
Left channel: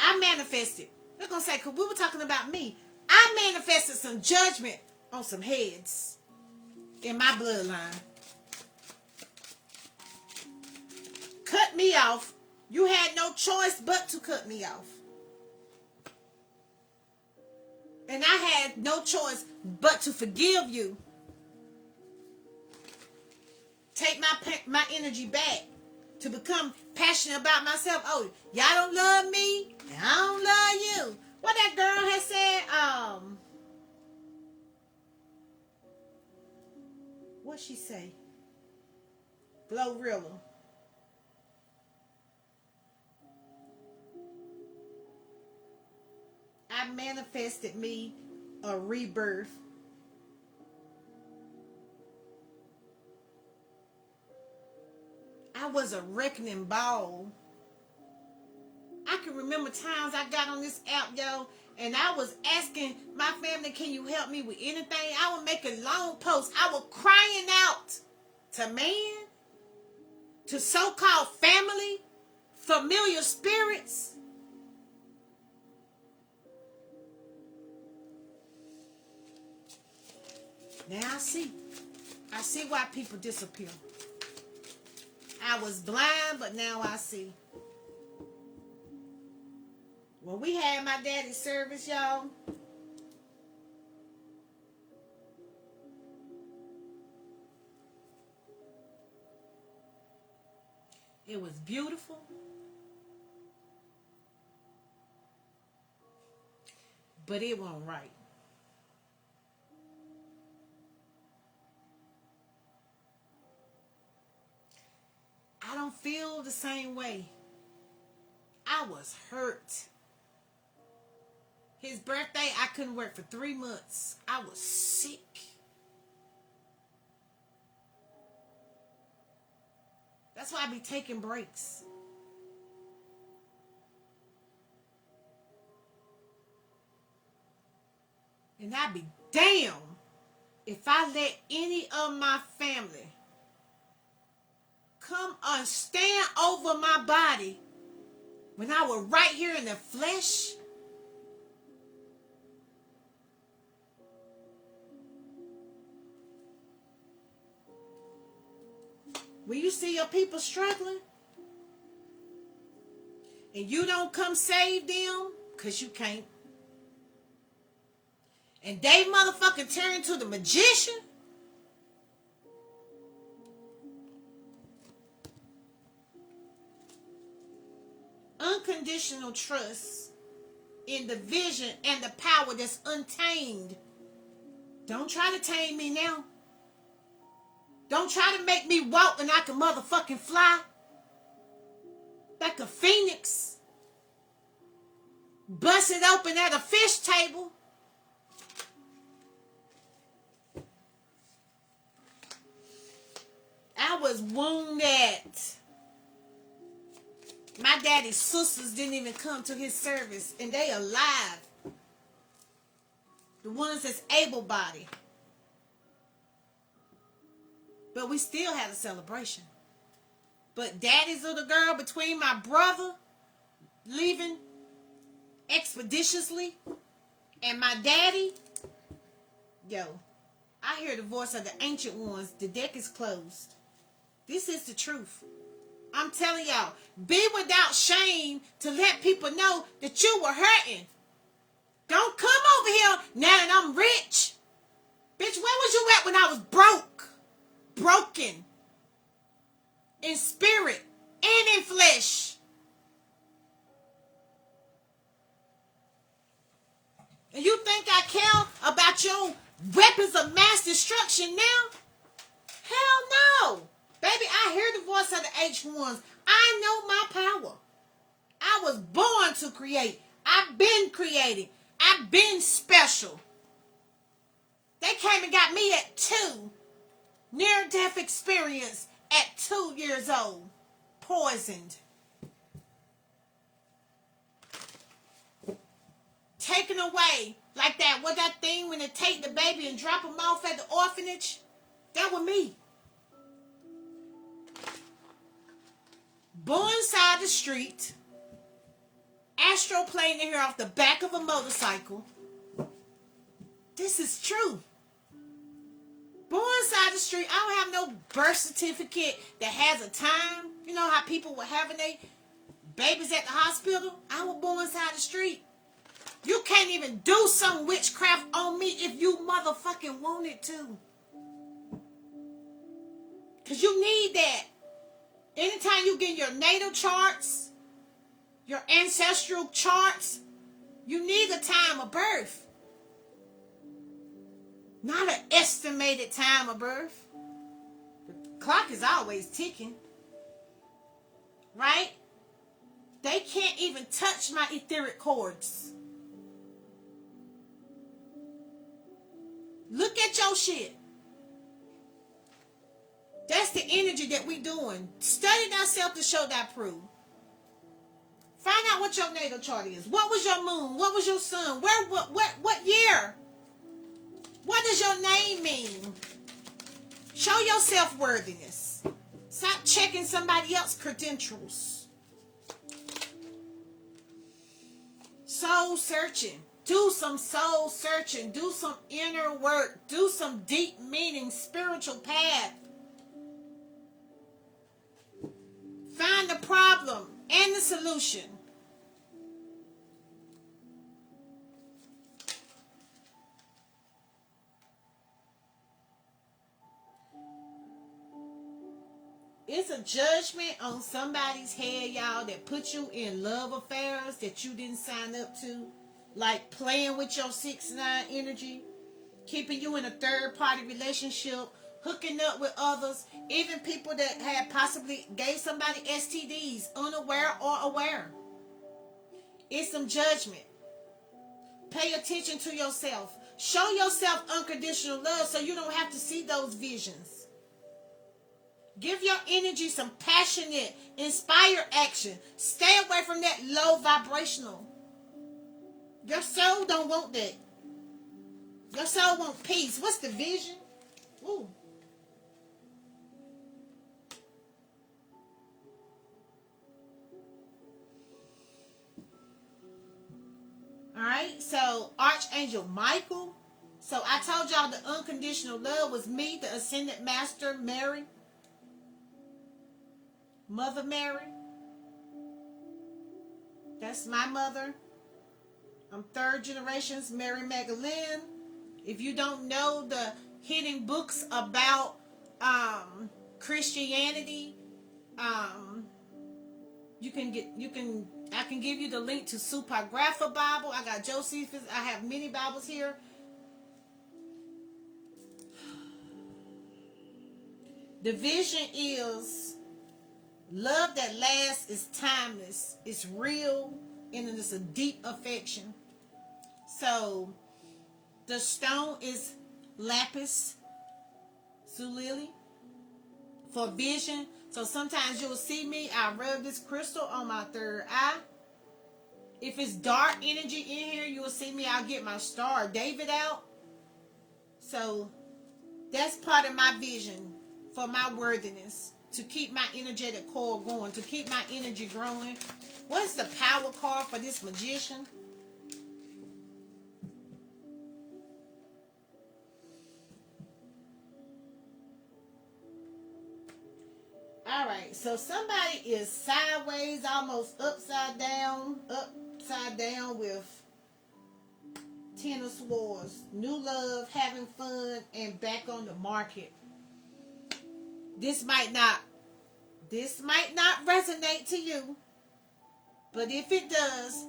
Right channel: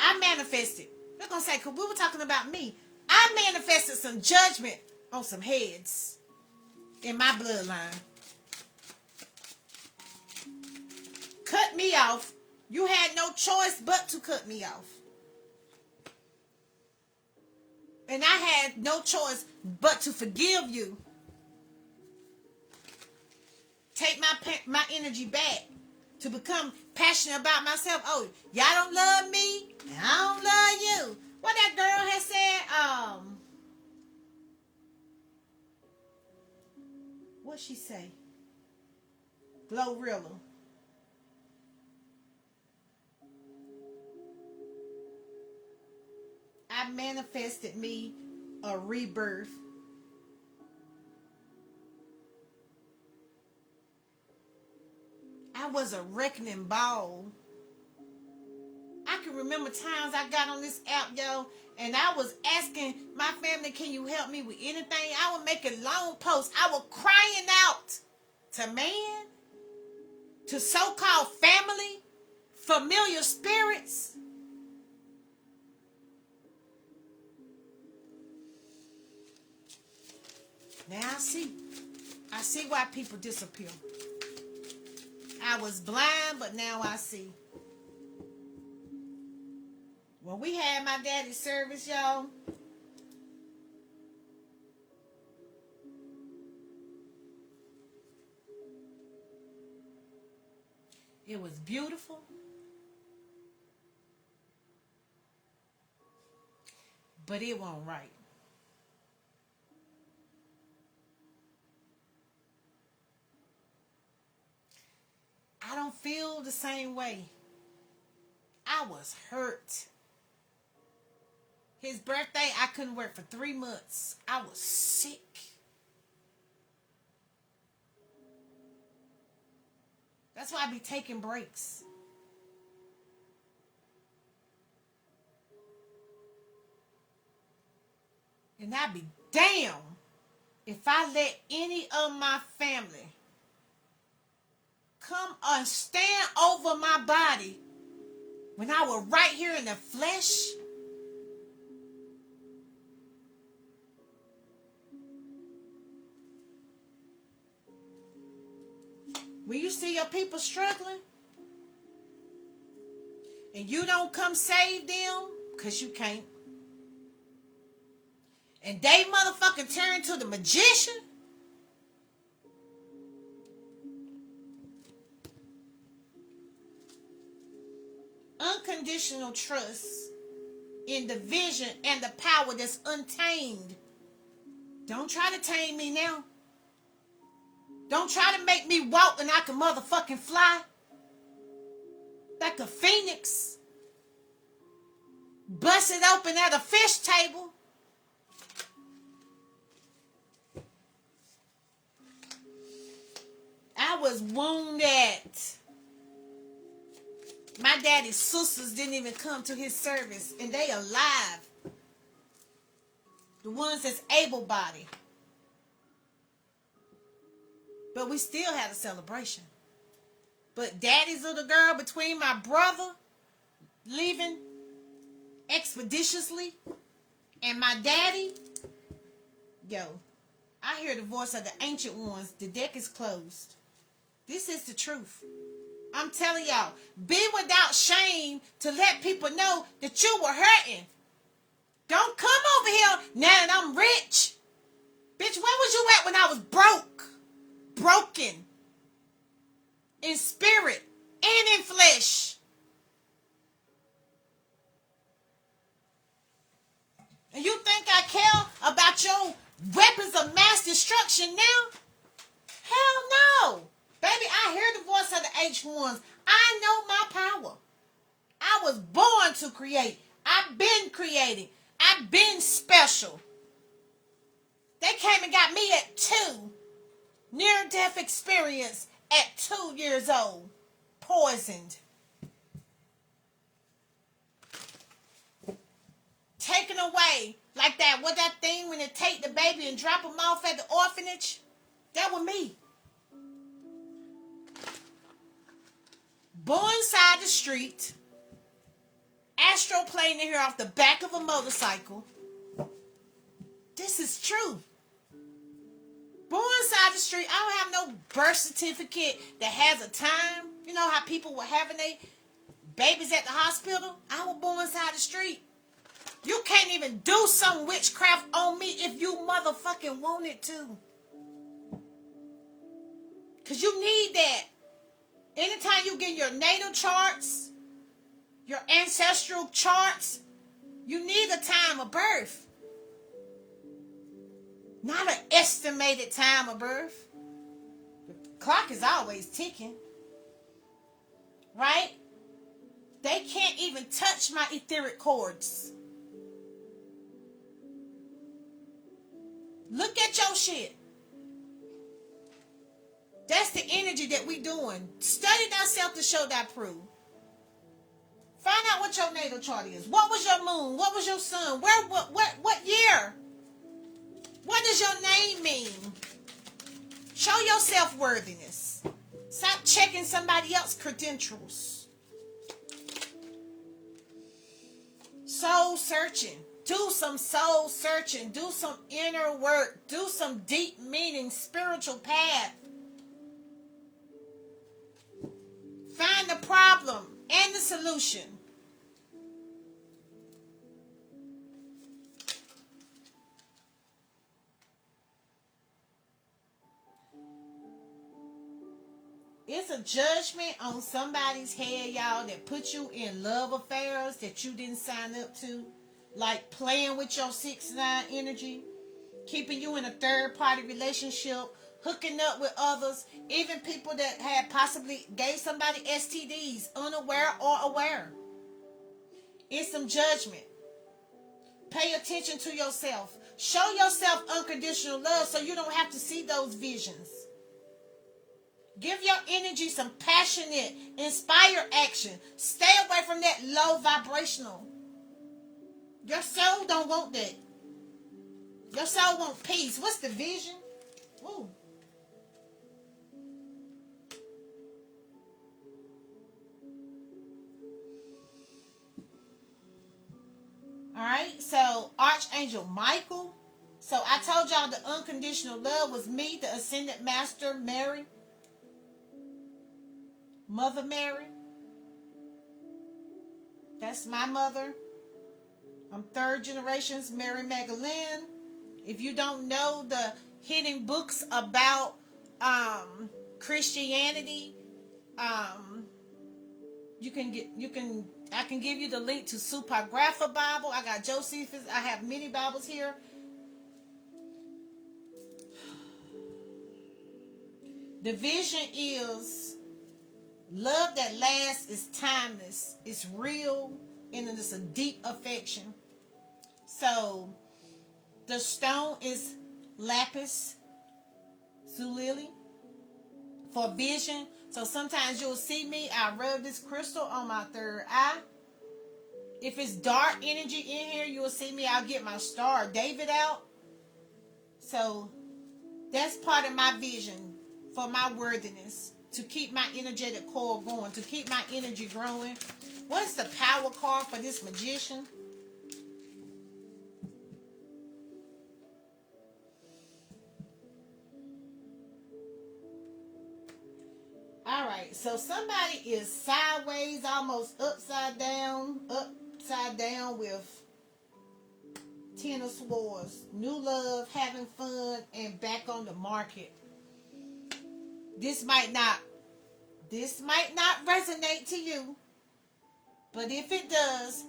I manifested. We're gonna say, cause we were talking about me. I manifested some judgment on some heads in my bloodline. Cut me off. You had no choice but to cut me off. And I had no choice but to forgive you. Take my energy back to become passionate about myself. Oh, y'all don't love me. I don't love you. What that girl has said, what she say? Glorilla. I manifested me a rebirth. I was a reckoning ball. I can remember times I got on this app, yo, and I was asking my family, can you help me with anything? I was making long posts. I was crying out to man, to so-called family, familiar spirits. Now I see. I see why people disappear. I was blind, but now I see. When we had my daddy's service, y'all, it was beautiful. But it wasn't right. I don't feel the same way. I was hurt. His birthday, I couldn't work for 3 months. I was sick. That's why I be taking breaks. And I'd be damn if I let any of my family come and stand over my body when I was right here in the flesh. When you see your people struggling and you don't come save them, because you can't, and they motherfucking turn to the magician, unconditional trust in the vision and the power that's untamed. Don't try to tame me now. Don't try to make me walk and I can motherfucking fly like a phoenix. Bust it open at a fish table. I was wounded. My daddy's sisters didn't even come to his service, and they alive. The ones that's able-bodied. But we still had a celebration. But daddy's little girl, between my brother leaving expeditiously and my daddy, yo, I hear the voice of the ancient ones. The deck is closed. This is the truth. I'm telling y'all, be without shame to let people know that you were hurting. Don't come over here now that I'm rich. Bitch, where was you at when I was broke? Broken. In spirit and in flesh. And you think I care about your weapons of mass destruction now? Hell no. Baby, I hear the voice of the ancient ones. I know my power. I was born to create. I've been creating. I've been special. They came and got me at 2. Near-death experience at 2 years old. Poisoned. Taken away. Like that. What that thing when they take the baby and drop them off at the orphanage? That was me. Born side the street. Astroplaning here off the back of a motorcycle. This is true. Born side the street. I don't have no birth certificate that has a time. You know how people were having their babies at the hospital? I was born side the street. You can't even do some witchcraft on me if you motherfucking wanted to. Because you need that. Anytime you get your natal charts, your ancestral charts, you need a time of birth. Not an estimated time of birth. The clock is always ticking. Right? They can't even touch my etheric cords. Look at your shit. That's the energy that we doing. Study thyself to show thy proof. Find out what your natal chart is. What was your moon? What was your sun? What year? What does your name mean? Show your self-worthiness. Stop checking somebody else's credentials. Soul searching. Do some soul searching. Do some inner work. Do some deep meaning, spiritual path. Find the problem and the solution. It's a judgment on somebody's head, y'all, that put you in love affairs that you didn't sign up to. Like playing with your 6-9 energy, keeping you in a third-party relationship, hooking up with others, even people that had possibly gave somebody STDs, unaware or aware. It's some judgment. Pay attention to yourself. Show yourself unconditional love so you don't have to see those visions. Give your energy some passionate, inspired action. Stay away from that low vibrational. Your soul don't want that. Your soul wants peace. What's the vision? Ooh. Alright, so Archangel Michael. So I told y'all the unconditional love was me, the Ascended Master, Mary. Mother Mary. That's my mother. I'm third generations Mary Magdalene. If you don't know the hidden books about Christianity, I can give you the link to Supagrapha Bible. I got Josephus. I have many Bibles here. The vision is love that lasts, is timeless, it's real, and it is a deep affection. So the stone is lapis lazuli for vision. So sometimes you'll see me, I rub this crystal on my third eye. If it's dark energy in here, you'll see me, I'll get my Star of David out. So that's part of my vision for my worthiness, to keep my energetic core going, to keep my energy growing. What's the power card for this magician? Alright, so somebody is sideways, almost upside down with Ten of Swords. New love, having fun, and back on the market. This might not resonate to you, but if it does,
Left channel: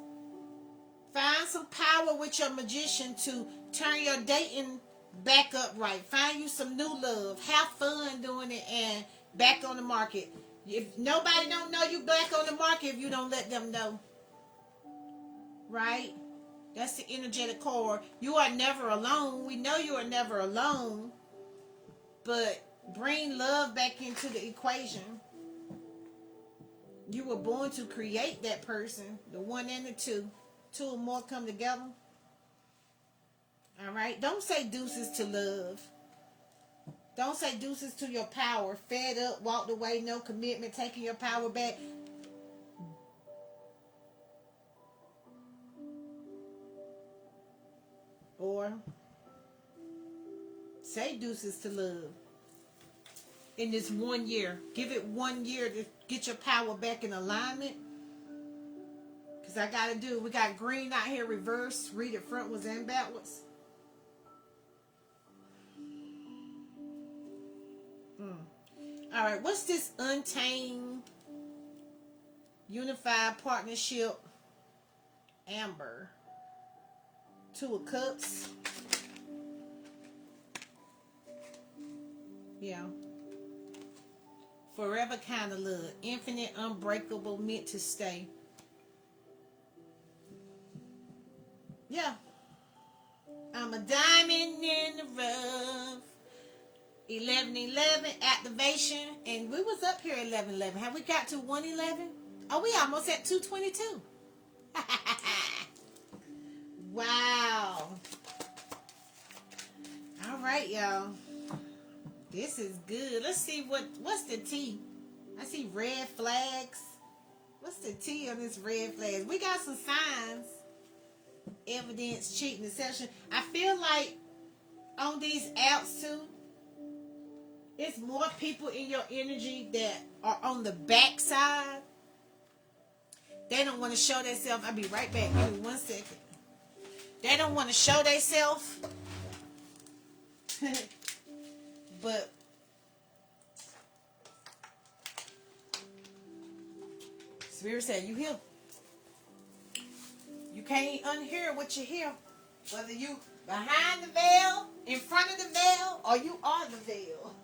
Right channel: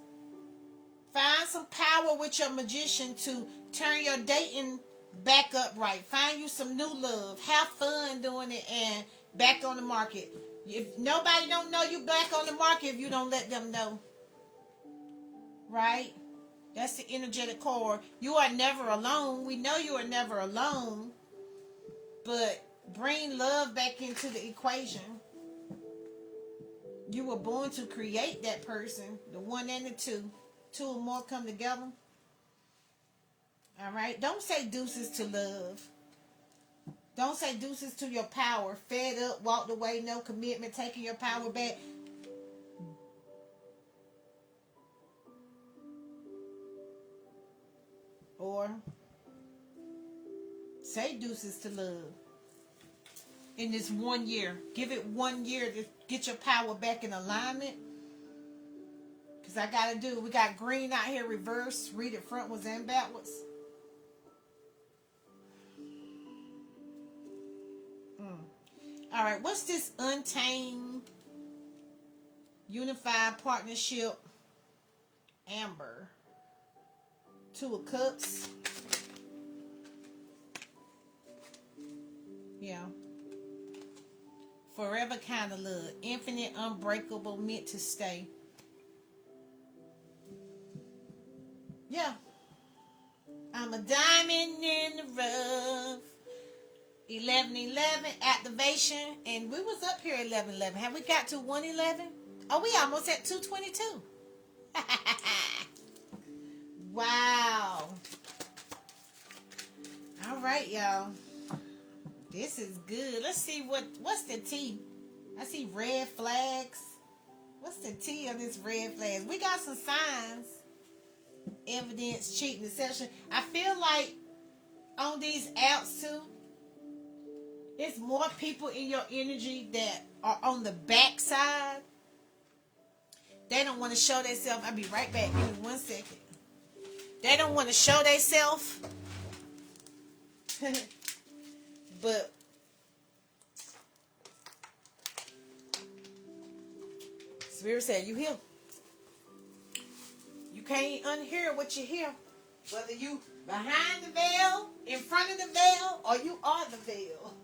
find some power with your magician to turn your dating back up right. Find you some new love. Have fun doing it and back on the market. If nobody don't know you back on the market if you don't let them know. Right? That's the energetic core. You are never alone. We know you are never alone, but bring love back into the equation. You were born to create that person, the one and the two. Two or more come together. All right? Don't say deuces to love. Don't say deuces to your power. Fed up, walked away, no commitment, taking your power back. Or say deuces to love. In this 1 year. Give it 1 year to get your power back in alignment. Because I got to do, we got green out here reverse. Read it frontwards and backwards. All right, what's this untamed unified partnership? Amber. Two of Cups. Yeah. Forever kind of love. Infinite, unbreakable, meant to stay. Yeah. I'm a diamond in the rough. 11:11 activation. And we was up here at 11:11. Have we got to 1:11? Oh, we almost at 2:22. Wow. All right, y'all. This is good. Let's see what's the T. I see red flags. What's the T on this red flags? We got some signs. Evidence, cheating, deception. I feel like on these apps too, it's more people in your energy that are on the backside. They don't want to show themselves. I'll be right back. Give me 1 second. They don't want to show themselves. But Spirit said, you hear. You can't unhear what you hear. Whether you behind the veil, in front of the veil, or you are the veil.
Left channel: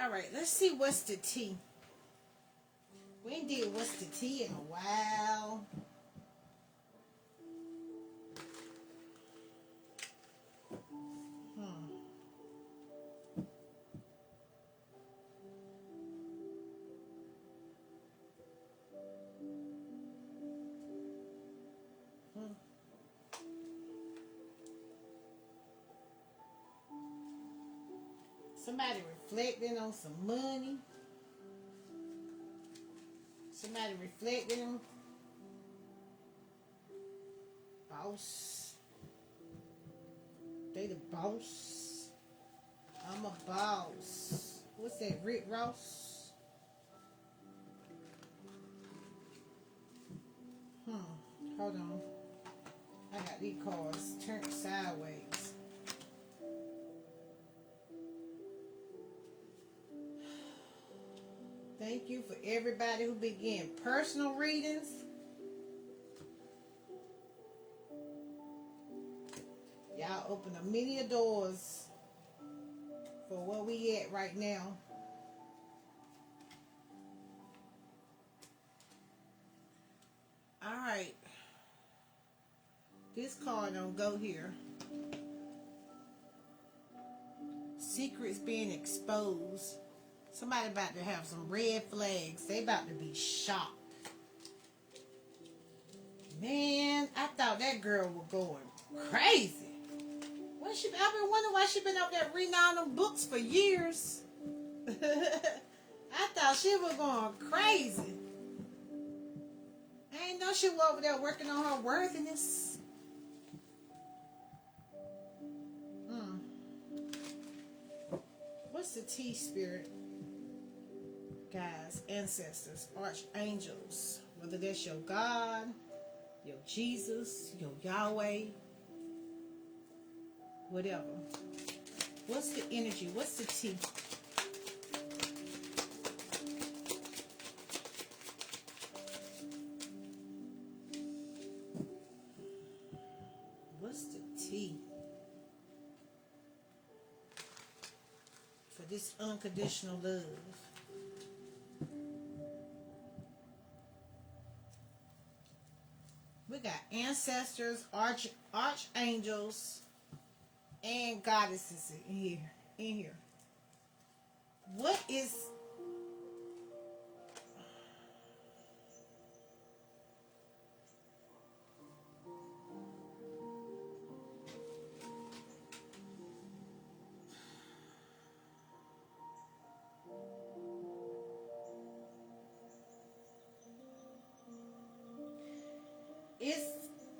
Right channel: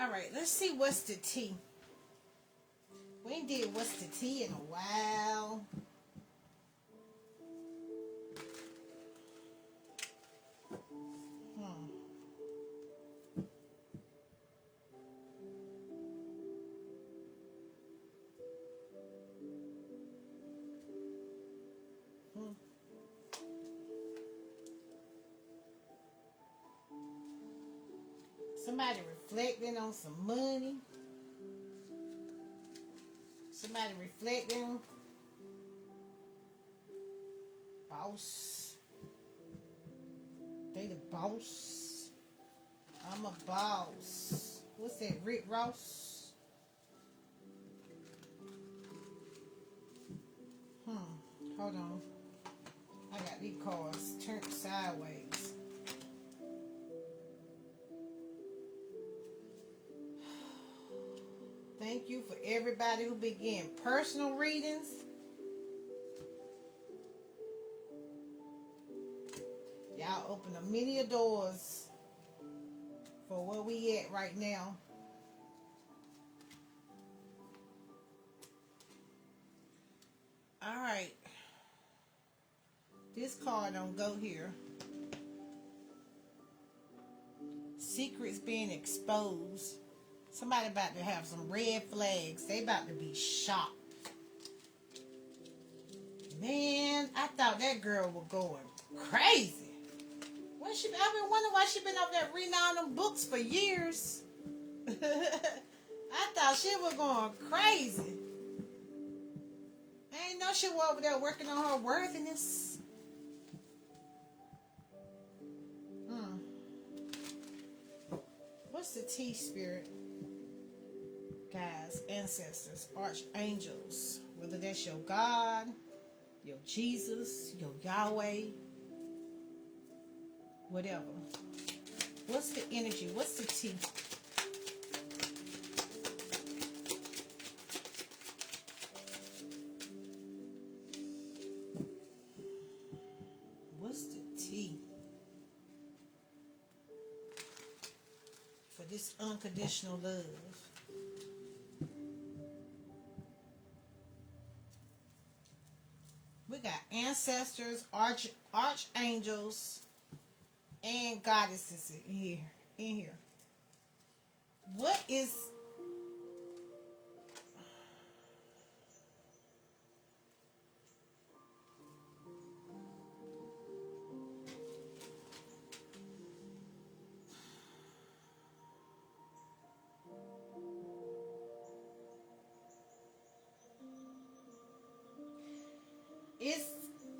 All right, let's see what's the T. We ain't did what's the T in a while. Somebody reflecting on some money. Somebody reflecting. Boss. They the boss. I'm a boss. What's that, Rick Ross? Hold on. I got these cards turned sideways. Thank you for everybody who began personal readings. Y'all open a many doors for where we at right now. All right. This card don't go here. Secrets being exposed. Somebody about to have some red flags. They about to be shocked. Man, I thought that girl was going crazy. I've been wondering why she been up there reading all them books for years. I thought she was going crazy. I ain't know she was over there working on her worthiness. What's the T, Spirit? Guys, ancestors, archangels, whether that's your God, your Jesus, your Yahweh, whatever. What's the energy? What's the T? unconditional love. We got ancestors, archangels, and goddesses in here. What is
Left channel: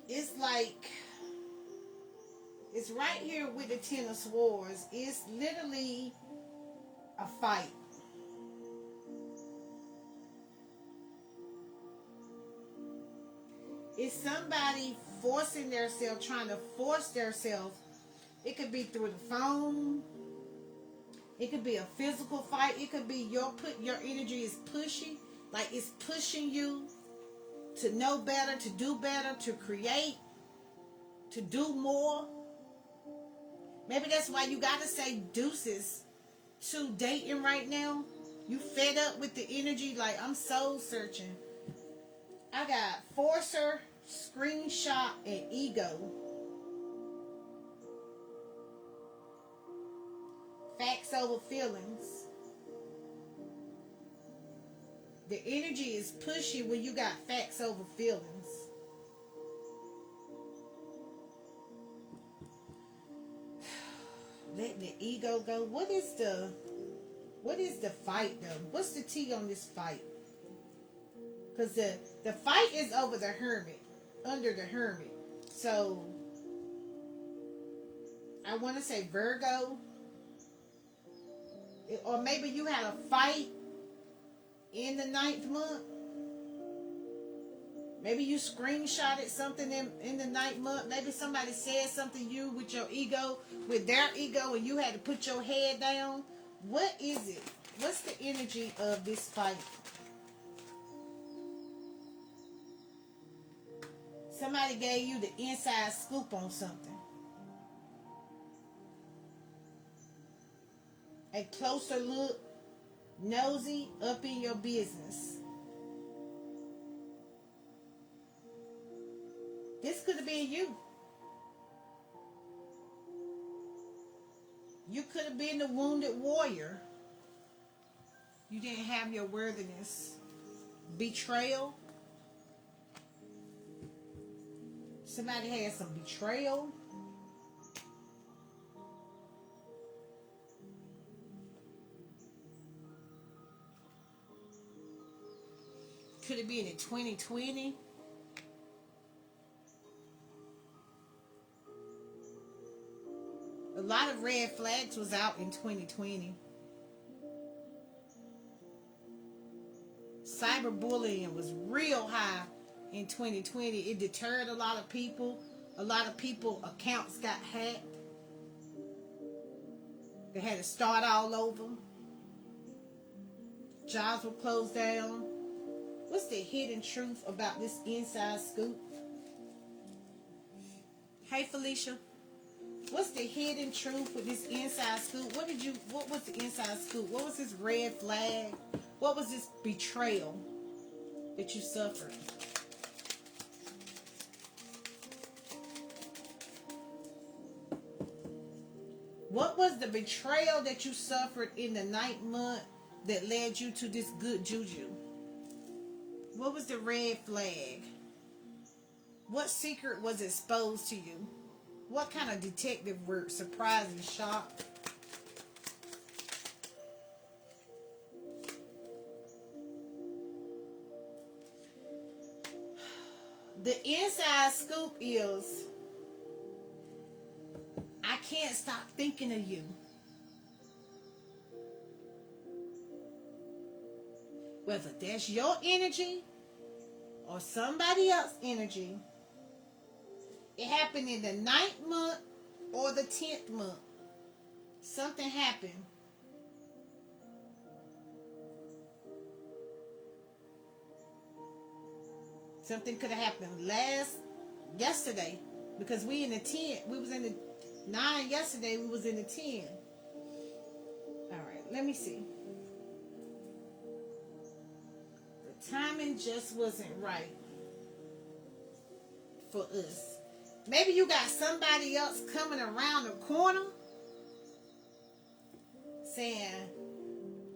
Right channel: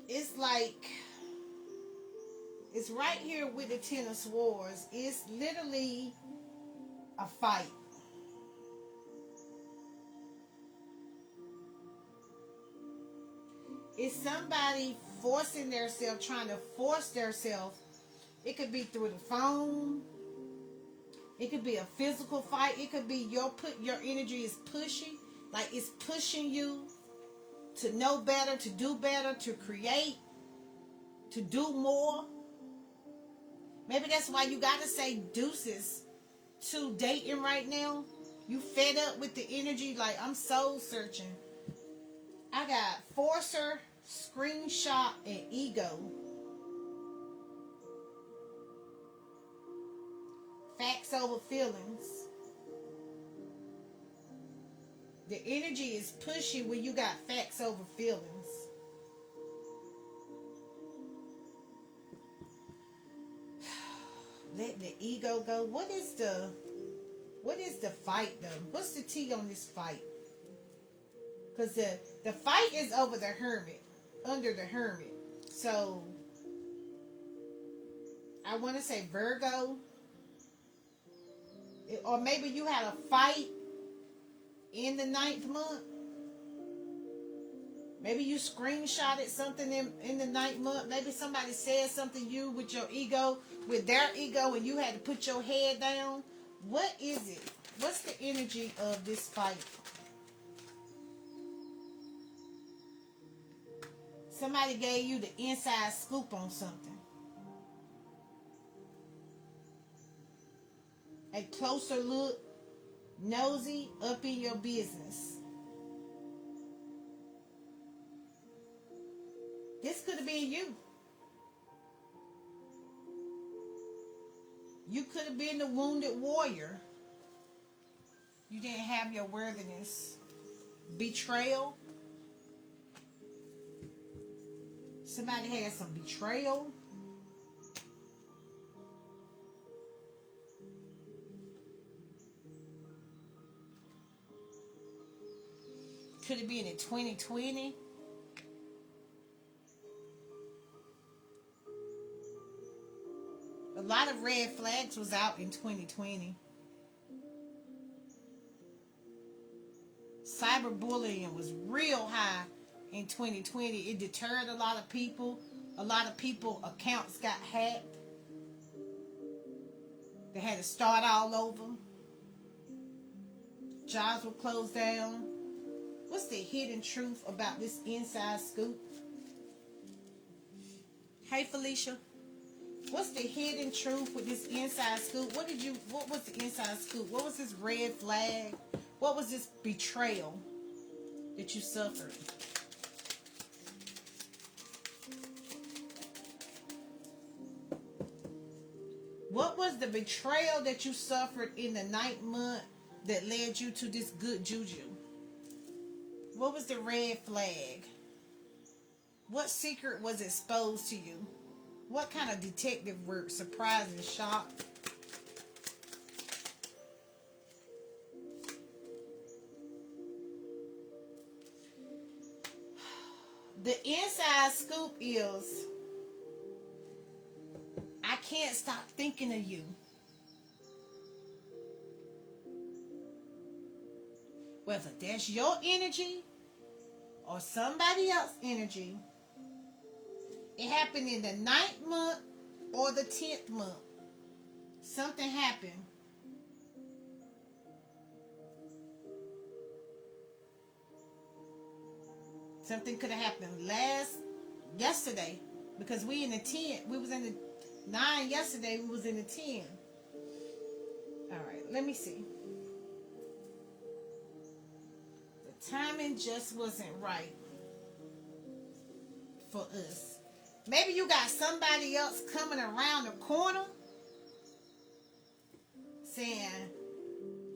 it's like it's right here with the Ten of Swords. It's literally a fight. It's somebody forcing themselves, trying to force themselves. It could be through the phone. It could be a physical fight. It could be your energy is pushy, like it's pushing you to know better, to do better, to create, to do more. Maybe that's why you gotta say deuces to dating right now. You fed up with the energy, like I'm soul searching. I got forcer, screenshot, and ego. Facts over feelings. The energy is pushy when you got facts over feelings. Let the ego go. What is the fight though? What's the T on this fight? Because the fight is over the hermit, under the hermit. So I want to say Virgo. Or maybe you had a fight in the 9th month. Maybe you screenshotted something in the 9th month. Maybe somebody said something to you with your ego, with their ego, and you had to put your head down. What is it? What's the energy of this fight? Somebody gave you the inside scoop on something. A closer look, nosy, up in your business. This could have been you. You could have been the wounded warrior. You didn't have your worthiness. Betrayal. Somebody had some betrayal. Could have been in 2020. A lot of red flags was out in 2020. Cyberbullying was real high in 2020. It deterred a lot of people. A lot of people accounts got hacked. They had to start all over. Jobs were closed down. What's the hidden truth about this inside scoop? Hey Felicia. What's the hidden truth with this inside scoop? What was the inside scoop? What was this red flag? What was this betrayal that you suffered? What was the betrayal that you suffered in the 9th month that led you to this good juju? What was the red flag? What secret was exposed to you? What kind of detective work? Surprise and shock? The inside scoop is, I can't stop thinking of you. Whether that's your energy or somebody else's energy, it happened in the 9th month or the 10th month. Something happened. Something could have happened yesterday, because we in the 10. We was in the 9 yesterday. We was in the 10. All right, let me see. The timing just wasn't right for us. Maybe you got somebody else coming around the corner saying,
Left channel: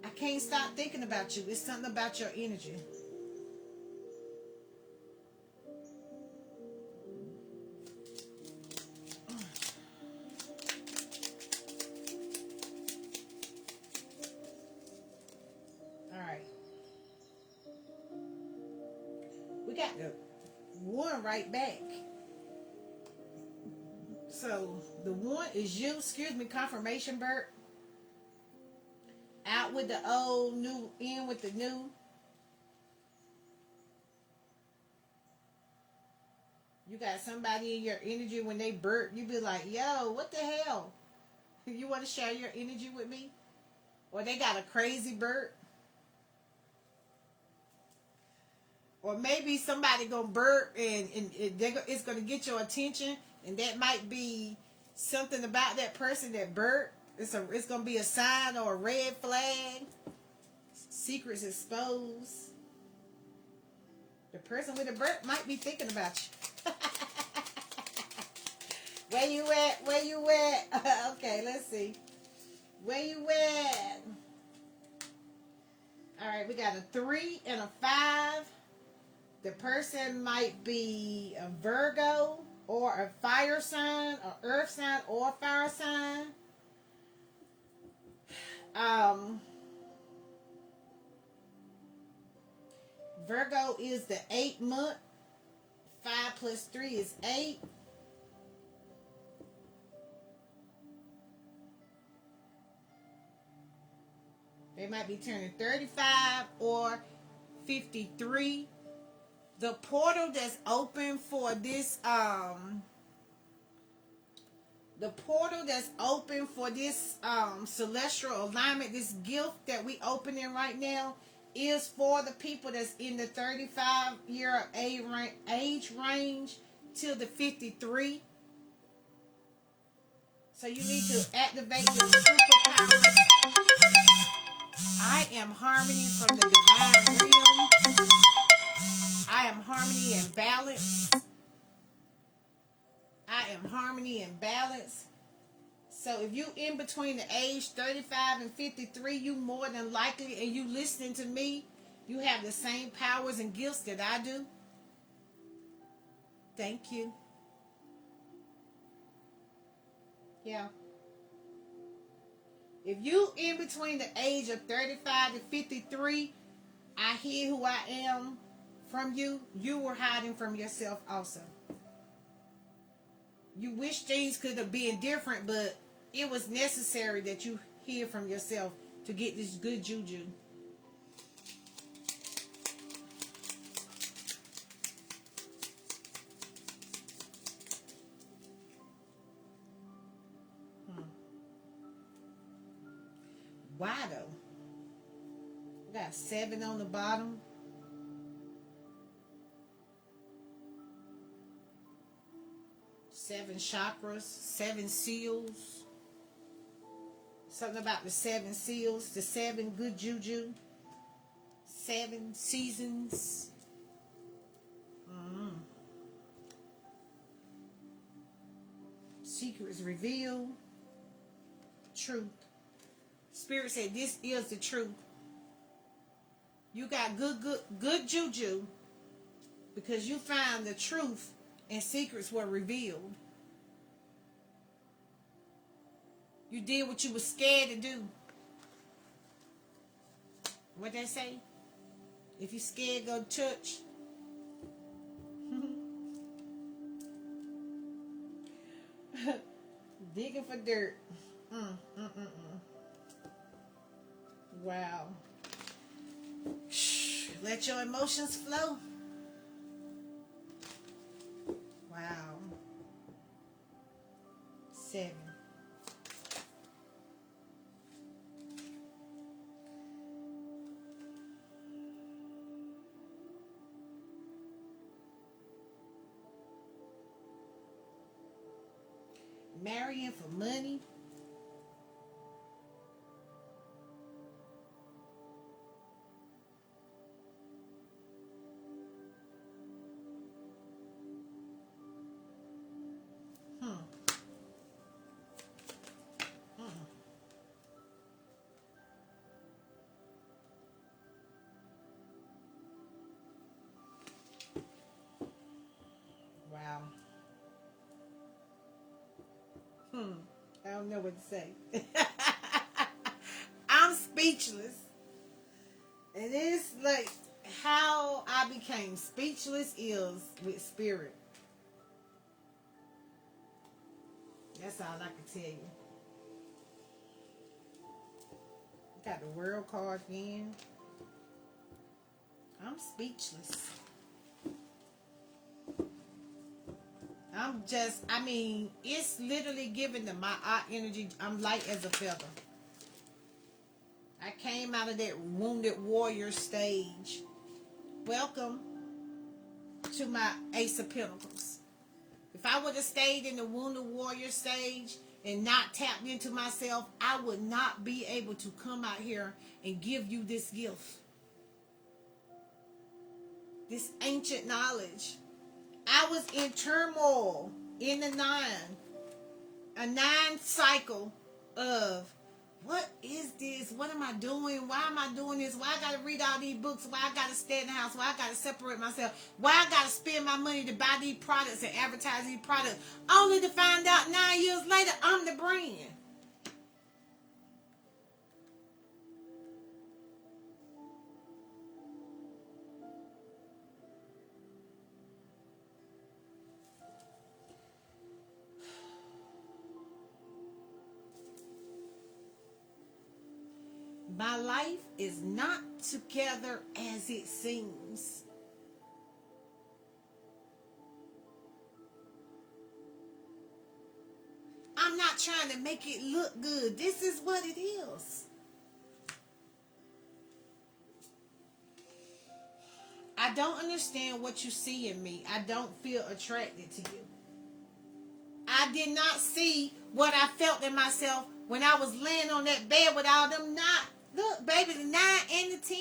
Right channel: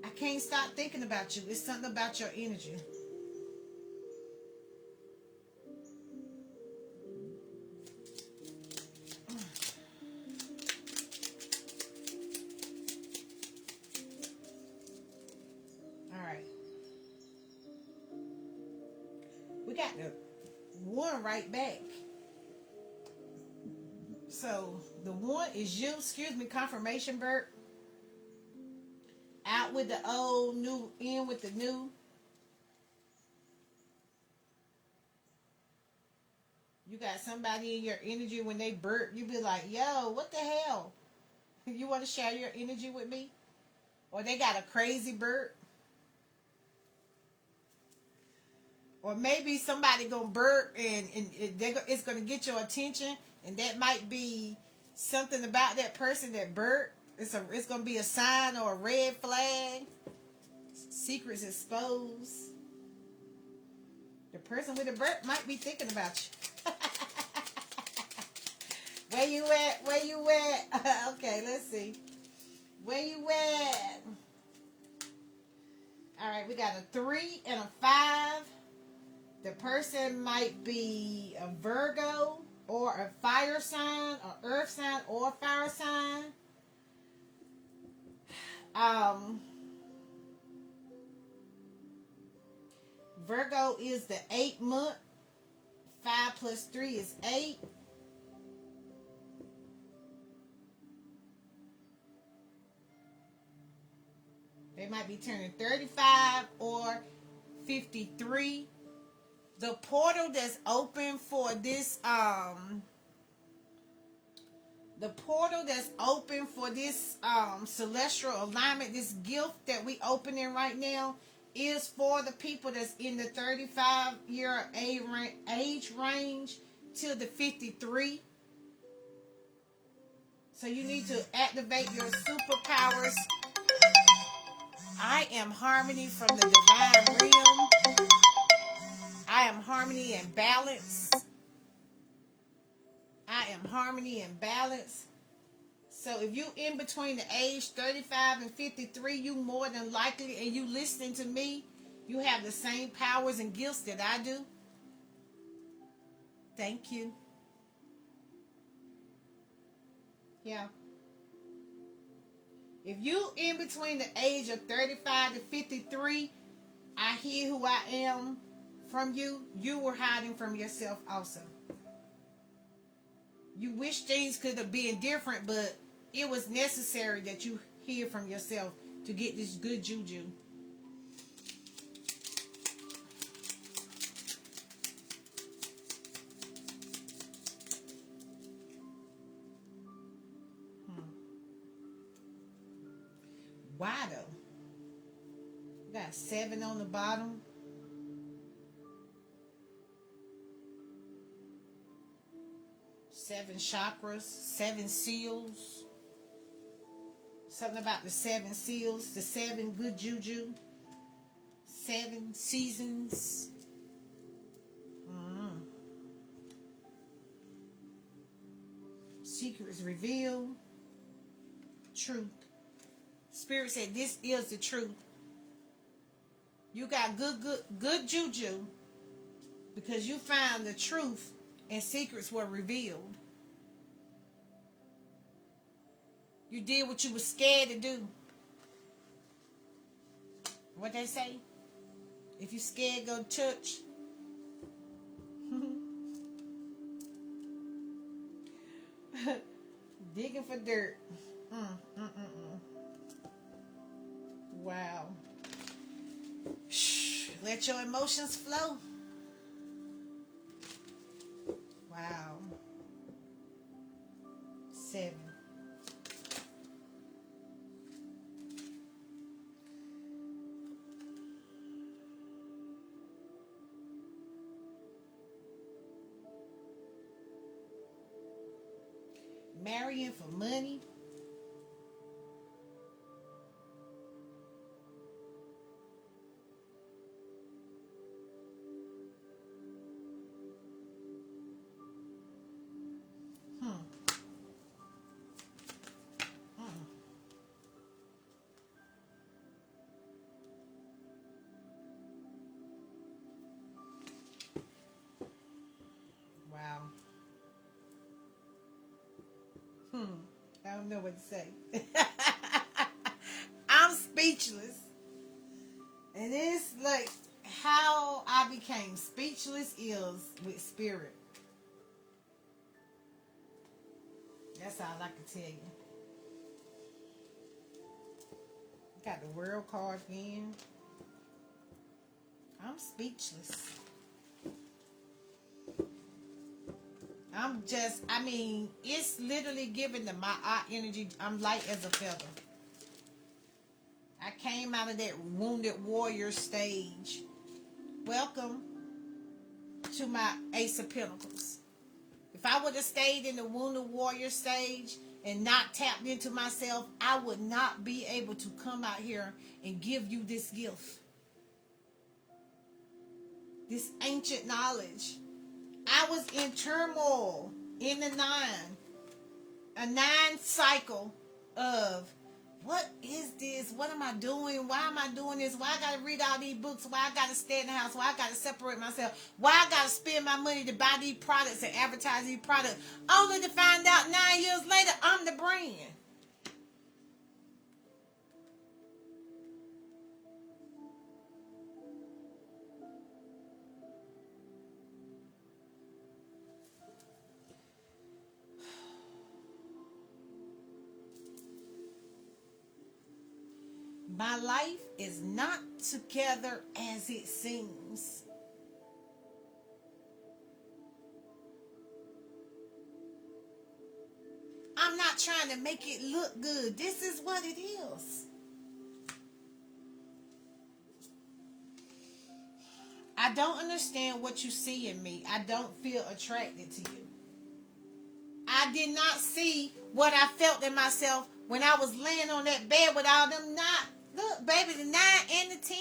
I can't stop thinking about you. It's something about your energy. All right. We got the one right back. So the one is you. Excuse me, confirmation, Bert. Out with the old, new, in with the new. You got somebody in your energy when they burp, you be like, yo, what the hell? You want to share your energy with me? Or they got a crazy burp. Or maybe somebody gonna burp and it's gonna get your attention, and that might be something about that person that burped. It's gonna be a sign or a red flag. Secrets exposed. The person with the burp might be thinking about you. Where you at? Where you at? Okay, let's see. Where you at? All right, we got a 3 and a 5. The person might be a Virgo or a fire sign, an earth sign or a fire sign. Virgo is the 8th month. 5 plus 3 is 8. They might be turning 35 or 53. The portal that's open for this, celestial alignment, this gift that we opening right now, is for the people that's in the 35-year age range to the 53. So you need to activate your superpowers. I am harmony from the divine realm. I am harmony and balance. I am harmony and balance. So if you in between the age 35 and 53, you more than likely, and you listening to me, you have the same powers and gifts that I do. Thank you. Yeah. If you in between the age of 35 to 53, I hear who I am from you. You were hiding from yourself also. You wish things could have been different, but it was necessary that you hear from yourself to get this good juju. Why though? We got 7 on the bottom. Seven chakras, 7 seals. Something about the 7 seals, the 7 good juju, 7 seasons. Secrets revealed. Truth. Spirit said this is the truth. You got good juju because you found the truth and secrets were revealed. You did what you were scared to do. What they say? If you scared, go to church. Digging for dirt. Wow. Shh. Let your emotions flow. Wow. 7. Marrying for money. don't know what to say. I'm speechless. And it's like how I became speechless is with spirit. That's all I can tell you. Got the world card again. I'm speechless. It's literally giving them my art energy. I'm light as a feather. I came out of that wounded warrior stage. Welcome to my Ace of Pentacles. If I would have stayed in the wounded warrior stage and not tapped into myself, I would not be able to come out here and give you this gift. This ancient knowledge. I was in turmoil in the 9. A 9 cycle of, what is this? What am I doing? Why am I doing this? Why I got to read all these books? Why I got to stay in the house? Why I got to separate myself? Why I got to spend my money to buy these products and advertise these products? Only to find out 9 years later, I'm the brand. My life is not together as it seems. I'm not trying to make it look good. This is what it is. I don't understand what you see in me. I don't feel attracted to you. I did not see what I felt in myself when I was laying on that bed with all them 9. Look, baby, the 9 and the 10.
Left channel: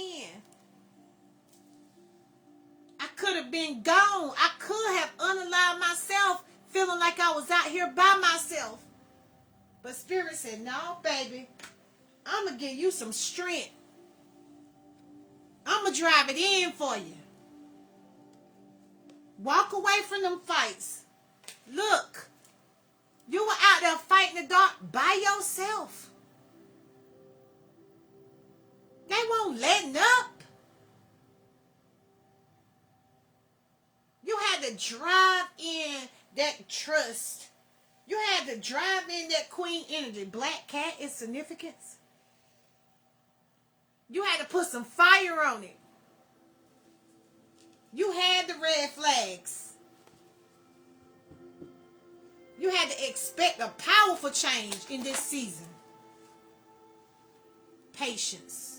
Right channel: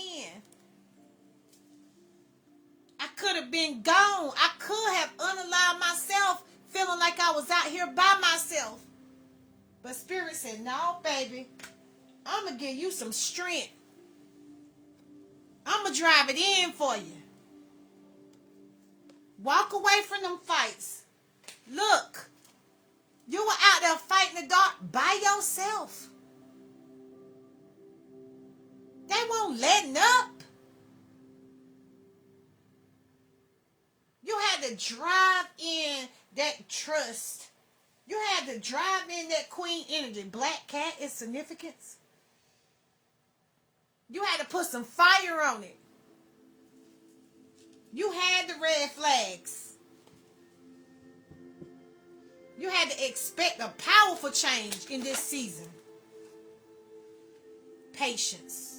I could have been gone. I could have unaligned myself, feeling like I was out here by myself. But Spirit said, no, baby, I'm going to give you some strength. I'm going to drive it in for you. Walk away from them fights. Look, you were out there fighting the dark by yourself. They won't letting up. You had to drive in that trust. You had to drive in that queen energy. Black cat is significance. You had to put some fire on it. You had the red flags. You had to expect a powerful change in this season. Patience.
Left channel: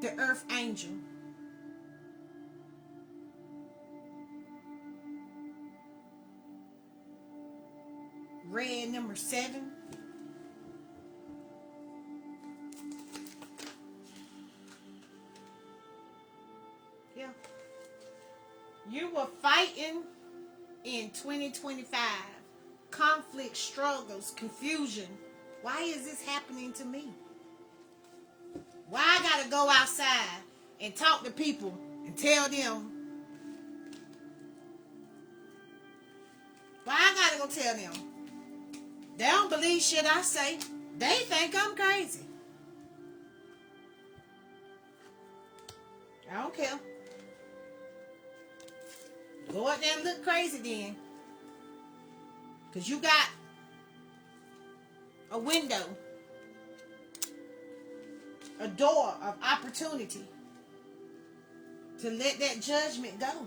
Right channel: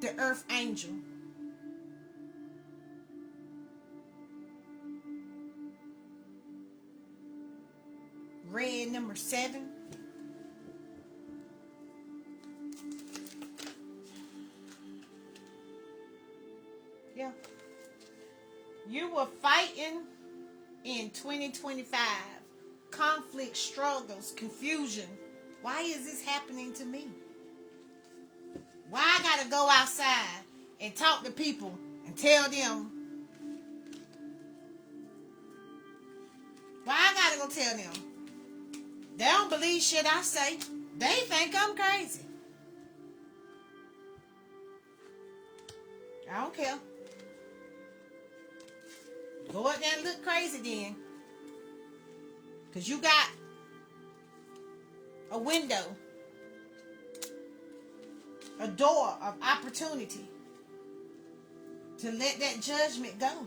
The earth angel. Red number 7. Yeah. You were fighting in 2025. Conflict, struggles, confusion. Why is this happening to me? Why I gotta go outside and talk to people and tell them? Why I gotta go tell them? They don't believe shit I say. They think I'm crazy. I don't care. Go out there and look crazy then. Because you got a window, a door of opportunity to let that judgment go.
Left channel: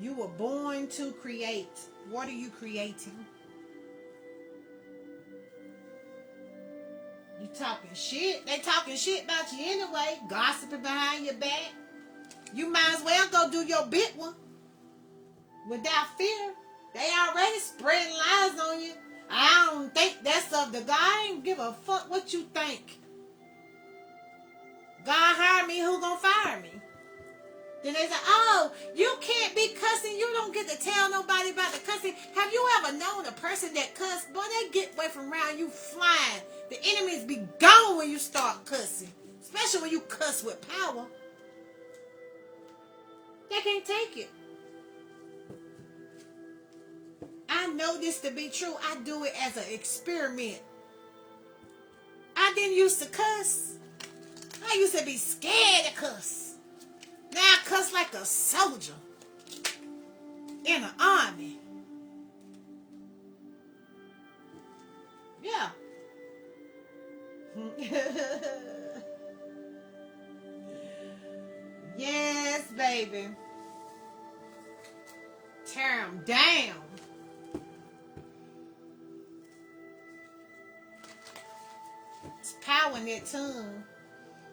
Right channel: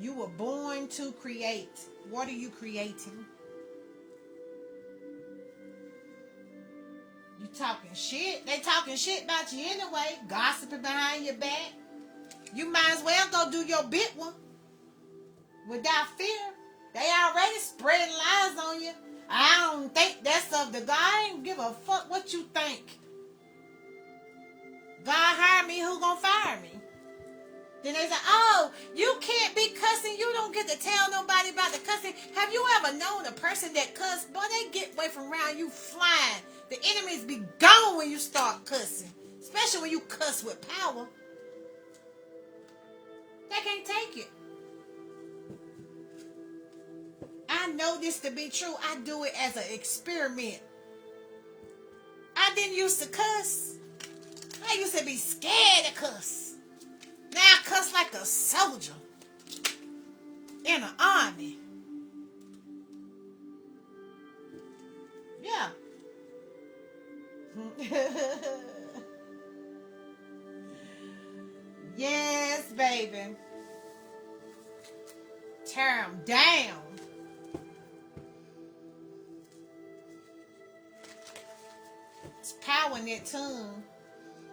You were born to create. What are you creating? You talking shit. They talking shit about you anyway. Gossiping behind your back. You might as well go do your big one. Without fear. They already spreading lies on you. I don't think that's of the God. I ain't give a fuck what you think. God hired me. Who gonna fire me? Then they say, oh, you can't be cussing. You don't get to tell nobody about the cussing. Have you ever known a person that cuss? Boy, they get away from around you flying. The enemies be gone when you start cussing. especially when you cuss with power, they can't take it. I know this to be true. I do it as an experiment. I didn't used to cuss. I used to be scared to cuss. Now I cuss like a soldier in an army. Yeah. Yes, baby. Tear them down. It's power in that tongue.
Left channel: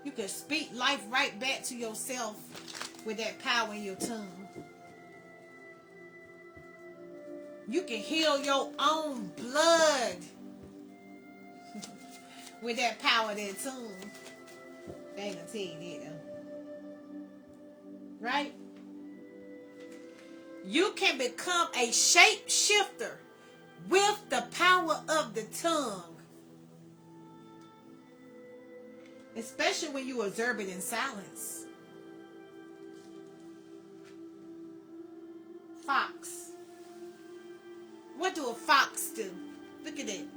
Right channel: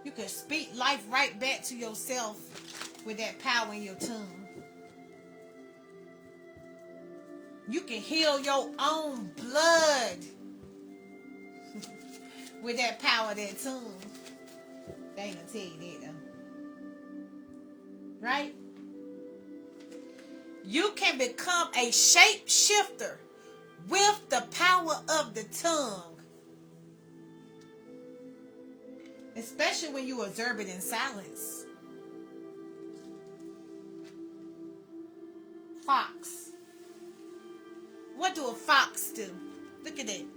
You can speak life right back to yourself with that power in your tongue. You can heal your own blood with that power of that tongue. They ain't gonna tell you that though. Right? You can become a shapeshifter with the power of the tongue. Especially when you observe it in silence. Fox. What do a fox do? Look at it.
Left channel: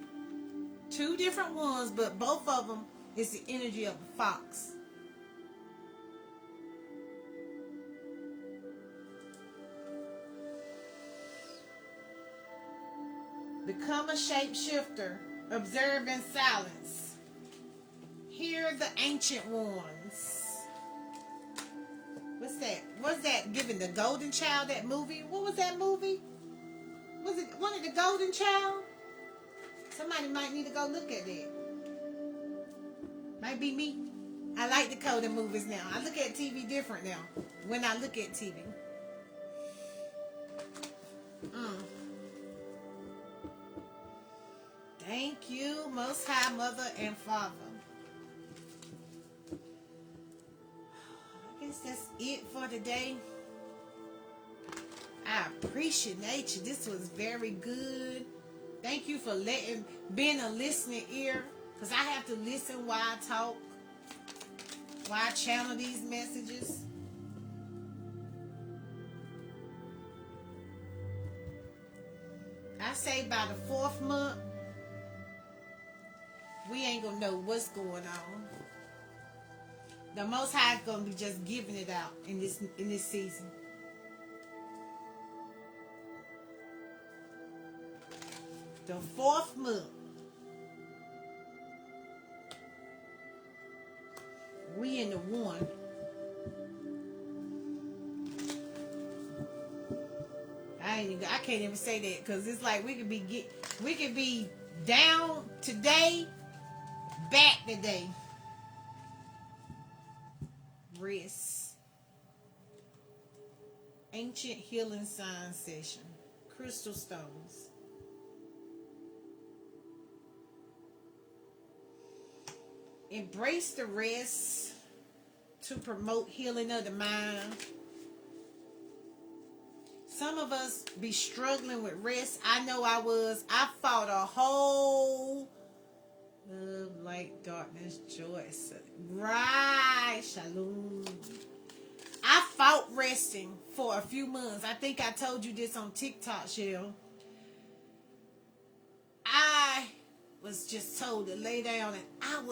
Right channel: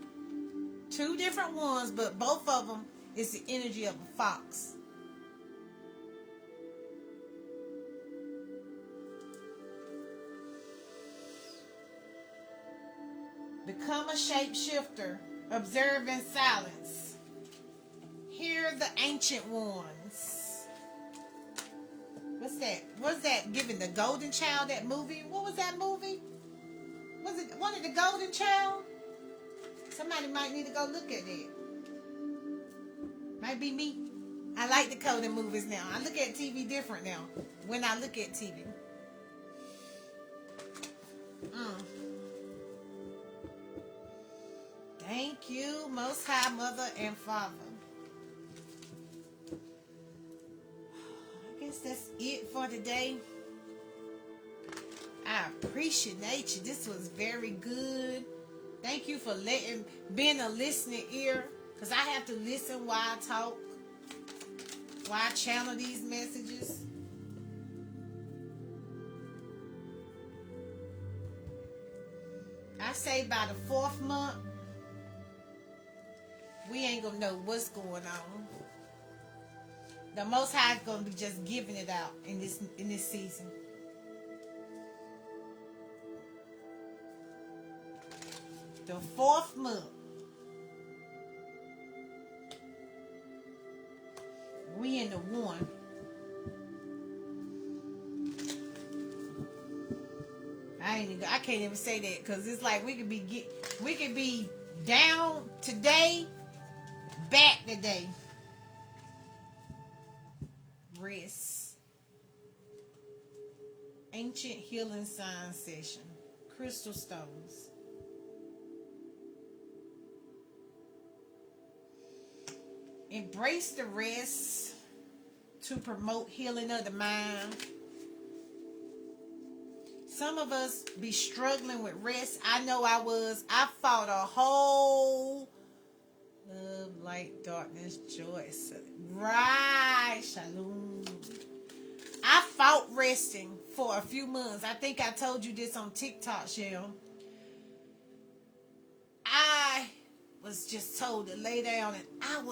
Two different ones, but both of them is the energy of a fox. Become a shapeshifter. Observe in silence. Hear the ancient ones. What's that? What's that? Giving the Golden Child that movie? What was that movie? Was it one of the Golden Child? Somebody might need to go look at it. Might be me. I like the coding movies now. I look at TV different now. When I look at TV. Thank you, Most High Mother and Father. I guess that's it for today. I appreciate you. This was very good. Thank you for being a listening ear. Because I have to listen while I talk. While I channel these messages. I say by the 4th month, we ain't gonna know what's going on. The Most High is gonna be just giving it out in this season. The 4th month, we in the 1. I can't even say that because it's like we could be down today, back today. Rest. Ancient healing sign session. Crystal stones. Embrace the rest to promote healing of the mind. Some of us be struggling with rest. I know I was. I fought a whole love, light, darkness, joy. Right, shalom. I fought resting for a few months. I think I told you this on TikTok, Shell. I was just told to lay down, and I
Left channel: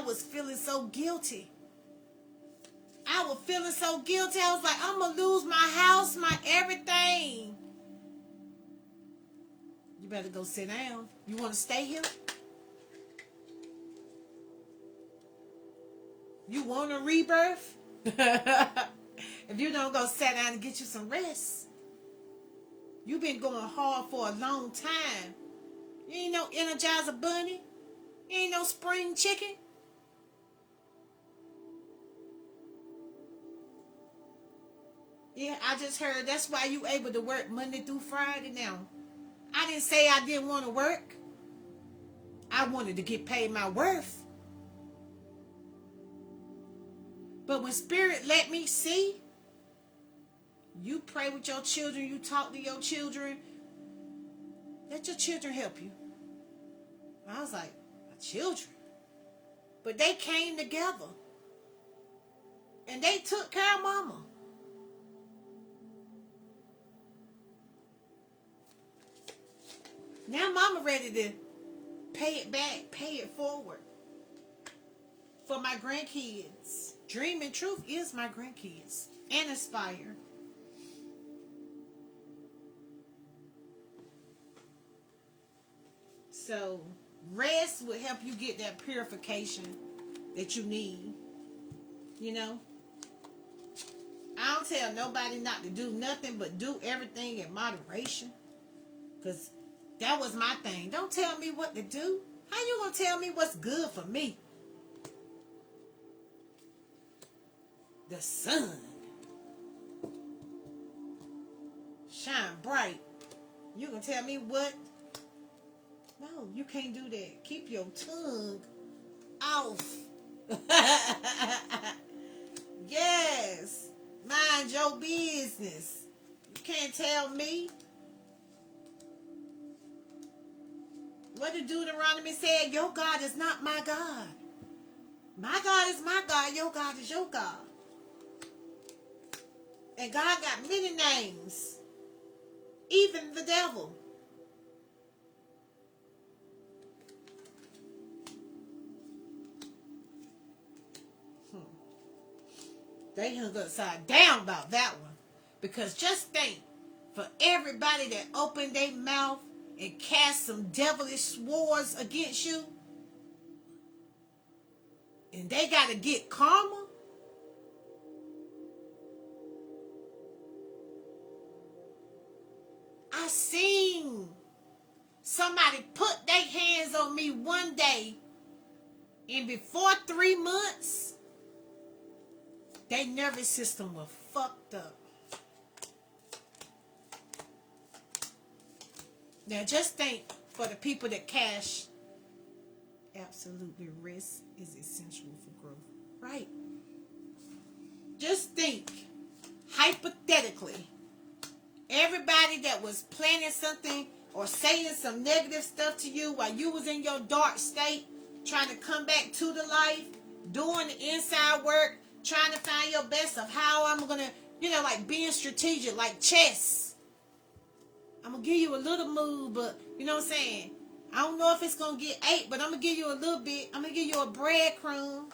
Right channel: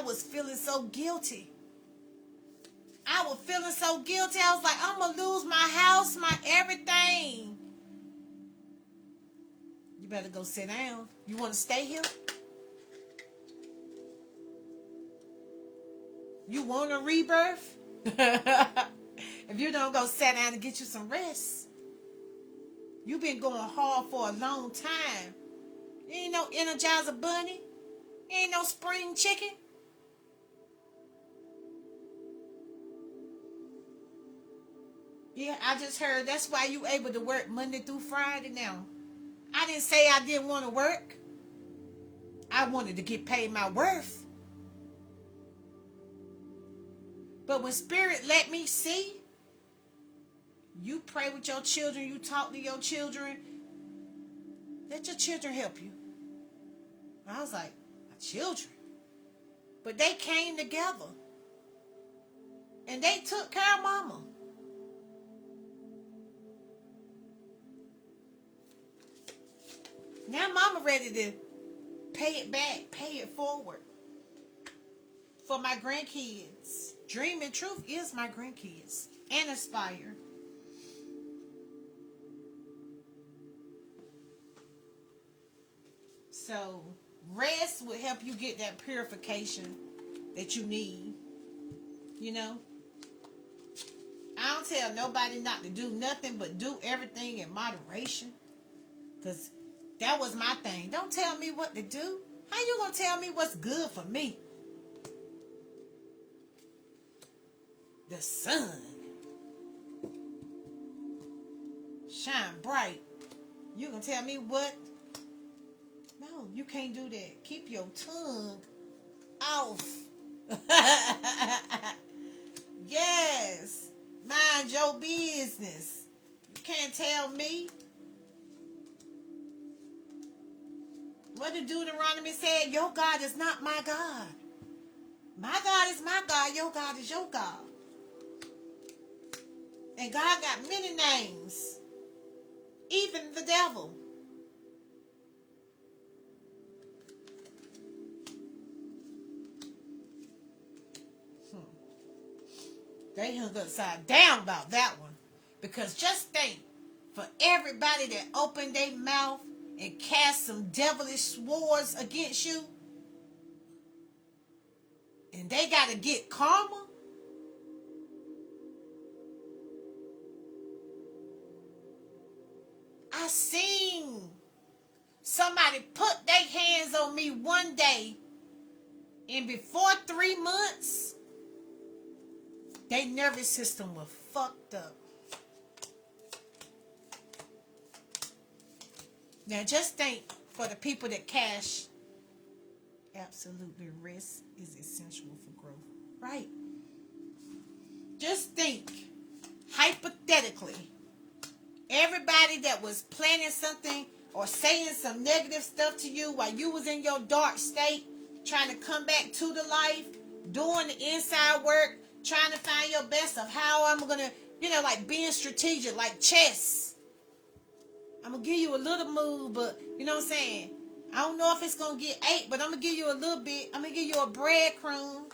was feeling so guilty. I was feeling so guilty. I was like, I'm going to lose my house, my everything. You better go sit down. You want to stay here? You want a rebirth? If you don't go sit down and get you some rest. You've been going hard for a long time. You ain't no Energizer Bunny. You ain't no spring chicken. Yeah, I just heard that's why you able to work Monday through Friday now. I didn't say I didn't want to work. I wanted to get paid my worth. But when Spirit let me see, you pray with your children, you talk to your children, let your children help you. I was like, my children? But they came together. And they took care of mama. Now mama ready to pay it back, pay it forward for my grandkids. Dream and truth is my grandkids and Aspire. So rest will help you get that purification that you need. You know? I don't tell nobody not to do nothing but do everything in moderation. Because that was my thing. Don't tell me what to do. How you gonna tell me what's good for me? The sun shine bright. You gonna tell me what? No, you can't do that. Keep your tongue off. Yes. Mind your business. You can't tell me. What did Deuteronomy say? Your God is not my God. My God is my God. Your God is your God. And God got many names. Even the devil. They hung upside down about that one. Because just think, for everybody that opened their mouth and cast some devilish swords against you, and they got to get karma. I seen somebody put their hands on me one day, and before 3 months, their nervous system was fucked up. Now just think, for the people that cash, absolutely rest is essential for growth. Right. Just think, hypothetically, everybody that was planning something or saying some negative stuff to you while you was in your dark state, trying to come back to the life, doing the inside work, trying to find your best of how I'm going to, like being strategic, like chess. I'm going to give you a little move, but you know what I'm saying? I don't know if it's going to get 8, but I'm going to give you a little bit. I'm going to give you a breadcrumb.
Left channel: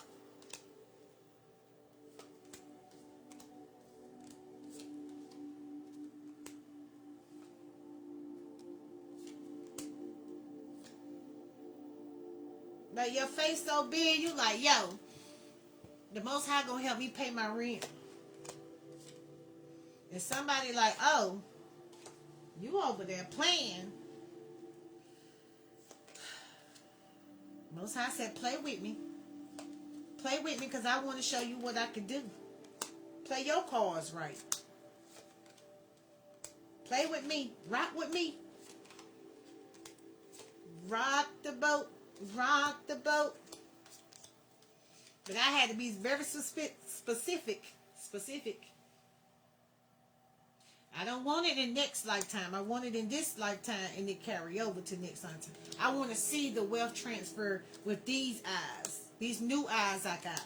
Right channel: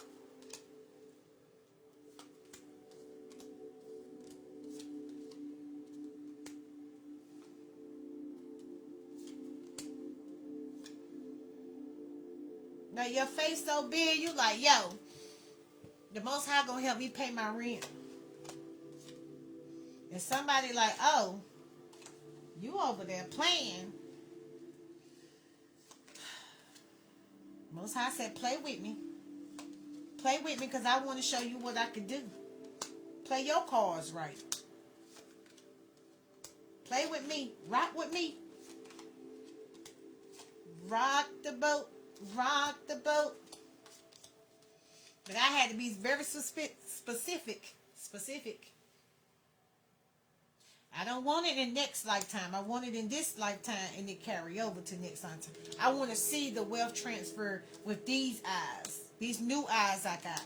Like your face so big, you like, yo, the Most High gonna help me pay my rent. And somebody like, oh, you over there playing. Most High said, play with me. Play with me because I want to show you what I can do. Play your cards right. Play with me. Rock with me. Rock the boat. Rock the boat. But I had to be very specific. I don't want it in next lifetime. I want it in this lifetime and it carry over to next lifetime. I want to see the wealth transfer with these eyes. These new eyes I got.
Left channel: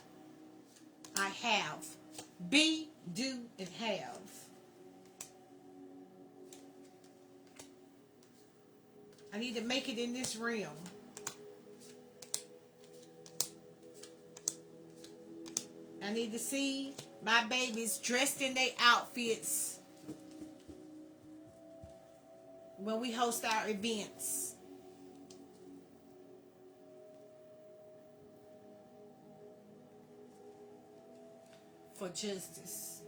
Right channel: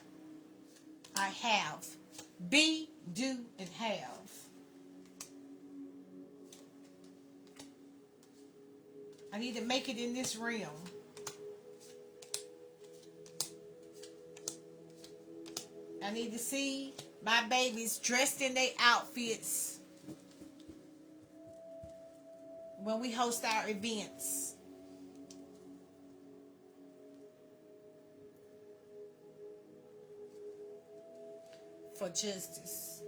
I have. Be, do, and have. I need to make it in this realm. I need to see my babies dressed in their outfits when we host our events. For justice.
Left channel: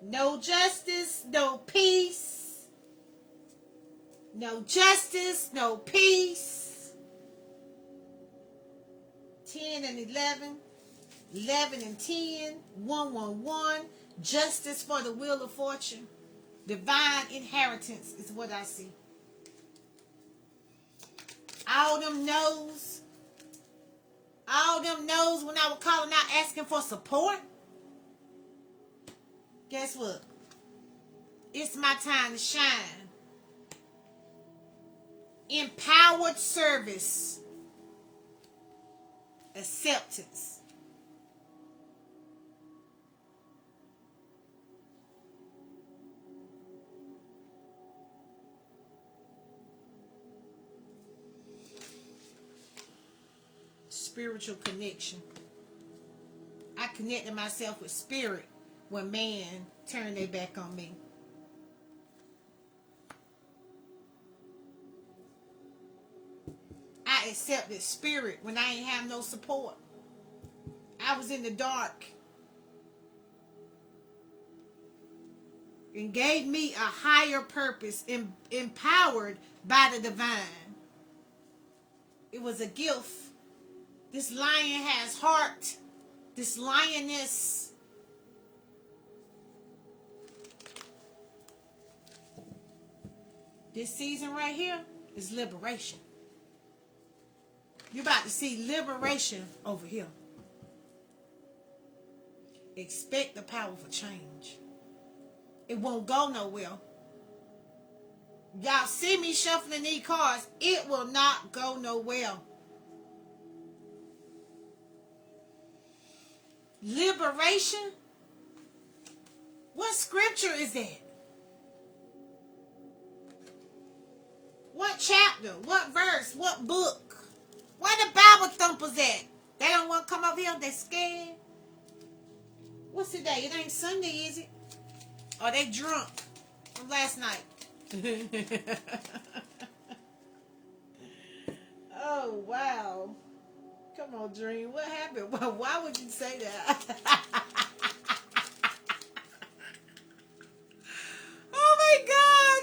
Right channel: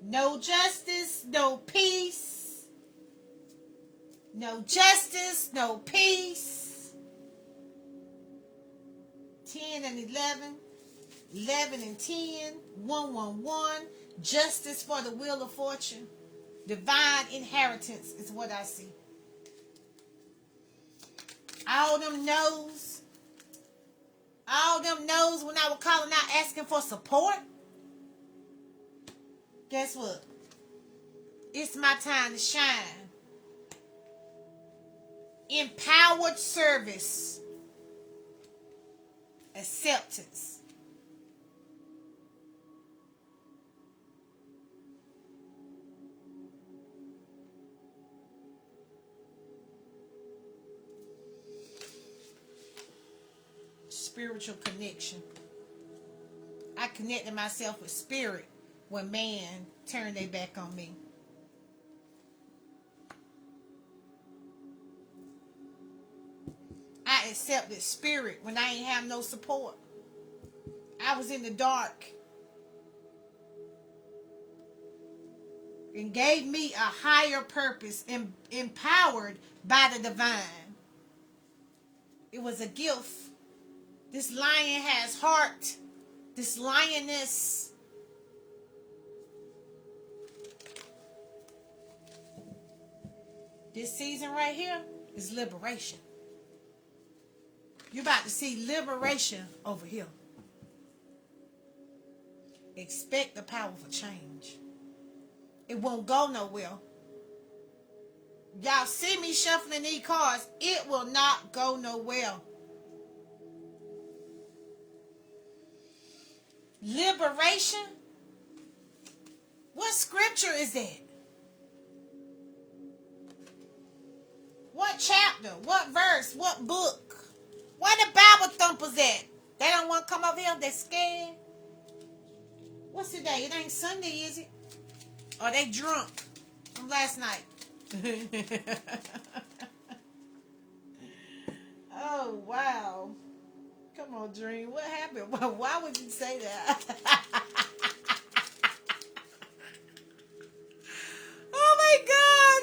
No justice, no peace. No justice, no peace. 10 and 11, 11 and 10, 111, justice for the wheel of fortune, divine inheritance is what I see. All them knows when I was calling out asking for support. Guess what? It's my time to shine. Empowered service. Acceptance. spiritual connection. I connected myself with spirit when man turned their back on me. I accepted spirit when I ain't have no support. I was in the dark. And gave me a higher purpose, empowered by the divine. It was a gift. This lion has heart. This lioness. This season right here is liberation. You're about to see liberation over here. Expect the powerful change. It won't go nowhere. Y'all see me shuffling these cards. It will not go nowhere. Liberation? What scripture is that? What chapter? What verse? What book? Where the Bible thumpers at? They don't want to come over here. They scared. What's today? It ain't Sunday, is it? Or they drunk from last night? Oh, wow. Come on, Dream. What happened? Well, why would you say that? Oh, my God.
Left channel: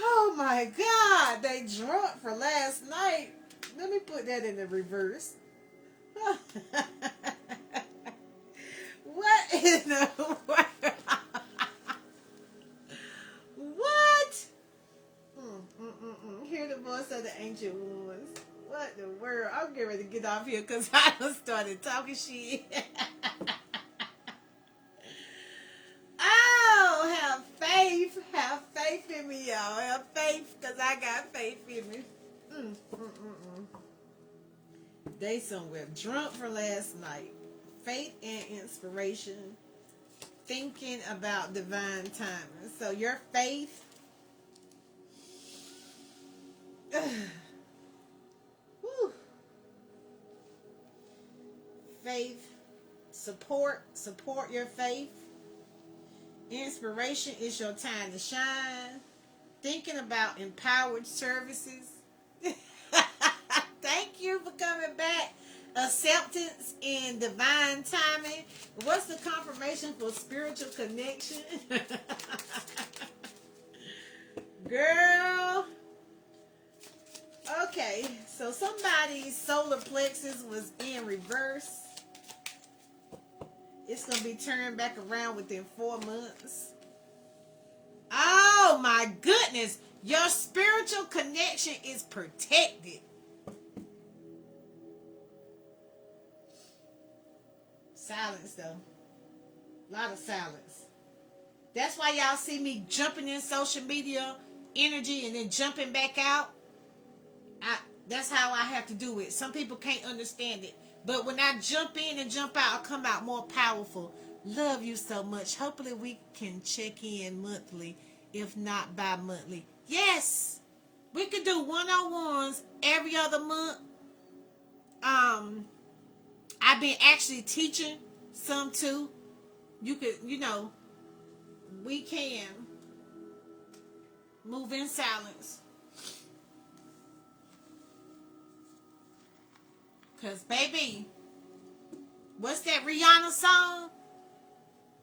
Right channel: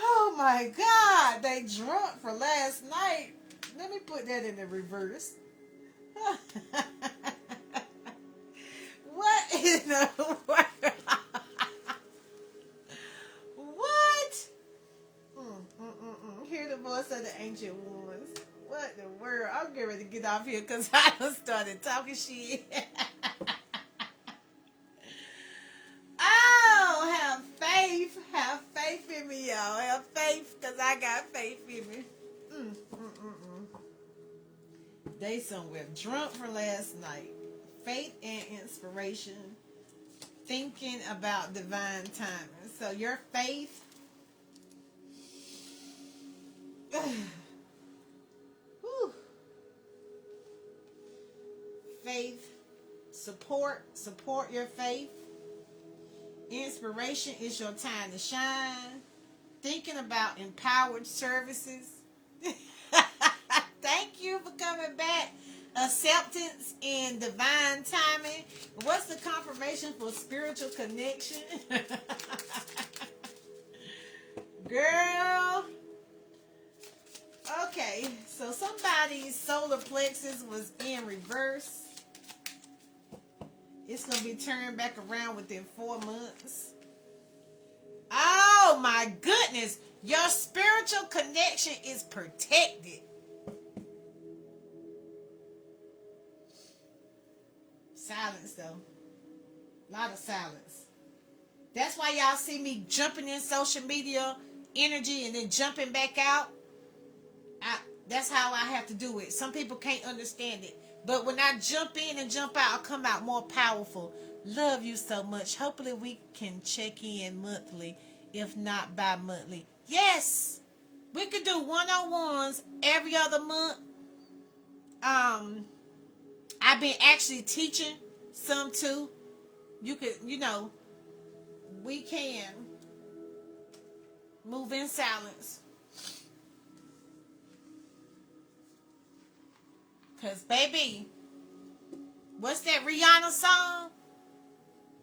Oh, my God. They drunk for last night. Let me put that in the reverse. What in the world? What? Hear the voice of the ancient ones. What the world? I'm getting ready to get off here because I done started talking shit. Oh, have faith. Have faith in me, y'all. Have faith because I got faith in me. They somewhere drunk from last night. Faith and inspiration. Thinking about divine timing. So your faith. Faith. Support your faith. Inspiration is your time to shine. Thinking about empowered services. Thank you for coming back. Acceptance and divine timing. What's the confirmation for spiritual connection? Girl. Okay, so somebody's solar plexus was in reverse. It's going to be turned back around within 4 months. Oh my goodness. Your spiritual connection is protected. Silence though. A lot of silence. That's why y'all see me jumping in social media energy and then jumping back out. That's how I have to do it. Some people can't understand it. But when I jump in and jump out, I come out more powerful. Love you so much. Hopefully we can check in monthly, if not bi-monthly. Yes! We could do one-on-ones every other month. I've been actually teaching some too. You could, we can move in silence. Because, baby, what's that Rihanna song?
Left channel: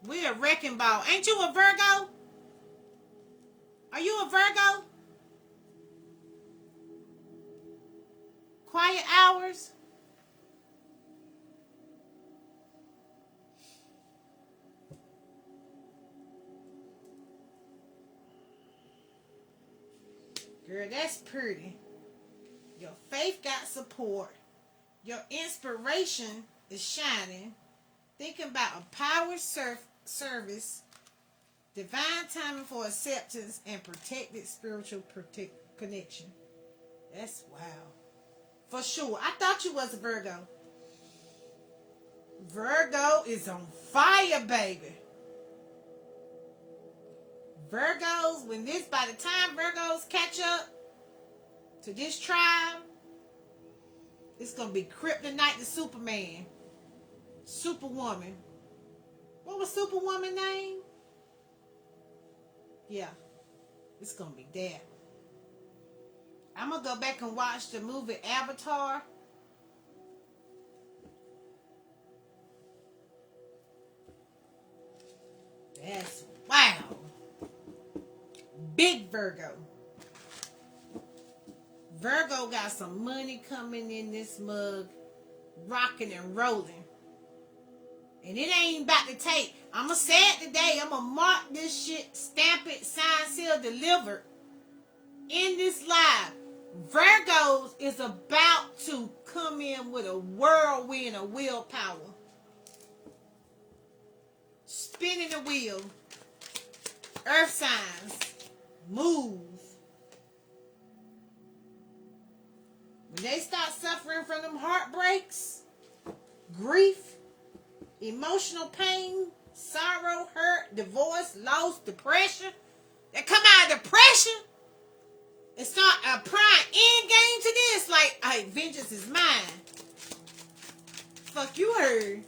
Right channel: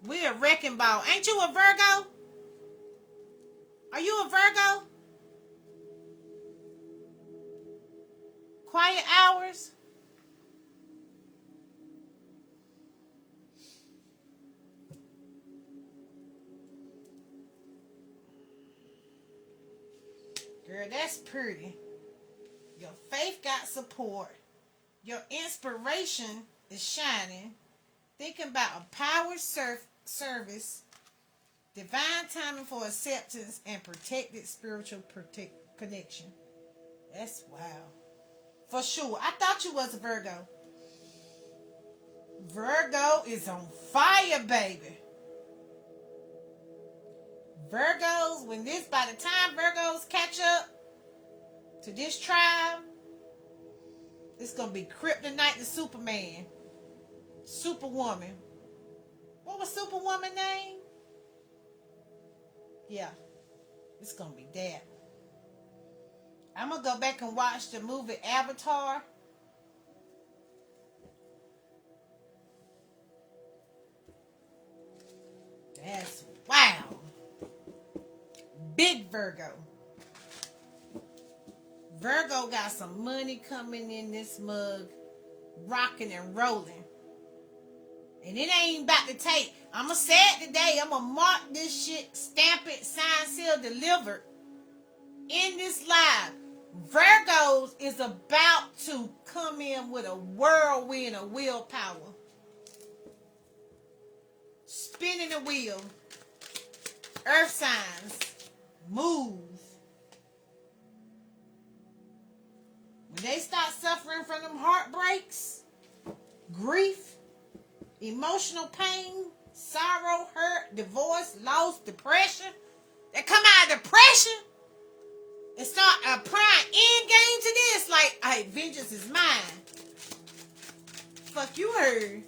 We a wrecking ball. Ain't you a Virgo? Are you a Virgo? Quiet hours? Girl, that's pretty. Your faith got support. Your inspiration is shining. Thinking about a power service, divine timing for acceptance, and protected spiritual connection. That's wow. For sure. I thought you was a Virgo. Virgo is on fire, baby. Virgos, by the time Virgos catch up to this tribe, It's gonna be Kryptonite to Superman. Superwoman. What was Superwoman name? Yeah. It's gonna be that. I'm gonna go back and watch the movie Avatar. That's wow. Big Virgo. Virgo got some money coming in this mug, rocking and rolling. And it ain't about to take. I'm going to say it today. I'm going to mark this shit, stamp it, sign, seal, delivered in this live. Virgos is about to come in with a whirlwind of willpower. Spinning the wheel. Earth signs. Move. When they start suffering from them heartbreaks, grief, emotional pain, sorrow, hurt, divorce, loss, depression, they come out of depression and start applying end game to this. Like, hey, vengeance is mine. Fuck you heard.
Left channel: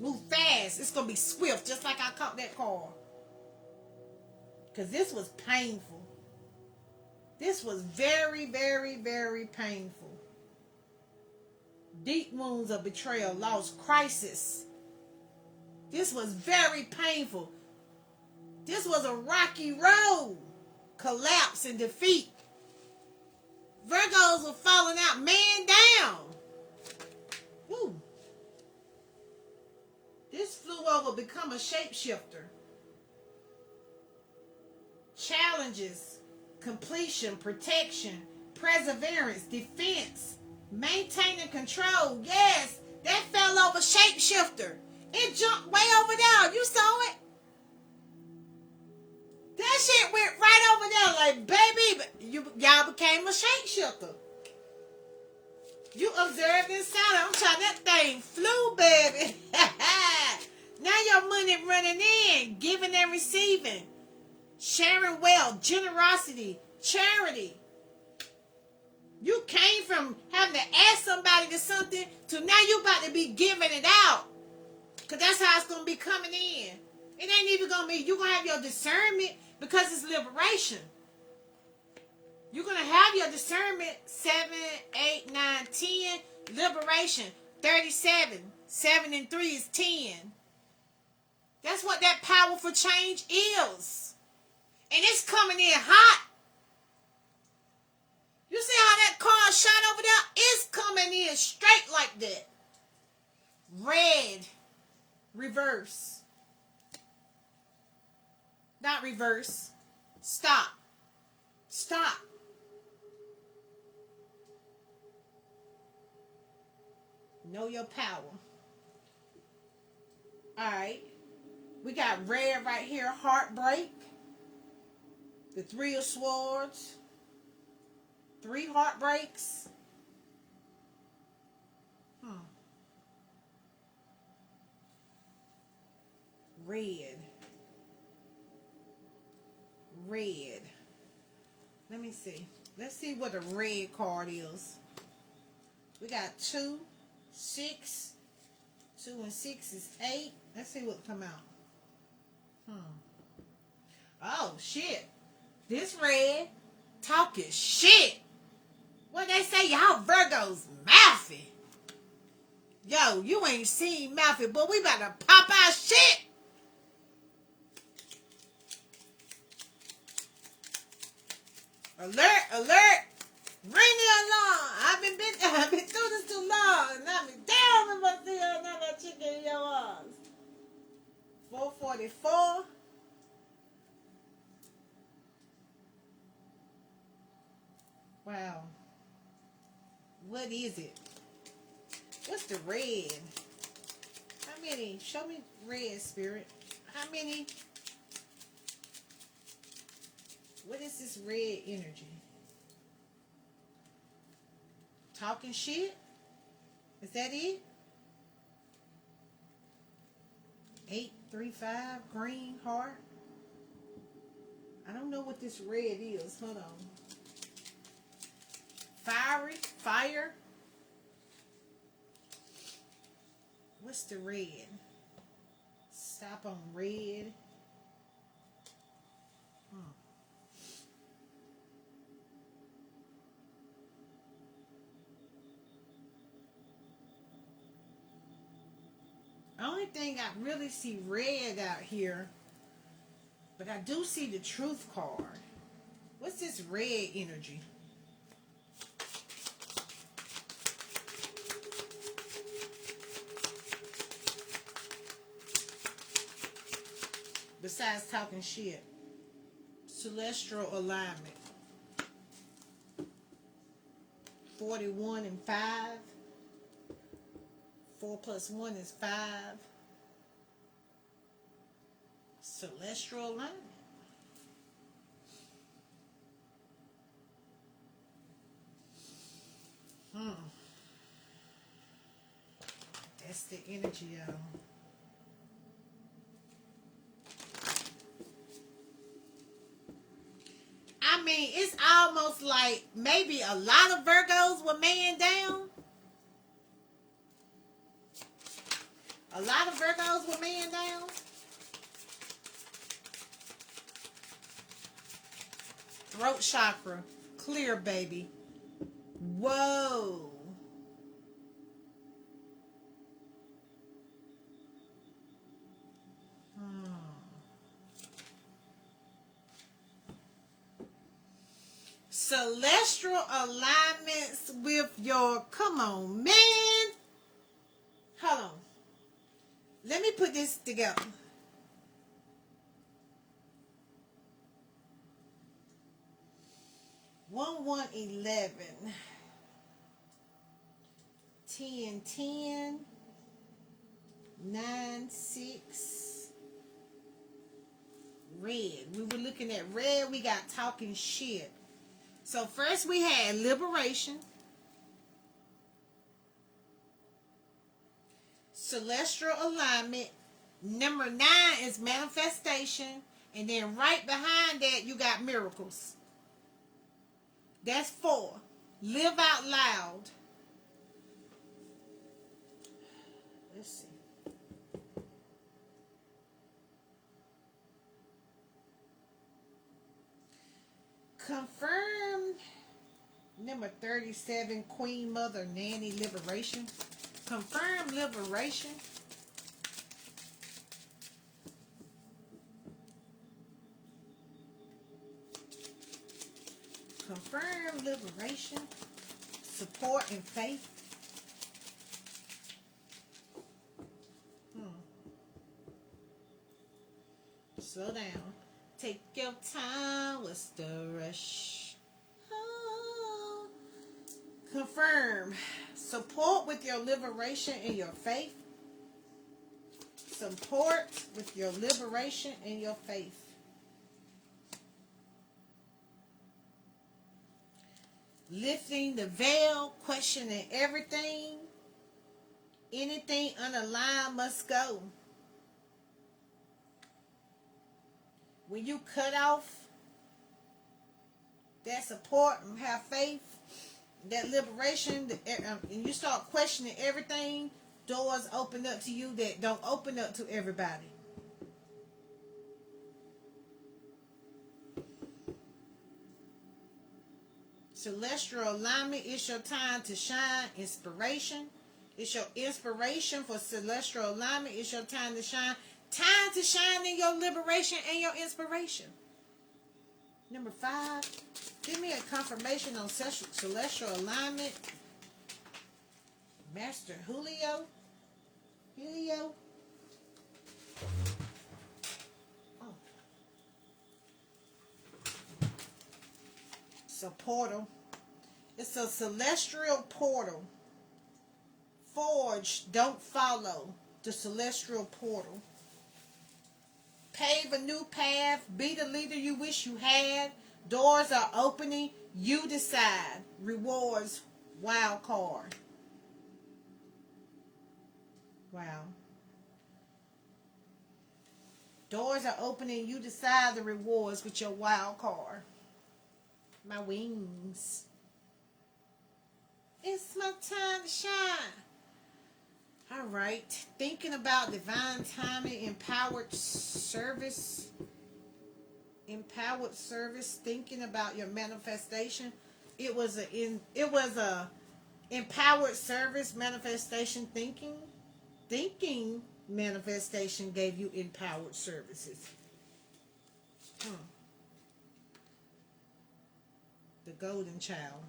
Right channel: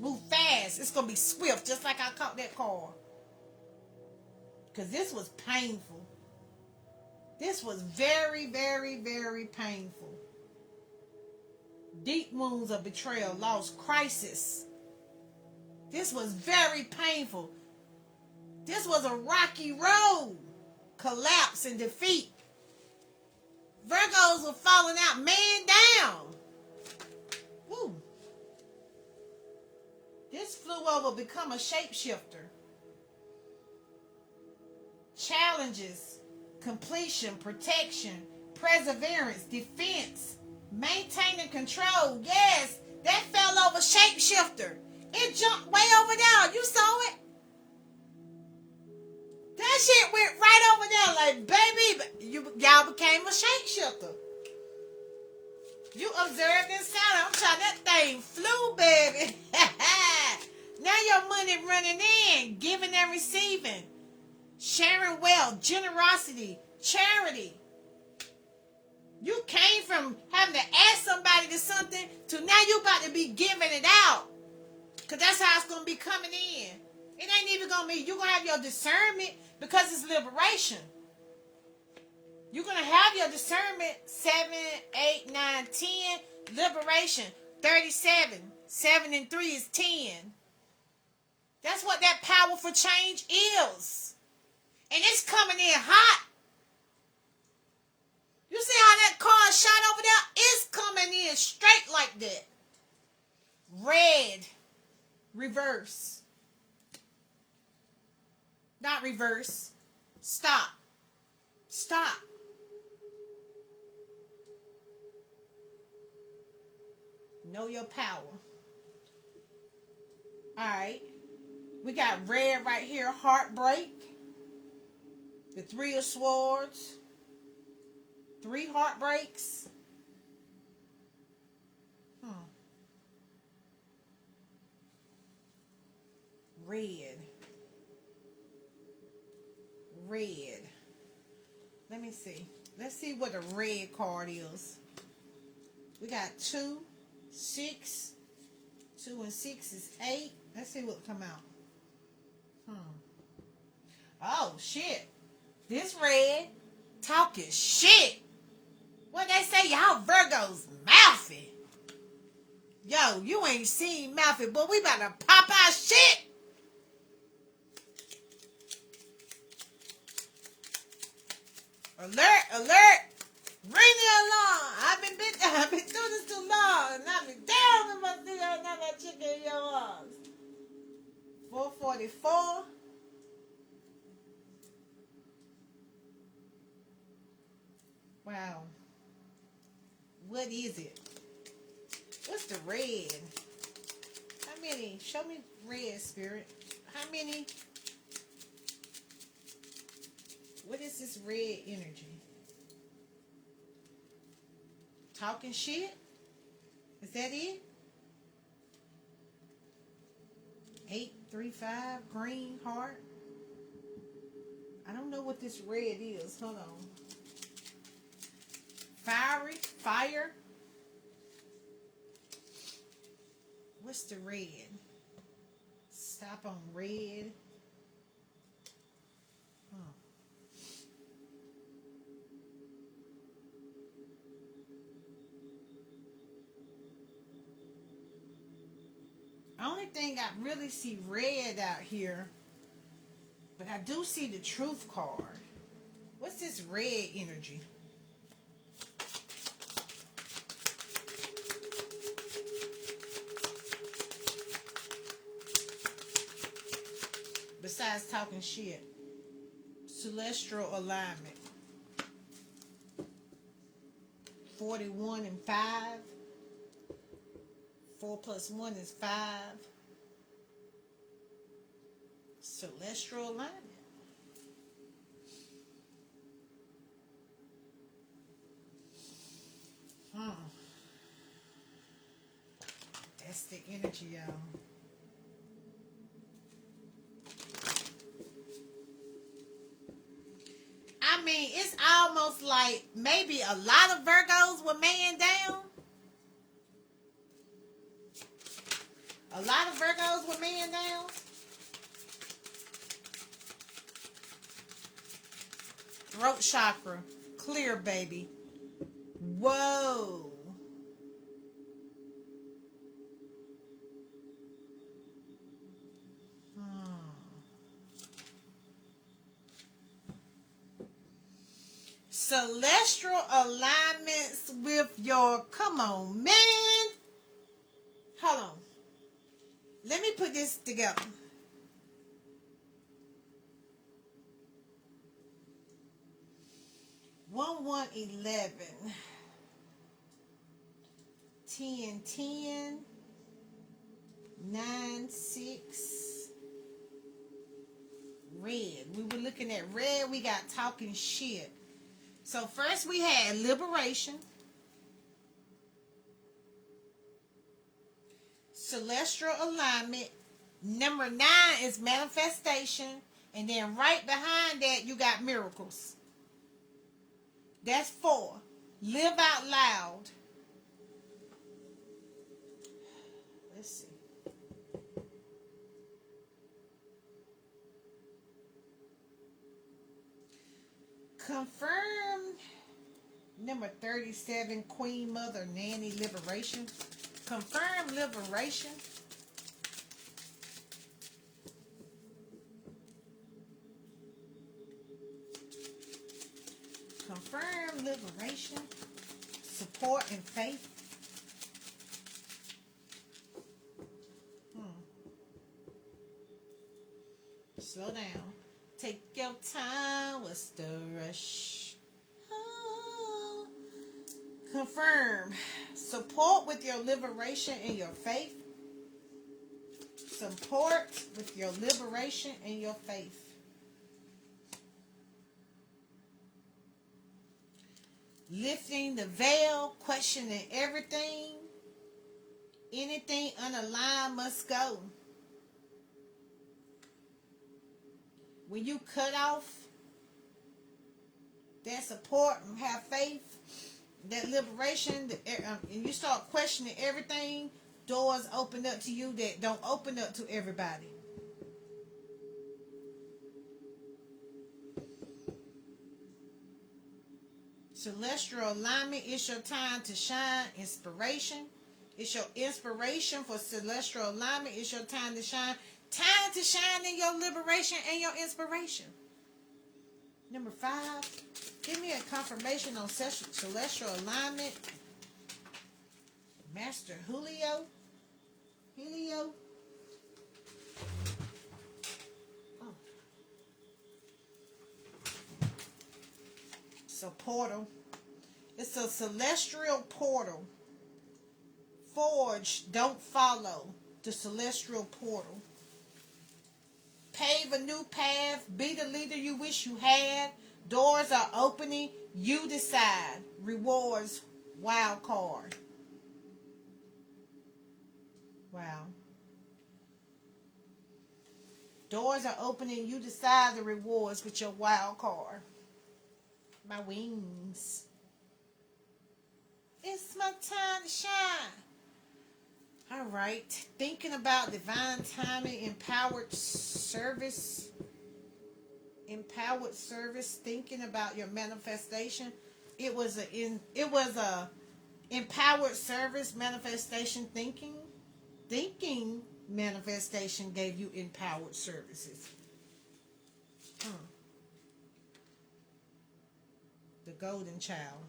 Move fast. It's going to be swift, just like I caught that car. Because this was painful. This was very, very, very painful. Deep wounds of betrayal, loss, crisis. This was very painful. This was a rocky road. Collapse and defeat. Virgos were falling out, man down. Woo. This flew over, become a shapeshifter. Challenges, completion, protection, perseverance, defense, maintaining control. Yes, that fell over shapeshifter. It jumped way over there. You saw it? That shit went right over there like, baby, y'all became a shapeshifter. You observed and sounded. I'm trying, that thing flew, baby. Now your money running in, giving and receiving. Sharing wealth, generosity, charity. You came from having to ask somebody to something to now you about to be giving it out. Because that's how it's going to be coming in. It ain't even going to be, you're going to have your discernment because it's liberation. You're going to have your discernment 7, 8, 9, 10. Liberation 37. 7 and 3 is 10. That's what that powerful change is. And it's coming in hot. You see how that car shot over there? It's coming in straight like that. Red. Reverse. Not reverse. Stop. Stop. Know your power. Alright. We got red right here. Heartbreak. The 3 of Swords. 3 heartbreaks. Red. Red. Let me see. Let's see what a red card is. We got 2, 6. 2 and 6 is 8. Let's see what come out. Oh, shit. This red talking shit. What they say, y'all Virgos mouthy. Yo, you ain't seen mouthy, but we about to pop our shit. Alert, alert. Ring the alarm. I've been through this too long. And I've been down with my see another chicken in your arms. 444. Wow. What is it? What's the red? How many? Show me red, spirit. How many? What is this red energy? Talking shit? Is that it? 835 green heart. I don't know what this red is. Hold on. Fiery, fire, What's the red? Stop on red. Only thing I really see red out here, but I do see the truth card. What's this red energy? Besides talking shit. Celestial alignment. 41 and 5. 4 plus 1 is 5. Celestial alignment. That's the energy, y'all. I mean, it's almost like maybe a lot of Virgos were man down. A lot of Virgos were man down. Throat chakra. Clear, baby. Whoa. Celestial alignments with your, come on, man. Hold on. Let me put this together. One, 1, 11. 10, 10. 9, 6. Red. We were looking at red. We got talking shit. So first we had liberation, celestial alignment. Number 9 is manifestation. And then right behind that you got miracles. That's 4. Live out loud. Let's see. Confirm number 37, Queen Mother Nanny Liberation. Confirm liberation. Confirm liberation. Support and faith. Slow down. Take your time. What's the rush? Oh. Confirm. Support with your liberation and your faith. Support with your liberation and your faith. Lifting the veil, questioning everything. Anything unaligned must go. When you cut off that support and have faith, that liberation, and you start questioning everything, doors open up to you that don't open up to everybody. Celestial alignment, it's your time to shine. Inspiration. It's your inspiration for celestial alignment. It's your time to shine. Time to shine in your liberation and your inspiration. Number 5, give me a confirmation on celestial alignment. Master Julio. Oh. It's a portal. It's a celestial portal. Forge, don't follow the celestial portal. Pave a new path. Be the leader you wish you had. Doors are opening. You decide. Rewards. Wild card. Wow. Doors are opening. You decide the rewards with your wild card. My wings. It's my time to shine. All right. Thinking about divine timing, empowered service, thinking about your manifestation. It was a empowered service manifestation thinking manifestation gave you empowered services. Hmm. The golden child.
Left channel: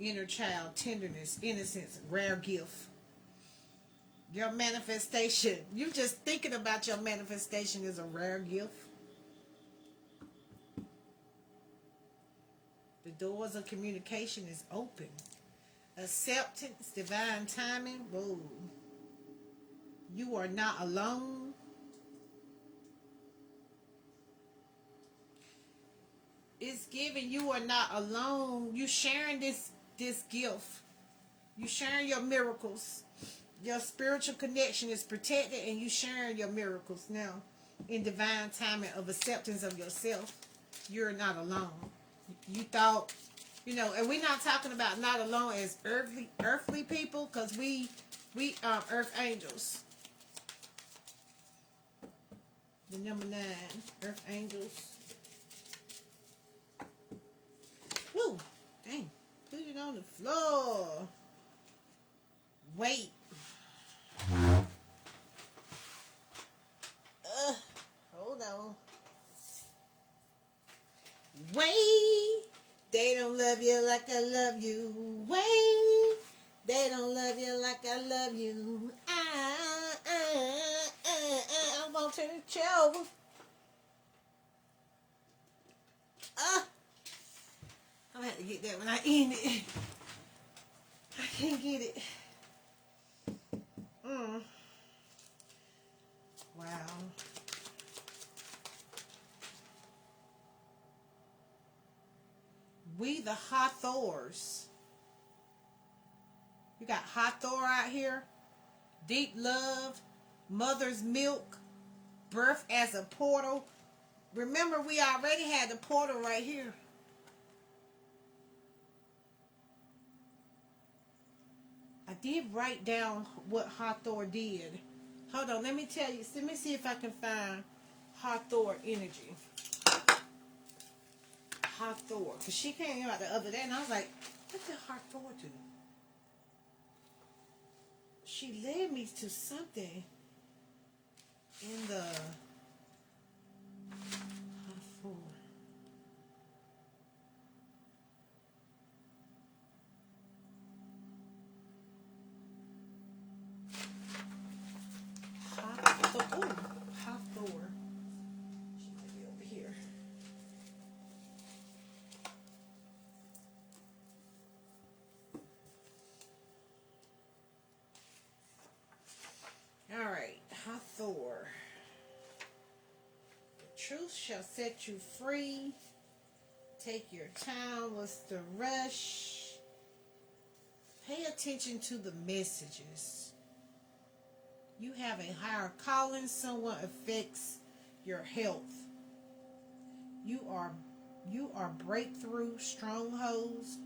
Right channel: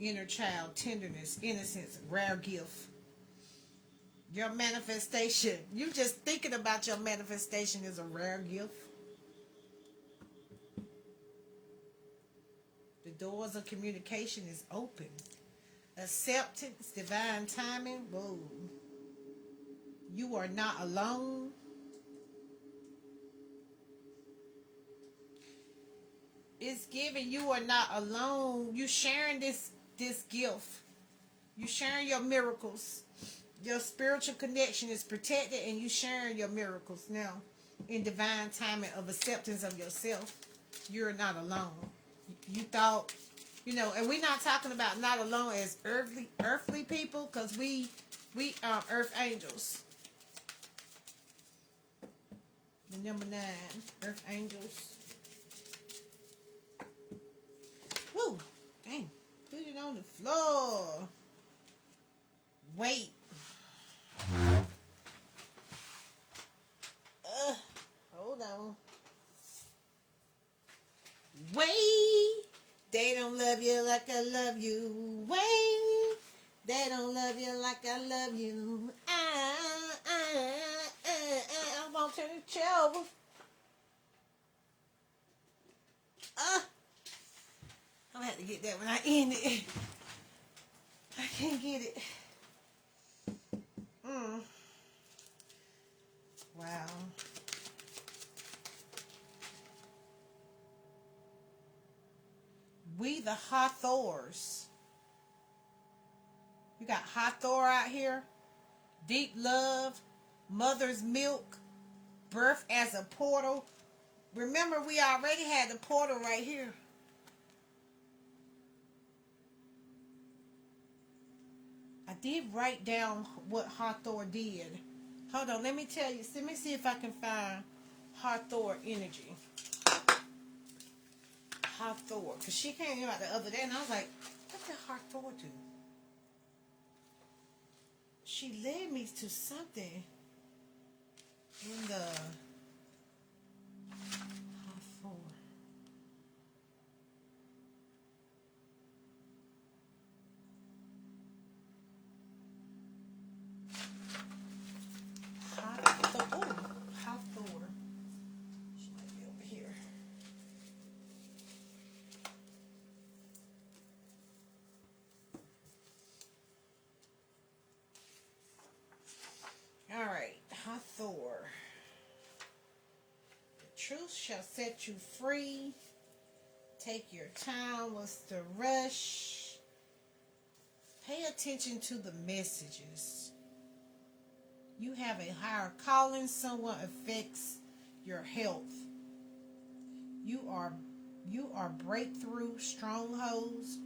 Inner child, tenderness, innocence, rare gift. Your manifestation. You just thinking about your manifestation is a rare gift. The doors of communication is open. Acceptance, divine timing. Whoa. You are not alone. It's giving you are not alone. You sharing this gift. You sharing your miracles. Your spiritual connection is protected, and you sharing your miracles now in divine timing of acceptance of yourself. You're not alone. You thought, and we're not talking about not alone as earthly people, because we are earth angels. The number 9, earth angels. Woo! Dang. Put it on the floor. Wait. Hold on. Wait. They don't love you like I love you. Wait. They don't love you like I love you. I'm gonna turn the chair over. I'm gonna have to get that when I end it. I can't get it. Wow. We the Hathors. We got Hathor out here. Deep love. Mother's milk. Birth as a portal. Remember, we already had the portal right here. I did write down what Hathor did. Hold on, let me tell you. Let me see if I can find Hathor energy. Hathor. Because she came out the other day and I was like, what did Hathor do? She led me to something in the Hathor. Hathor. She might be over here. Alright, Hathor. The truth shall set you free. Take your time. What's the rush? Pay attention to the messages. You have a higher calling. Someone affects your health. You are breakthrough strongholds.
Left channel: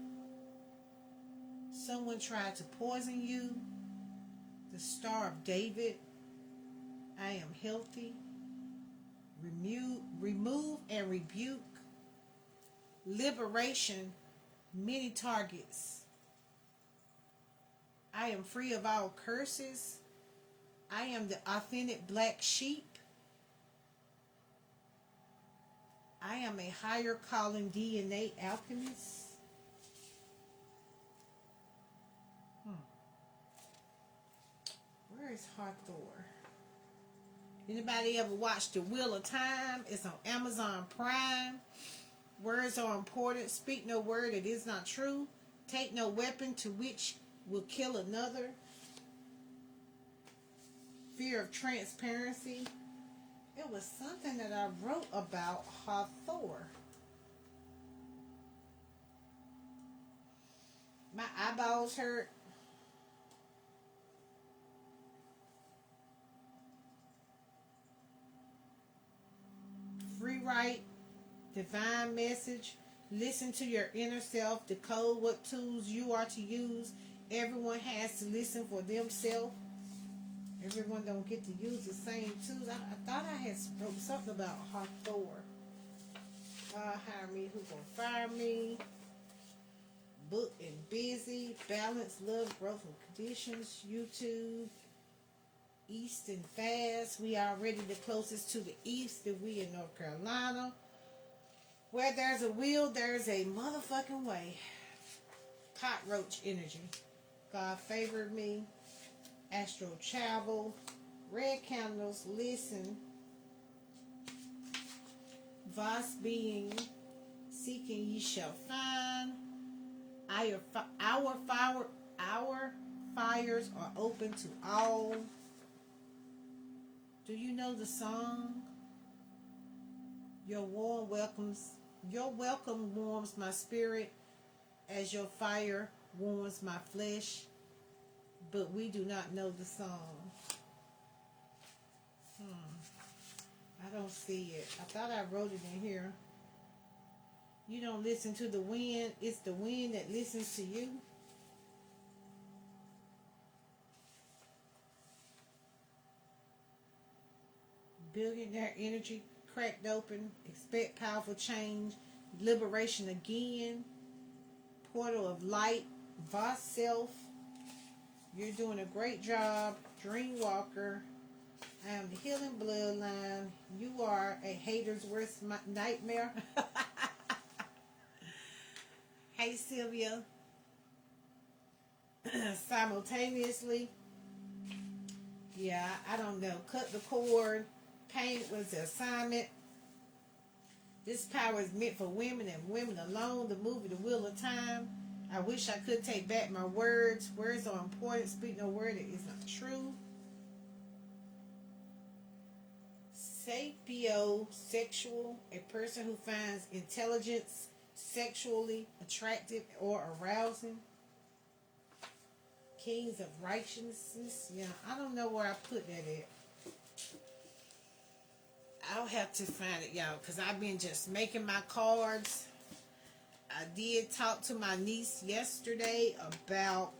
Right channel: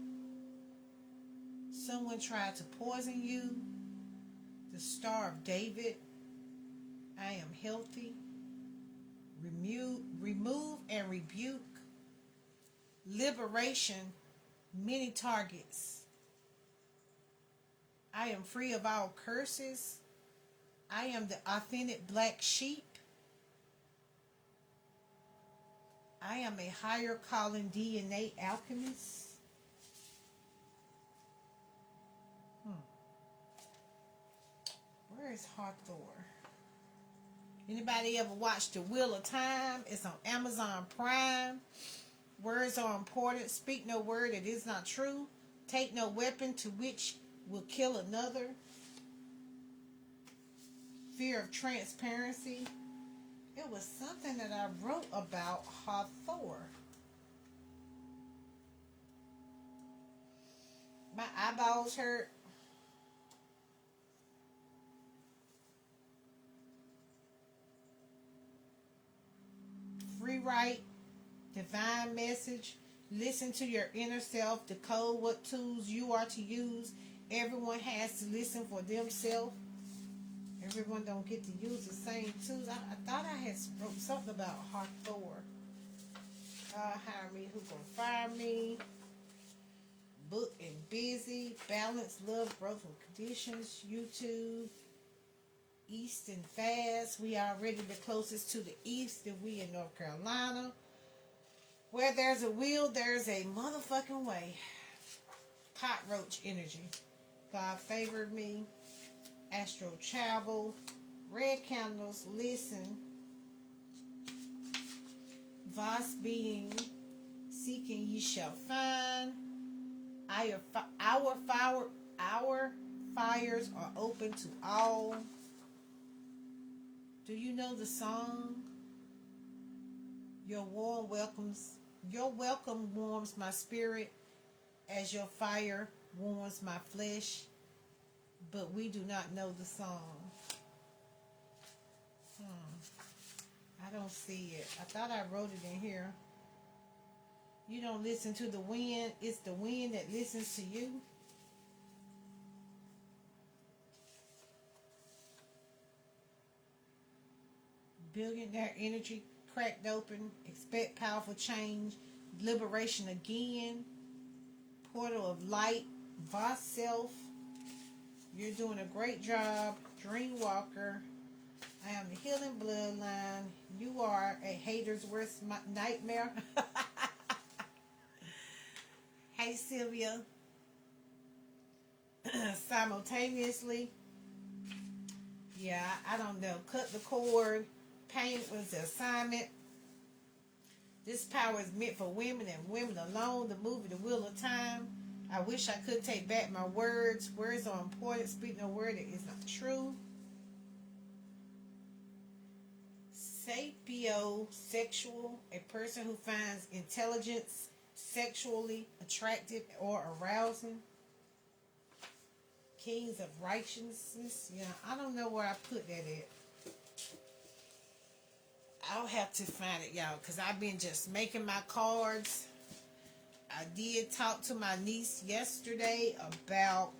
Someone tried to poison you. The Star of David. I am healthy. Remove and rebuke. Liberation. Many targets. I am free of all curses. I am the authentic black sheep. I am a higher calling DNA alchemist. Where is Hathor? Anybody ever watched The Wheel of Time? It's on Amazon Prime. Words are important. Speak no word that is not true. Take no weapon to which will kill another. Fear of transparency. It was something that I wrote about Hathor. My eyeballs hurt. Free write. Divine message. Listen to your inner self, decode what tools you are to use. Everyone has to listen for themselves. Everyone don't get to use the same tools. I thought I had spoke something about Hathor. Hire me, who gonna fire me? Book and busy, balance, love, growth and conditions, YouTube, East and fast. We are already the closest to the East that we in North Carolina. Where there's a will, there's a motherfucking way. Cockroach energy. God favored me. Astral travel. Red candles, listen. Vast being, seeking ye shall find. Our fires are open to all. Do you know the song? Your welcome warms my spirit as your fire warms my flesh. But we do not know the song. I don't see it. I thought I wrote it in here. You don't listen to the wind. It's the wind that listens to you. Billionaire energy cracked open. Expect powerful change. Liberation again. Portal of light. Vast self. You're doing a great job. Dream walker. I am the healing bloodline. You are a hater's worst nightmare. Hey, Sylvia. Simultaneously. Yeah, I don't know. Cut the cord. Pain was the assignment. This power is meant for women and women alone. The movie, The Wheel of Time. I wish I could take back my words. Words are important. Speaking a word that is not true. Sapiosexual, a person who finds intelligence sexually attractive or arousing. Kings of righteousness. Yeah, I don't know where I put that at. I'll have to find it, y'all, because I've been just making my cards. I did talk to my niece yesterday about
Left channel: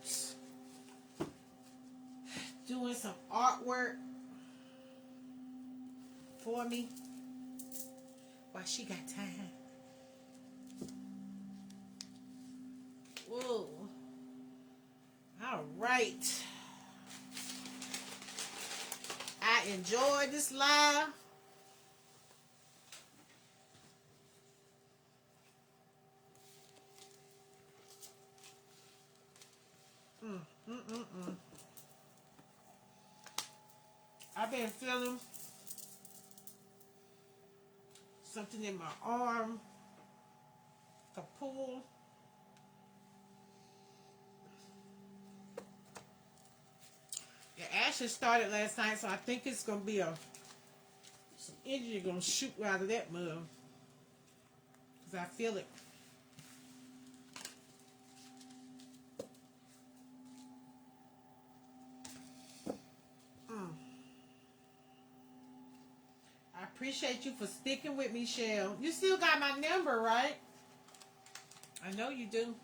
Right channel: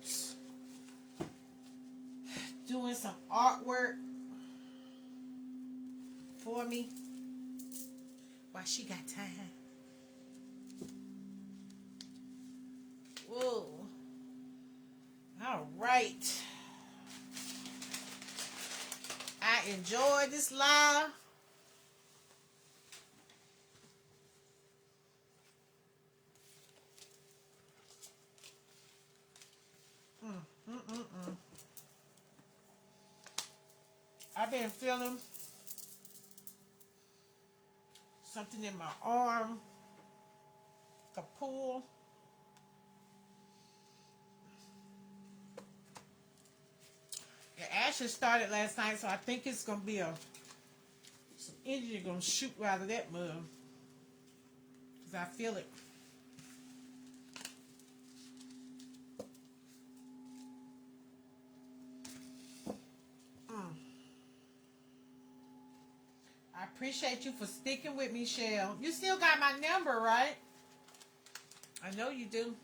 doing some artwork for me while she got time. Whoa. All right. I enjoyed this live. I've been feeling something in my arm, a pull. The action started last night, so I think it's gonna be some energy gonna shoot out of that mud, cause I feel it. I appreciate you for sticking with me, Shell. You still got my number, right? I know you do.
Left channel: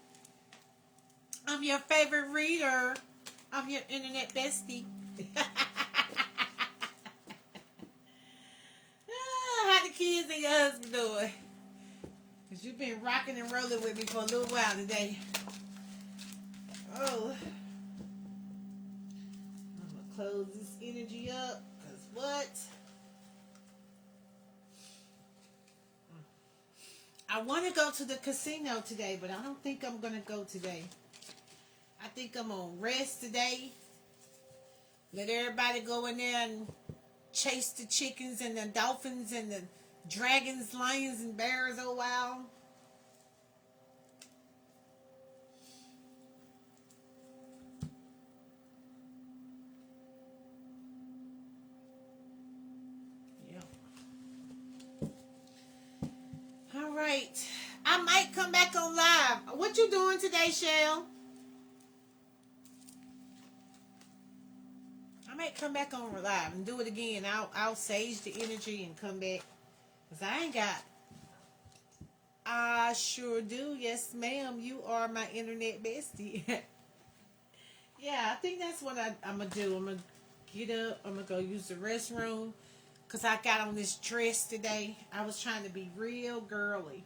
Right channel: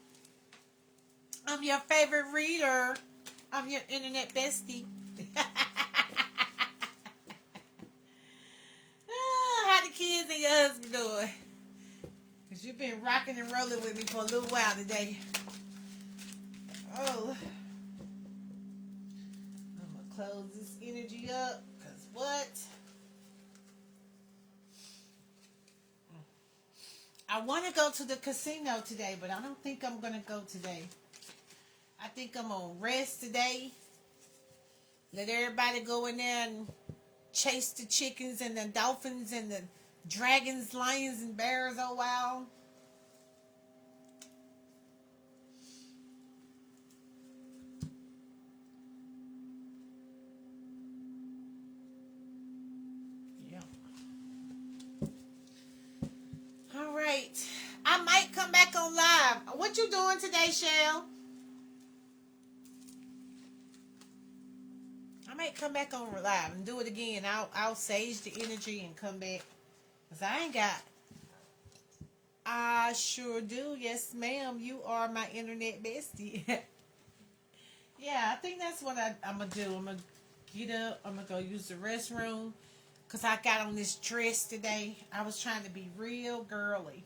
I'm your favorite reader. I'm your internet bestie. How the kids and your husband doing? Because you've been rocking and rolling with me for a little while today. Oh. I'm going to close this energy up. Because what? I want to go to the casino today, but I don't think I'm going to go today. I think I'm going to rest today. Let everybody go in there and chase the chickens and the dolphins and the dragons, lions, and bears. Oh, wow. Yeah. All right. I might come back on live. What you doing today, Shell? I might come back on live and do it again. I'll sage the energy and come back. Because I I sure do. Yes, ma'am. You are my internet bestie. Yeah, I think that's what I'm going to do. I'm going to get up. I'm going to go use the restroom. Because I got on this dress today. I was trying to be real girly.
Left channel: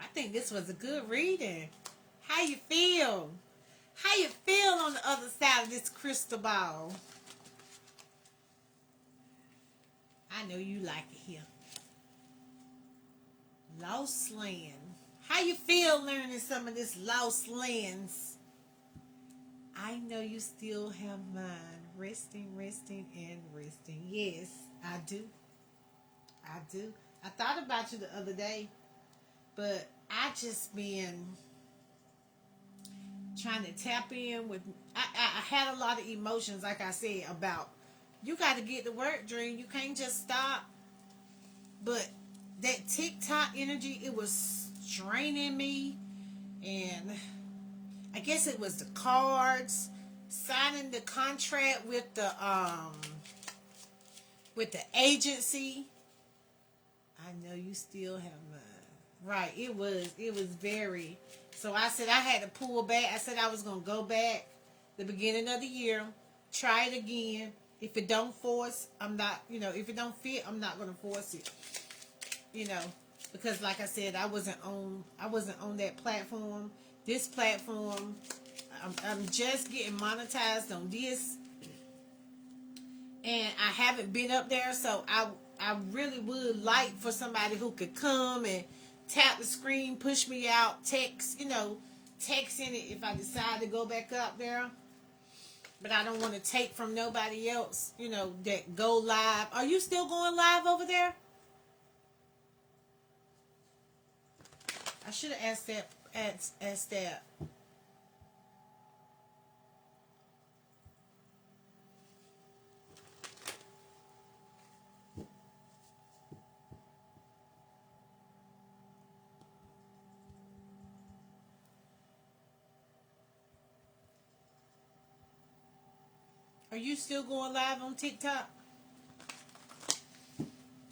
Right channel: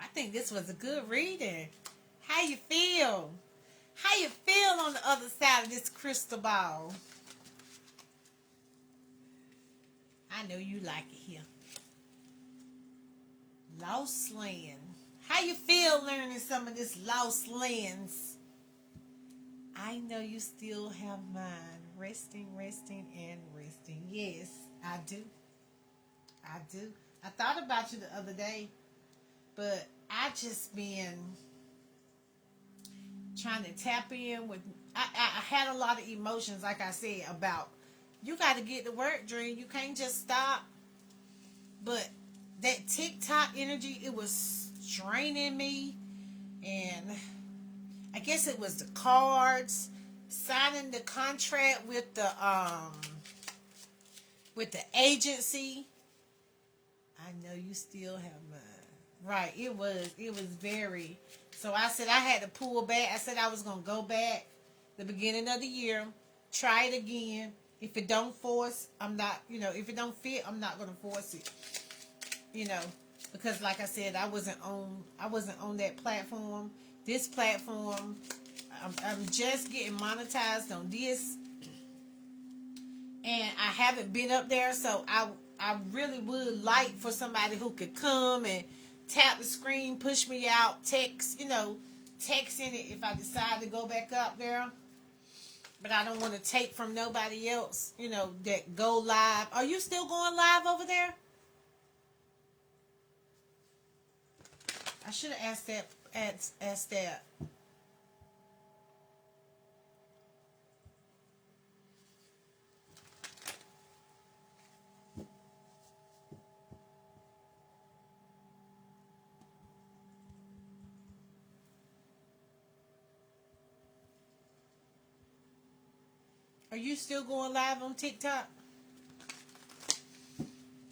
I think this was a good reading. How you feel? How you feel on the other side of this crystal ball? I know you like it here. Lost land. How you feel learning some of this lost lands? I know you still have mine. Resting, resting, and resting. Yes, I do. I do. I thought about you the other day, but I just been trying to tap in with. I had a lot of emotions, like I said, about you got to get to work, Dream. You can't just stop. But that TikTok energy, it was draining me, and I guess it was the cards, signing the contract with the agency. I know you still have mine. Right. It was very, so I said I had to pull back. I said I was gonna go back the beginning of the year, try it again. If it don't force, I'm not, if it don't fit, I'm not gonna force it. You know, because like I said, I wasn't on that platform. This platform, I'm just getting monetized on this, and I haven't been up there, so I really would like for somebody who could come and tap the screen, push me out, texting it if I decide to go back up there. But I don't want to take from nobody else, that go live. Are you still going live over there? I should have asked that. Are you still going live on TikTok?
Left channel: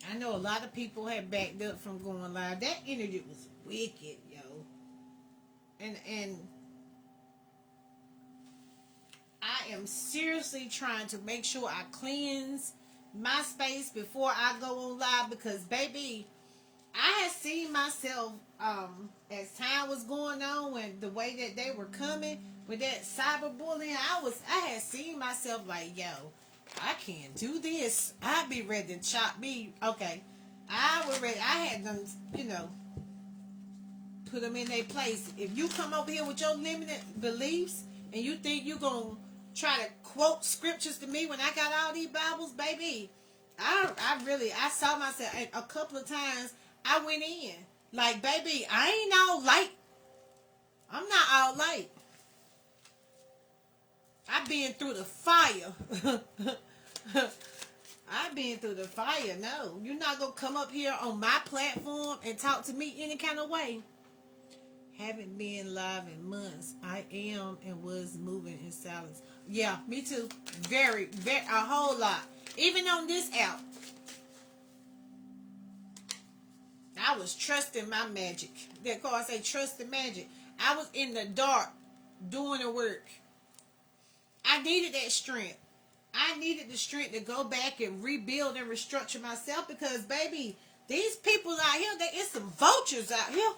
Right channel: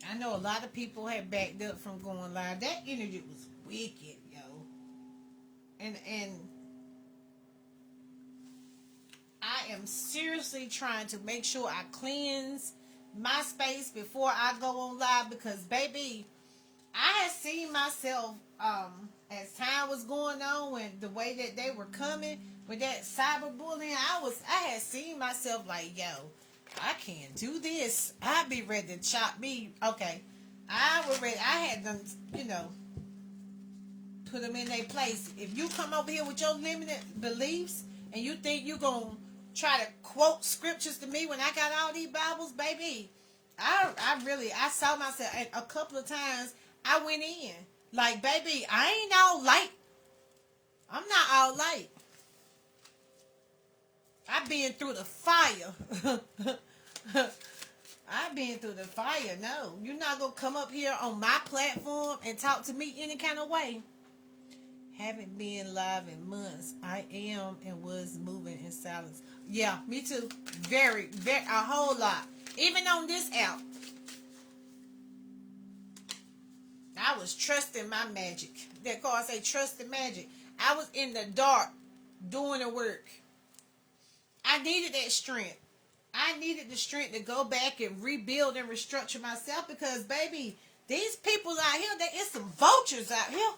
I know a lot of people have backed up from going live. That energy was wicked, yo. And I am seriously trying to make sure I cleanse my space before I go on live, because baby, I had seen myself as time was going on and the way that they were coming with that cyberbullying. I had seen myself like, yo, I can't do this. I'd be ready to chop me. Okay, I was ready. I had them, put them in their place. If you come over here with your limited beliefs and you think you're gonna try to quote scriptures to me when I got all these Bibles, baby, I saw myself a couple of times. I went in like, baby, I ain't all light. I'm not all light. I've been through the fire. I've been through the fire. No, you're not gonna come up here on my platform and talk to me any kind of way. Haven't been live in months. I am and was moving in silence. Yeah, me too. Very, very, a whole lot. Even on this app, I was trusting my magic. That card say trust the magic. I was in the dark doing the work. I needed that strength. I needed the strength to go back and rebuild and restructure myself, because, baby, these people out here, it's some vultures out here.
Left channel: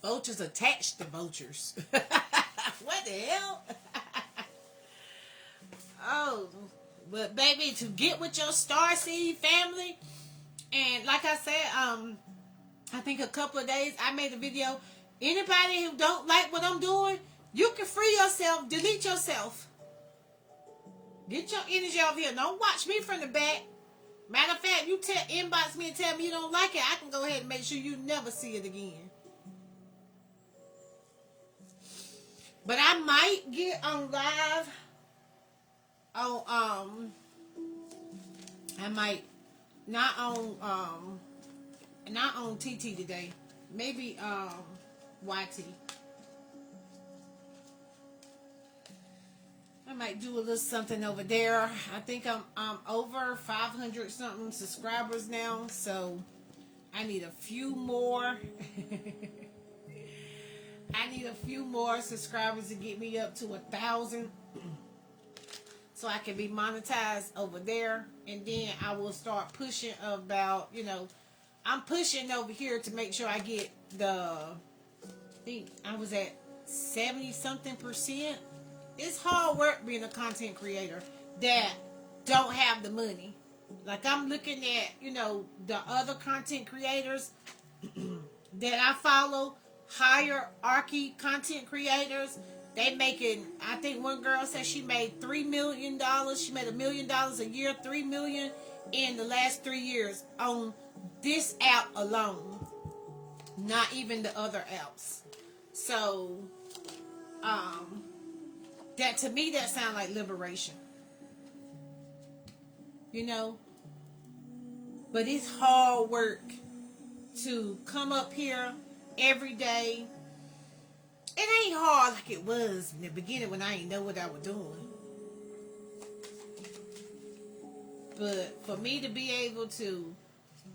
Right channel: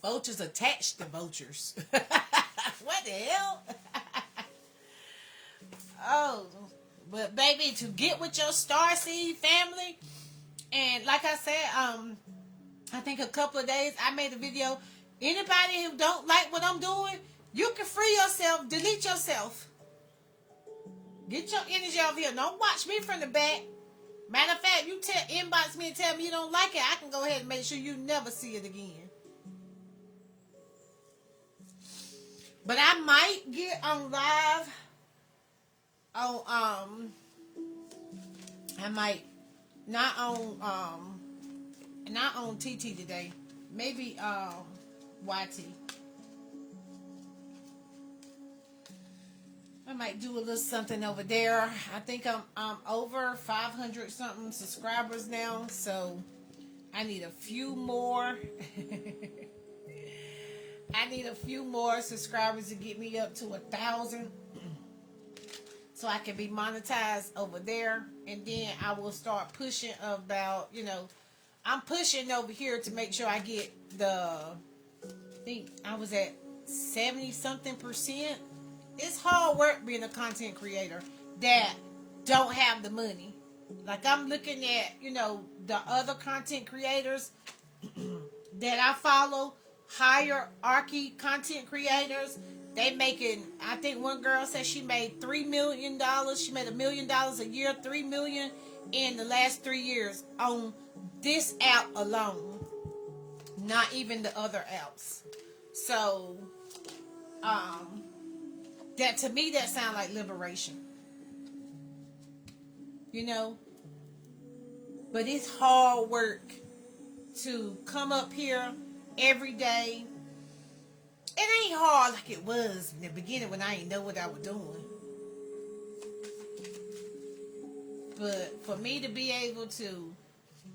Vultures attached to vultures. What the hell? Oh, but baby, to get with your starseed family, and like I said, I think a couple of days I made a video. Anybody who don't like what I'm doing, you can free yourself, delete yourself. Get your energy over here. Don't watch me from the back. Matter of fact, you inbox me and tell me you don't like it, I can go ahead and make sure you never see it again. But I might get on live on I might not on TT today. Maybe YT. I might do a little something over there. I think I'm over 500 something subscribers now, so I need a few more. I need a few more subscribers to get me up to 1,000, so I can be monetized over there, and then I will start pushing about, I'm pushing over here to make sure I get I think I was at 70 something percent. It's hard work being a content creator that don't have the money. Like, I'm looking at, the other content creators that I follow, hierarchy content creators. They making, I think one girl said she made $3 million. She made $1 million a year, $3 million in the last 3 years on this app alone. Not even the other apps. So, that to me, that sounds like liberation. But it's hard work to come up here every day. It ain't hard like it was in the beginning when I didn't know what I was doing. But for me to be able to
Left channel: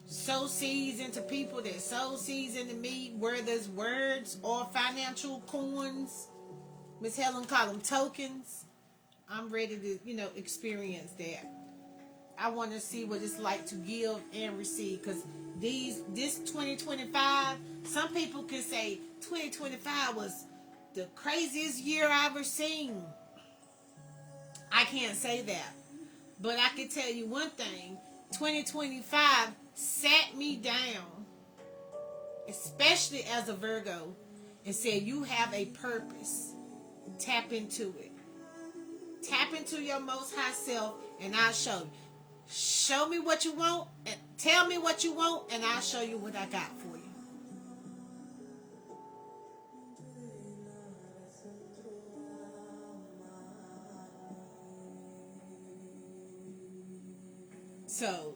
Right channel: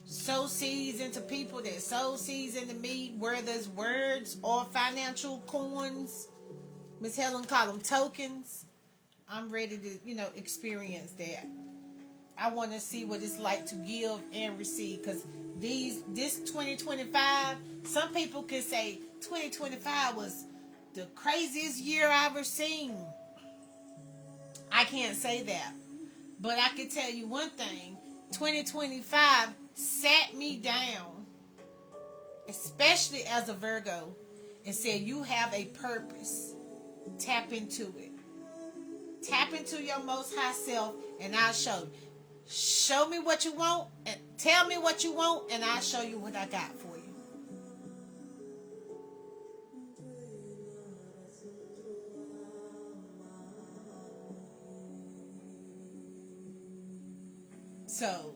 sow seeds into people that sow seeds into me, whether it's words or financial coins, Miss Helen called them tokens. I'm ready to, experience that. I want to see what it's like to give and receive, because this 2025, some people can say 2025 was the craziest year I've ever seen. I can't say that, but I can tell you one thing: 2025 sat me down, especially as a Virgo, and said, "You have a purpose. Tap into it. Tap into your most high self, and I'll show you. Show me what you want, and tell me what you want, and I'll show you what I got for you." So,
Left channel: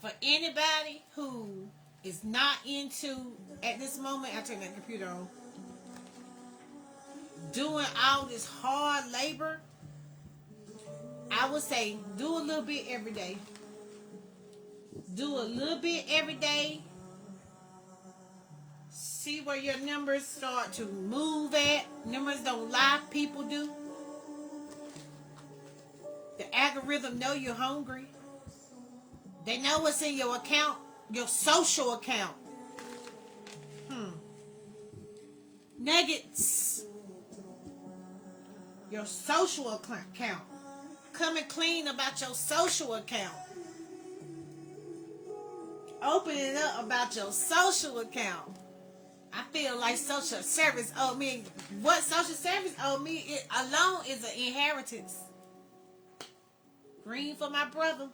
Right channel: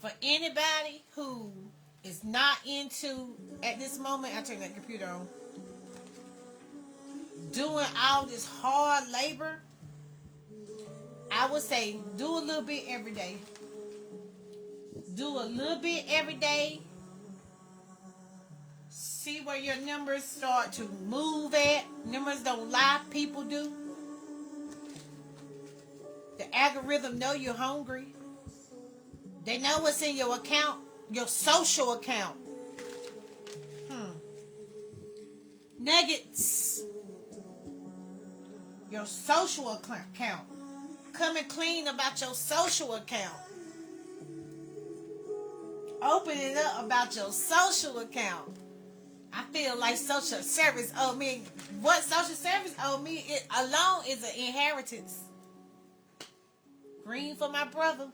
for anybody who is not into, at this moment, I turn that computer on, doing all this hard labor, I would say do a little bit every day. Do a little bit every day. See where your numbers start to move at. Numbers don't lie, people do. The algorithm know you're hungry. They know what's in your account, your social account. Nuggets. Your social account. Coming clean about your social account. Open it up about your social account. I feel like social service owe me. What social service owe me, it alone is an inheritance. Green for my brother.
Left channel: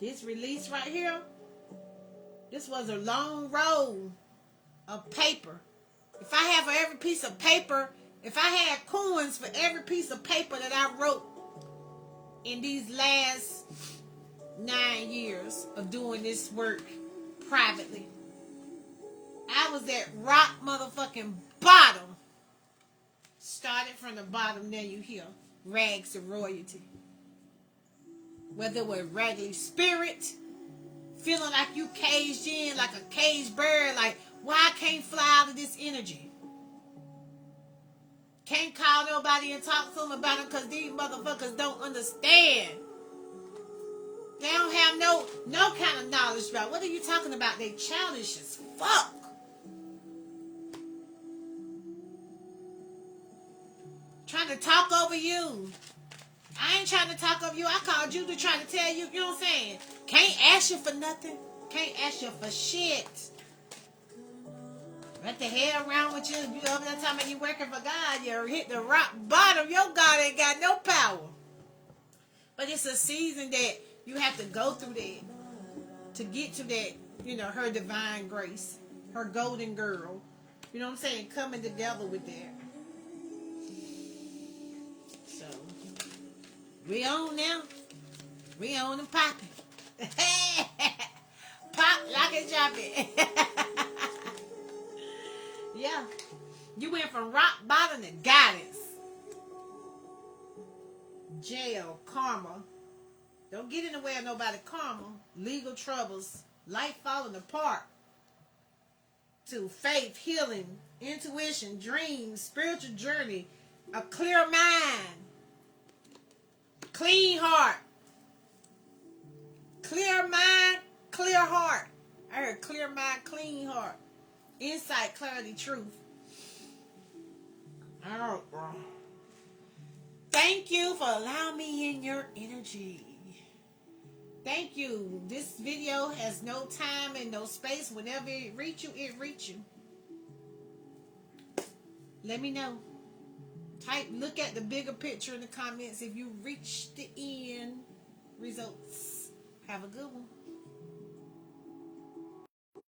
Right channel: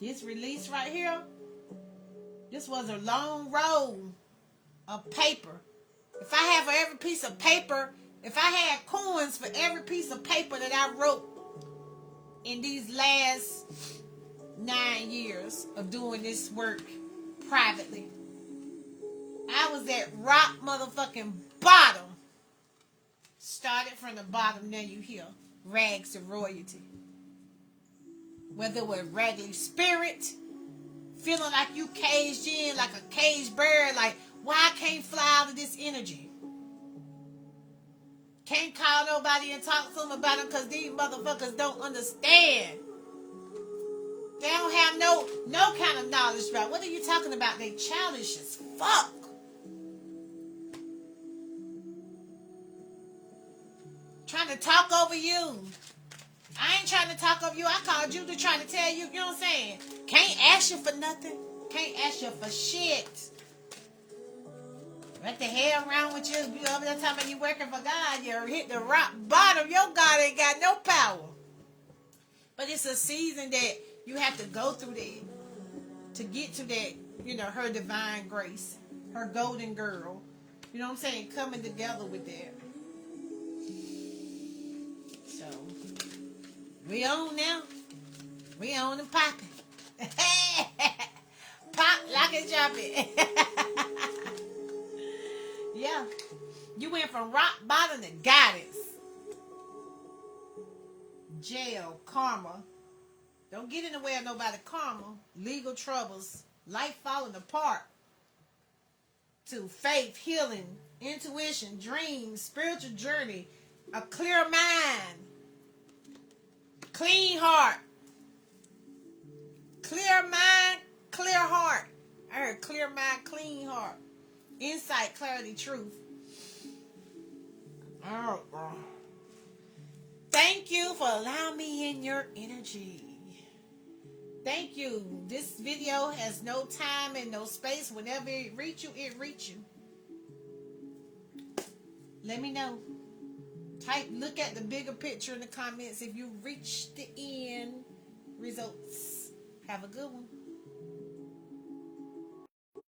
This release right here, this was a long roll of paper. If I had for every piece of paper, if I had coins for every piece of paper that I wrote in these last 9 years of doing this work privately, I was at rock motherfucking bottom. Started from the bottom, then you hear rags to royalty. Whether it was raggedy spirit, feeling like you caged in, like a caged bird, like, why I can't fly out of this energy? Can't call nobody and talk to them about it because these motherfuckers don't understand. They don't have no kind of knowledge about. What are you talking about? They childish as fuck. Trying to talk over you. I ain't trying to talk over you. I called you to try to tell you, you know what I'm saying? Can't ask you for nothing. Can't ask you for shit. What the hell wrong with you? You over there talking about you working for God. You hit the rock bottom. Your God ain't got no power. But it's a season that you have to go through that to get to that, her divine grace. Her golden girl. You know what I'm saying? Coming together with that. So, we on now. We on and popping. Pop, lock and drop it. Yeah. You went from rock bottom to goddess. Jail, karma. Don't get in the way of nobody karma. Legal troubles. Life falling apart. To faith, healing, intuition, dreams, spiritual journey, a clear mind, clean heart. Clear mind, clear heart. I heard clear mind, clean heart. Insight, clarity, truth. Oh, thank you for allowing me in your energy. Thank you. This video has no time and no space. Whenever it reach you, it reach you. Let me know. Look at the bigger picture in the comments if you reached the end results. Have a good one.